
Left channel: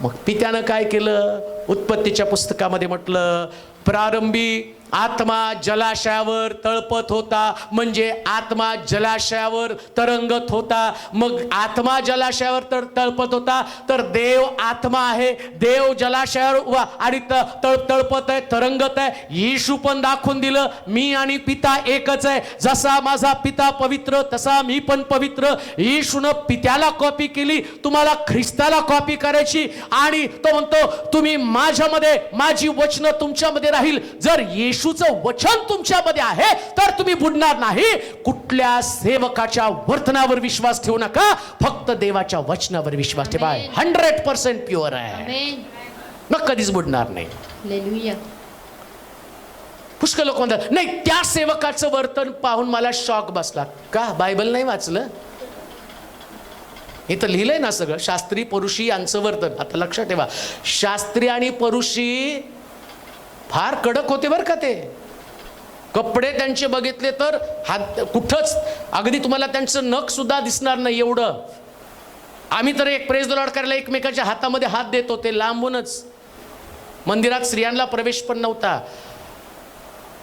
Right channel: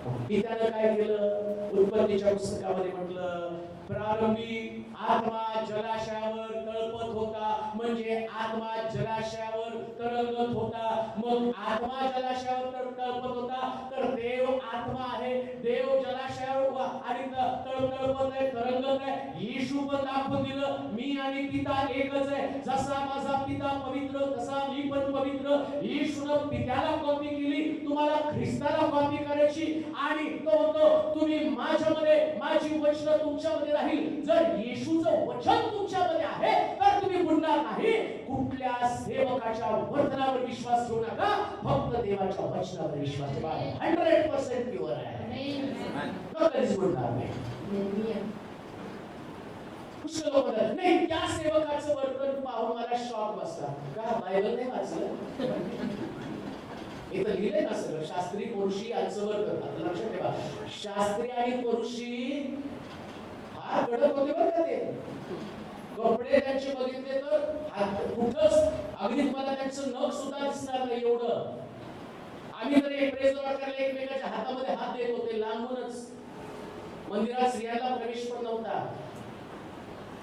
मग पित्यानं काय केलं? उत्पत्तीच्या पुस्तकामध्ये म्हटलं, प्रारंभी आत्मा जलाशयावर तळपत होता, म्हणजे आत्मा जलाशयावर तरंगत होता. मग आत्मा जलाशयावर तळपत होता तर देव आत्मा आहे, देव जलाशयावर उभा आणि तळपत आहे, तरंगत आहे. येशू पण दाखवून दिलं, मी आणि पिता एकच आहे. जसा माझा पिता पवित्र तसा मी पण पवित्र. येशूनं पित्याला कॉपी केली, तुम्हाला ख्रिस्ताला कॉपी करायची. आणि तो म्हणतो तुम्ही माझ्यामध्ये, माझी वचनं तुमच्यामध्ये राहील. जर येशूचं वचन तुमच्यामध्ये आहे तर तुम्ही बुडणार नाही. कुठल्या सेवकाच्या वर्तनावर विश्वास ठेवू नका, फक्त देवाच्या वचनावर विश्वास ठेवा. 100% प्युअर आहे, मग कधीच बुडणार नाही. हालेलुया. पुष्कळ लोक म्हणतात नाही त्या सेवकाचं वर्तन पाहून मला शॉक बसला. का बायबल नाही वाचलं? हे तर लिहिलंय ना सगळं, शास्त्री परुषी यांचं वर्तन. आता लक्षात ठेवा, शास्त्री आणि परुषी फार कडक होते बरं का. ते कपडे त्यांचे बघितले तर हात कुठंच, अगदी तुम्हाला त्यांचं नख सुद्धा दिसणार नाही एवढं. आम्ही तर एक प्रेज द लॉर्ड करायला एकमेकाच्या हातामध्ये हात देत होते लांबूनच. मंदिरात स्त्रियांना प्रवेश पण नव्हता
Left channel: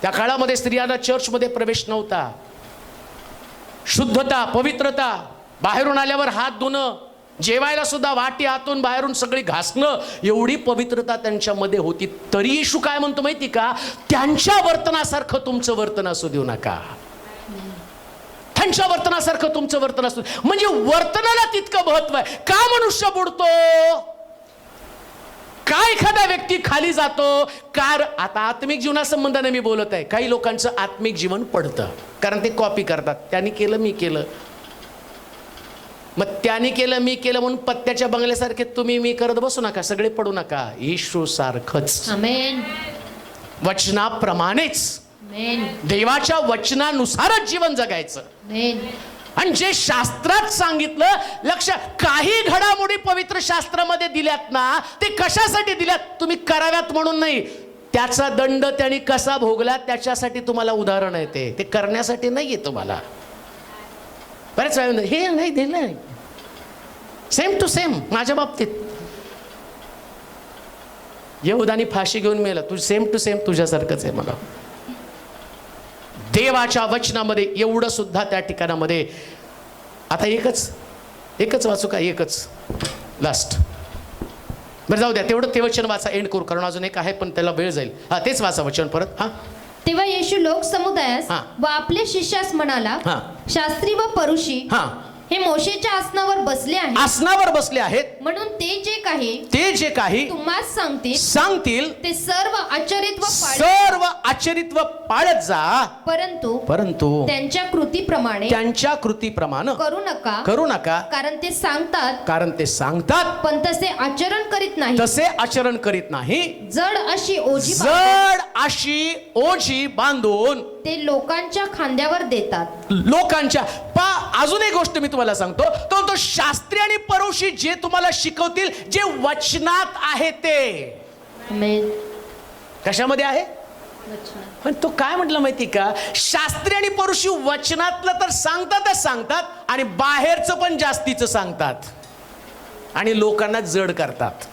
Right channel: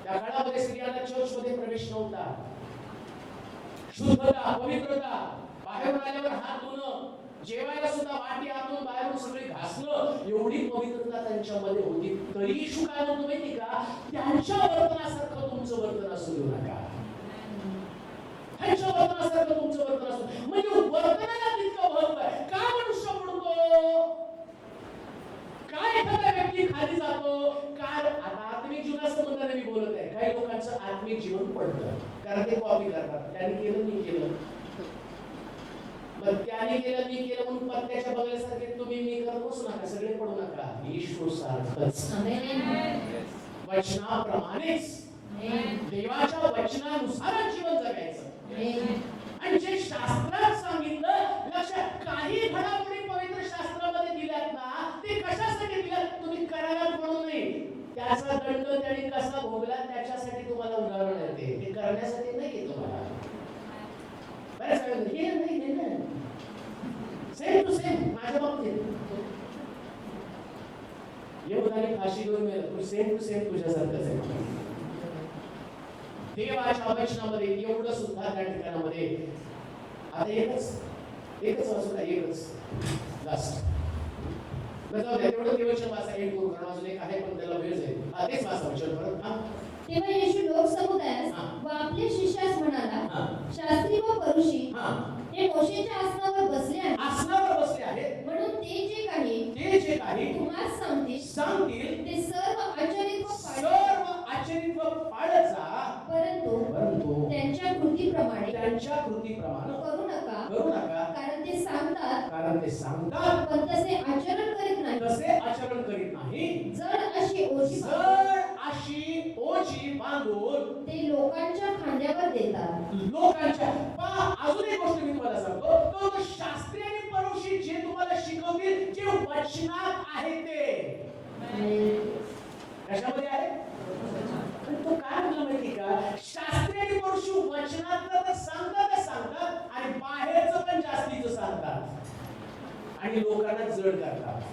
त्या काळामध्ये, स्त्रियांना चर्चमध्ये प्रवेश नव्हता. शुद्धता, पवित्रता, बाहेरून आल्यावर हात धुणं, जेवायला सुद्धा वाटी आतून बाहेरून सगळी घासणं, एवढी पवित्रता त्यांच्यामध्ये होती. तरी येशू काय म्हणतो माहिती का? त्यांच्या वर्तनासारखं तुमचं वर्तन असू देऊ नका. त्यांच्या वर्तनासारखं तुमचं वर्तन असू, म्हणजे वर्तनाला तितकं महत्व आहे. का मनुष्य बुडतो, का एखादा व्यक्ती खाली जातो? आता आत्मिक जीवनासंबंधाने मी बोलत आहे. काही लोकांचं आत्मिक जीवन पडतं कारण ते कॉपी करतात. त्यांनी केलं मी केलं, मग त्याने केलं मी केलं म्हणून पत्त्याच्या बंगल्यासारखे तुम्ही मी करत बसू नका, सगळे पडू नका. येशू सारखंच, आमेन, वचनाप्रमाणेच, देवाच्या वचनानुसारच जीवन जगायचं. आणि जे शास्त्रात सांगितलं, लक्ष, काही घडामोडी पवित्र शास्त्रामध्ये दिल्यात ना, ते कशासाठी दिल्यात? तुम्ही कराव्यात म्हणून नाही. त्याचा दंड त्यांनी कसा भोगला त्याच्यासाठी तुम्हाला उदाहरण आहे. ते करण्यासाठी नाहीये तुम्हाला. बरेच वेळ हे नाही दिलं, सेम टू सेम. माझ्या बाबतीत यहुदानी फाशी घेऊन मेला, तू सेम टू सेम तुझ्यासारखंच आहे. मला देवाच्या वचनामध्ये एवढं सुद्धा त्या ठिकाणामध्ये. आता एकच वाचू का? एकच लास्ट. बरं जाऊ द्या, तेवढं ते वचन वाचा, एंड करू, कारण अजून एक आहे पण त्याला वेळ जाईल. हा तेच वाचा वचन परत. हा, तेव्हा येशू लोक समुदायास व आपल्या शिष्यास म्हणाला, शास्त्री व परुषी हे मोशेच्या आसनावर बसले आहेत, आसनावर बसले आहेत, म्हणून ते जे काही तुम्हास सांगतील ते सर्व आचरित्व पाळत जा. परंतु त्यांच्या कृतीप्रमाणे करू नका, कारण ते सांगतात पण तसे आचरण करीत नाही. जड अशी ओझी बांधून ते लोकांच्या खांद्यावर देतात. अजून एक गोष्ट मी तुम्हाला सांगतो, तो शास्त्री आणि परुषी जे तुम्हाला शिकवतील, जे वचनात आहे ते. कशामध्ये आहे? पण तो काय म्हटलं माहिती का? शास्त्री आणि परुषी वचनातलं तर सांगतात आणि बाहेरचं पण जास्तीचं सांगतात आणि लोकांना जड करतात.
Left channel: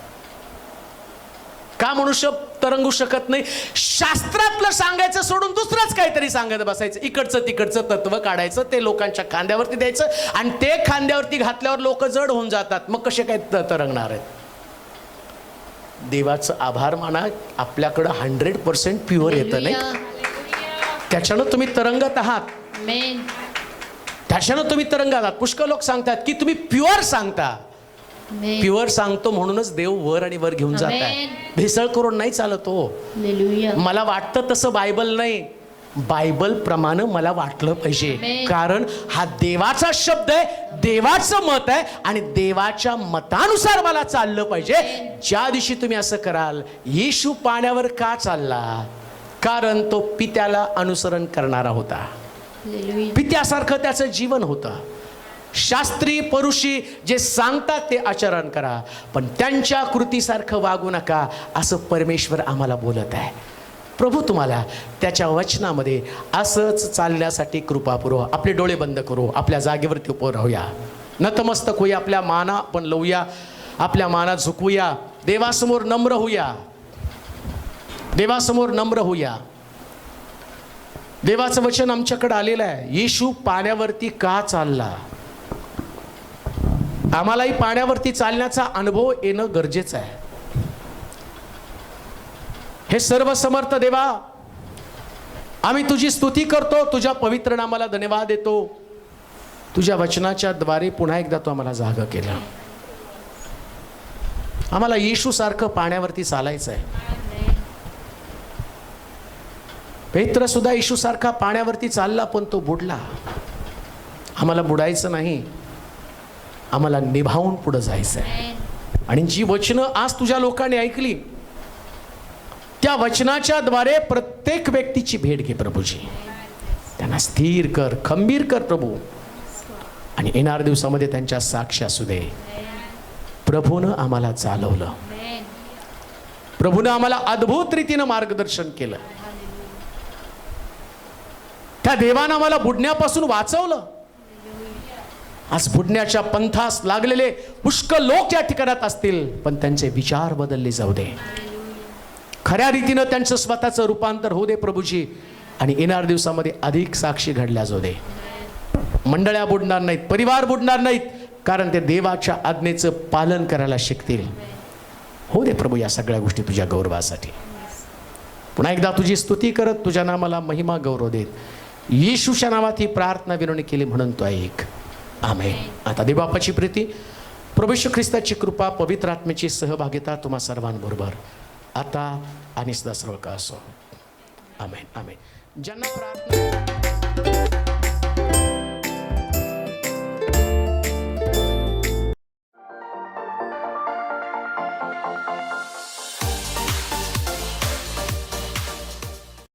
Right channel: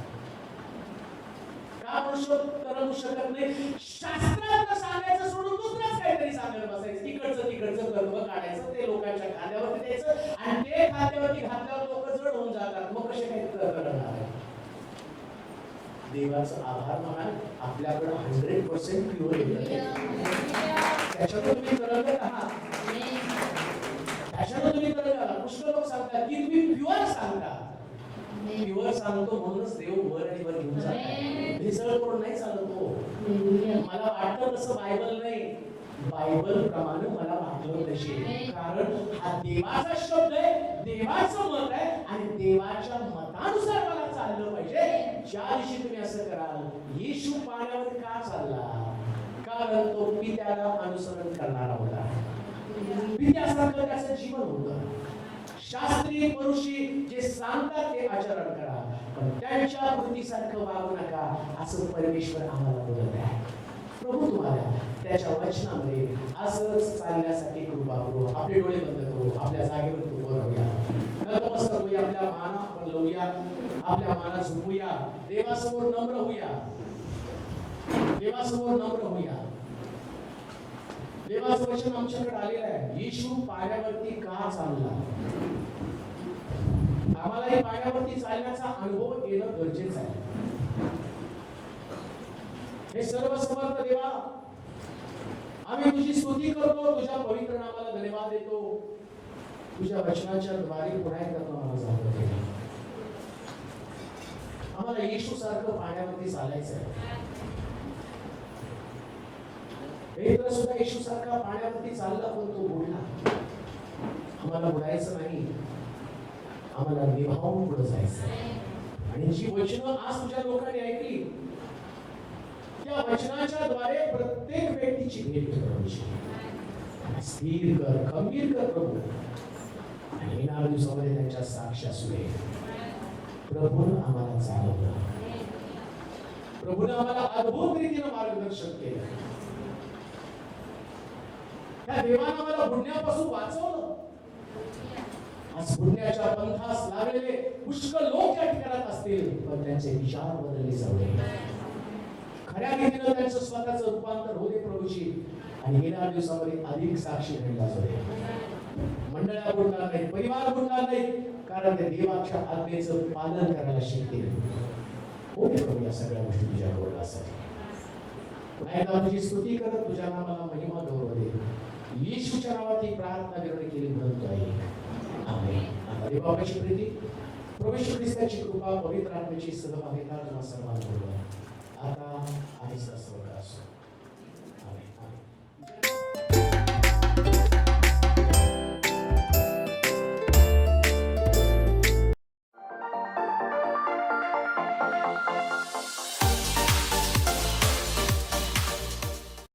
का मनुष्य तरंगू शकत नाही? शास्त्रातलं सांगायचं सोडून दुसरंच काहीतरी सांगत बसायचं, इकडचं तिकडचं तत्व काढायचं, ते लोकांच्या खांद्यावरती द्यायचं आणि ते खांद्यावरती घातल्यावर लोक जड होऊन जातात. मग कसे काय तरंगणार आहेत? देवाचं आभार माना, आपल्याकडं 100% प्युअर येतं नाही, त्याच्यानं तुम्ही तरंगत आहात. त्याच्यानं तुम्ही तरंगत आहात. पुष्कळ लोक सांगतात की तुम्ही प्युअर सांगता. प्युअर सांगतो म्हणूनच देव वर आणि वर घेऊन जात आहे. भेसळ करून नाही चालत हो. मला वाटतं तसं बायबल नाही, बायबल प्रमाणे मला वाटलं पाहिजे, कारण हा देवाचा शब्द आहे, देवाचं मत आहे आणि देवाच्या मतानुसार मला चाललं पाहिजे. ज्या दिवशी तुम्ही असं कराल, येशू पाण्यावर का चालला? कारण तो पित्याला अनुसरण करणारा होता, पित्यासारखं त्याचं जीवन होतं. शास्त्री परुषी जे सांगतात ते आचरण करा, पण त्यांच्या कृतीसारखं वागू नका, असं परमेश्वर आम्हाला बोलत आहे. प्रभू तुम्हाला त्याच्या वचनामध्ये असंच चालण्यासाठी कृपा पुरवा. आपले डोळे बंद करू, आपल्या जागेवरती उभं राहूया, नतमस्तक होऊया, आपल्या माना आपण लावूया, आपल्या माना झुकवूया, देवासमोर नम्र होऊया. देवासमोर नम्र होऊया. देवाचं वचन आमच्याकडे आलेलं आहे. येशू पाण्यावरती का चालला? आम्हालाही पाण्यावरती चालण्याचा अनुभव येणं गरजेचं आहे. हे सर्व समर्थ देवा, आम्ही तुझी स्तुती करतो, तुझ्या पवित्र नामाला धन्यवाद देतो. तुझ्या वचनाच्या द्वारे पुन्हा एकदा तू आम्हाला जागा केला. आम्हाला येशू सारखं पाण्यावरती चालायचं आहे. पेत्र सुद्धा येशू सारखा पाण्यावरती चालला, पण तो बुडला. आम्हाला बुडायचं नाही, आम्हाला निभावून पुढे जायचं आहे. आणि जी वचनं आज तुझ्या लोकांनी ऐकली, त्या वचनाच्या द्वारे प्रत्येक व्यक्तीची भेट घे प्रभूजी. त्यांना स्थिर कर, खंबीर कर प्रभू. आणि येणाऱ्या दिवसामध्ये त्यांच्या साक्ष असू दे. प्रभूनं आम्हाला चालवलं, प्रभूनं आम्हाला अद्भुत रीतीनं मार्गदर्शन केलं. त्या देवानं आम्हाला बुडण्यापासून वाचवलं. आज बुडण्याच्या पंथास लागलेले पुष्कळ लोक या ठिकाणात असतील, पण त्यांचे विचार बदलले जाऊ दे. खऱ्या रीतीनं त्यांचं स्वतःचं रूपांतर होऊ दे प्रभूजी. आणि येणाऱ्या दिवसामध्ये अधिक साक्षी घडल्या जाऊ दे. मंडळ्या बुडणार नाहीत, परिवार बुडणार नाहीत, कारण ते देवाच्या आज्ञेचं पालन करायला शिकतील. हो दे प्रभू या सगळ्या गोष्टी तुझ्या गौरवासाठी. पुन्हा एकदा तुझी स्तुती करत तुझ्या नामाला महिमा गौरव देत येशूच्या नावात ही प्रार्थना विनवणी केली म्हणून तो ऐक. आमेन. आता देवबापाची प्रीती, प्रभू येशू ख्रिस्ताची कृपा, पवित्र आत्म्याची सहभागिता तुम्हा सर्वांबरोबर आता आणि सदा सर्व का असो. आमेन. आमेन. ज्यांना प्रार्थना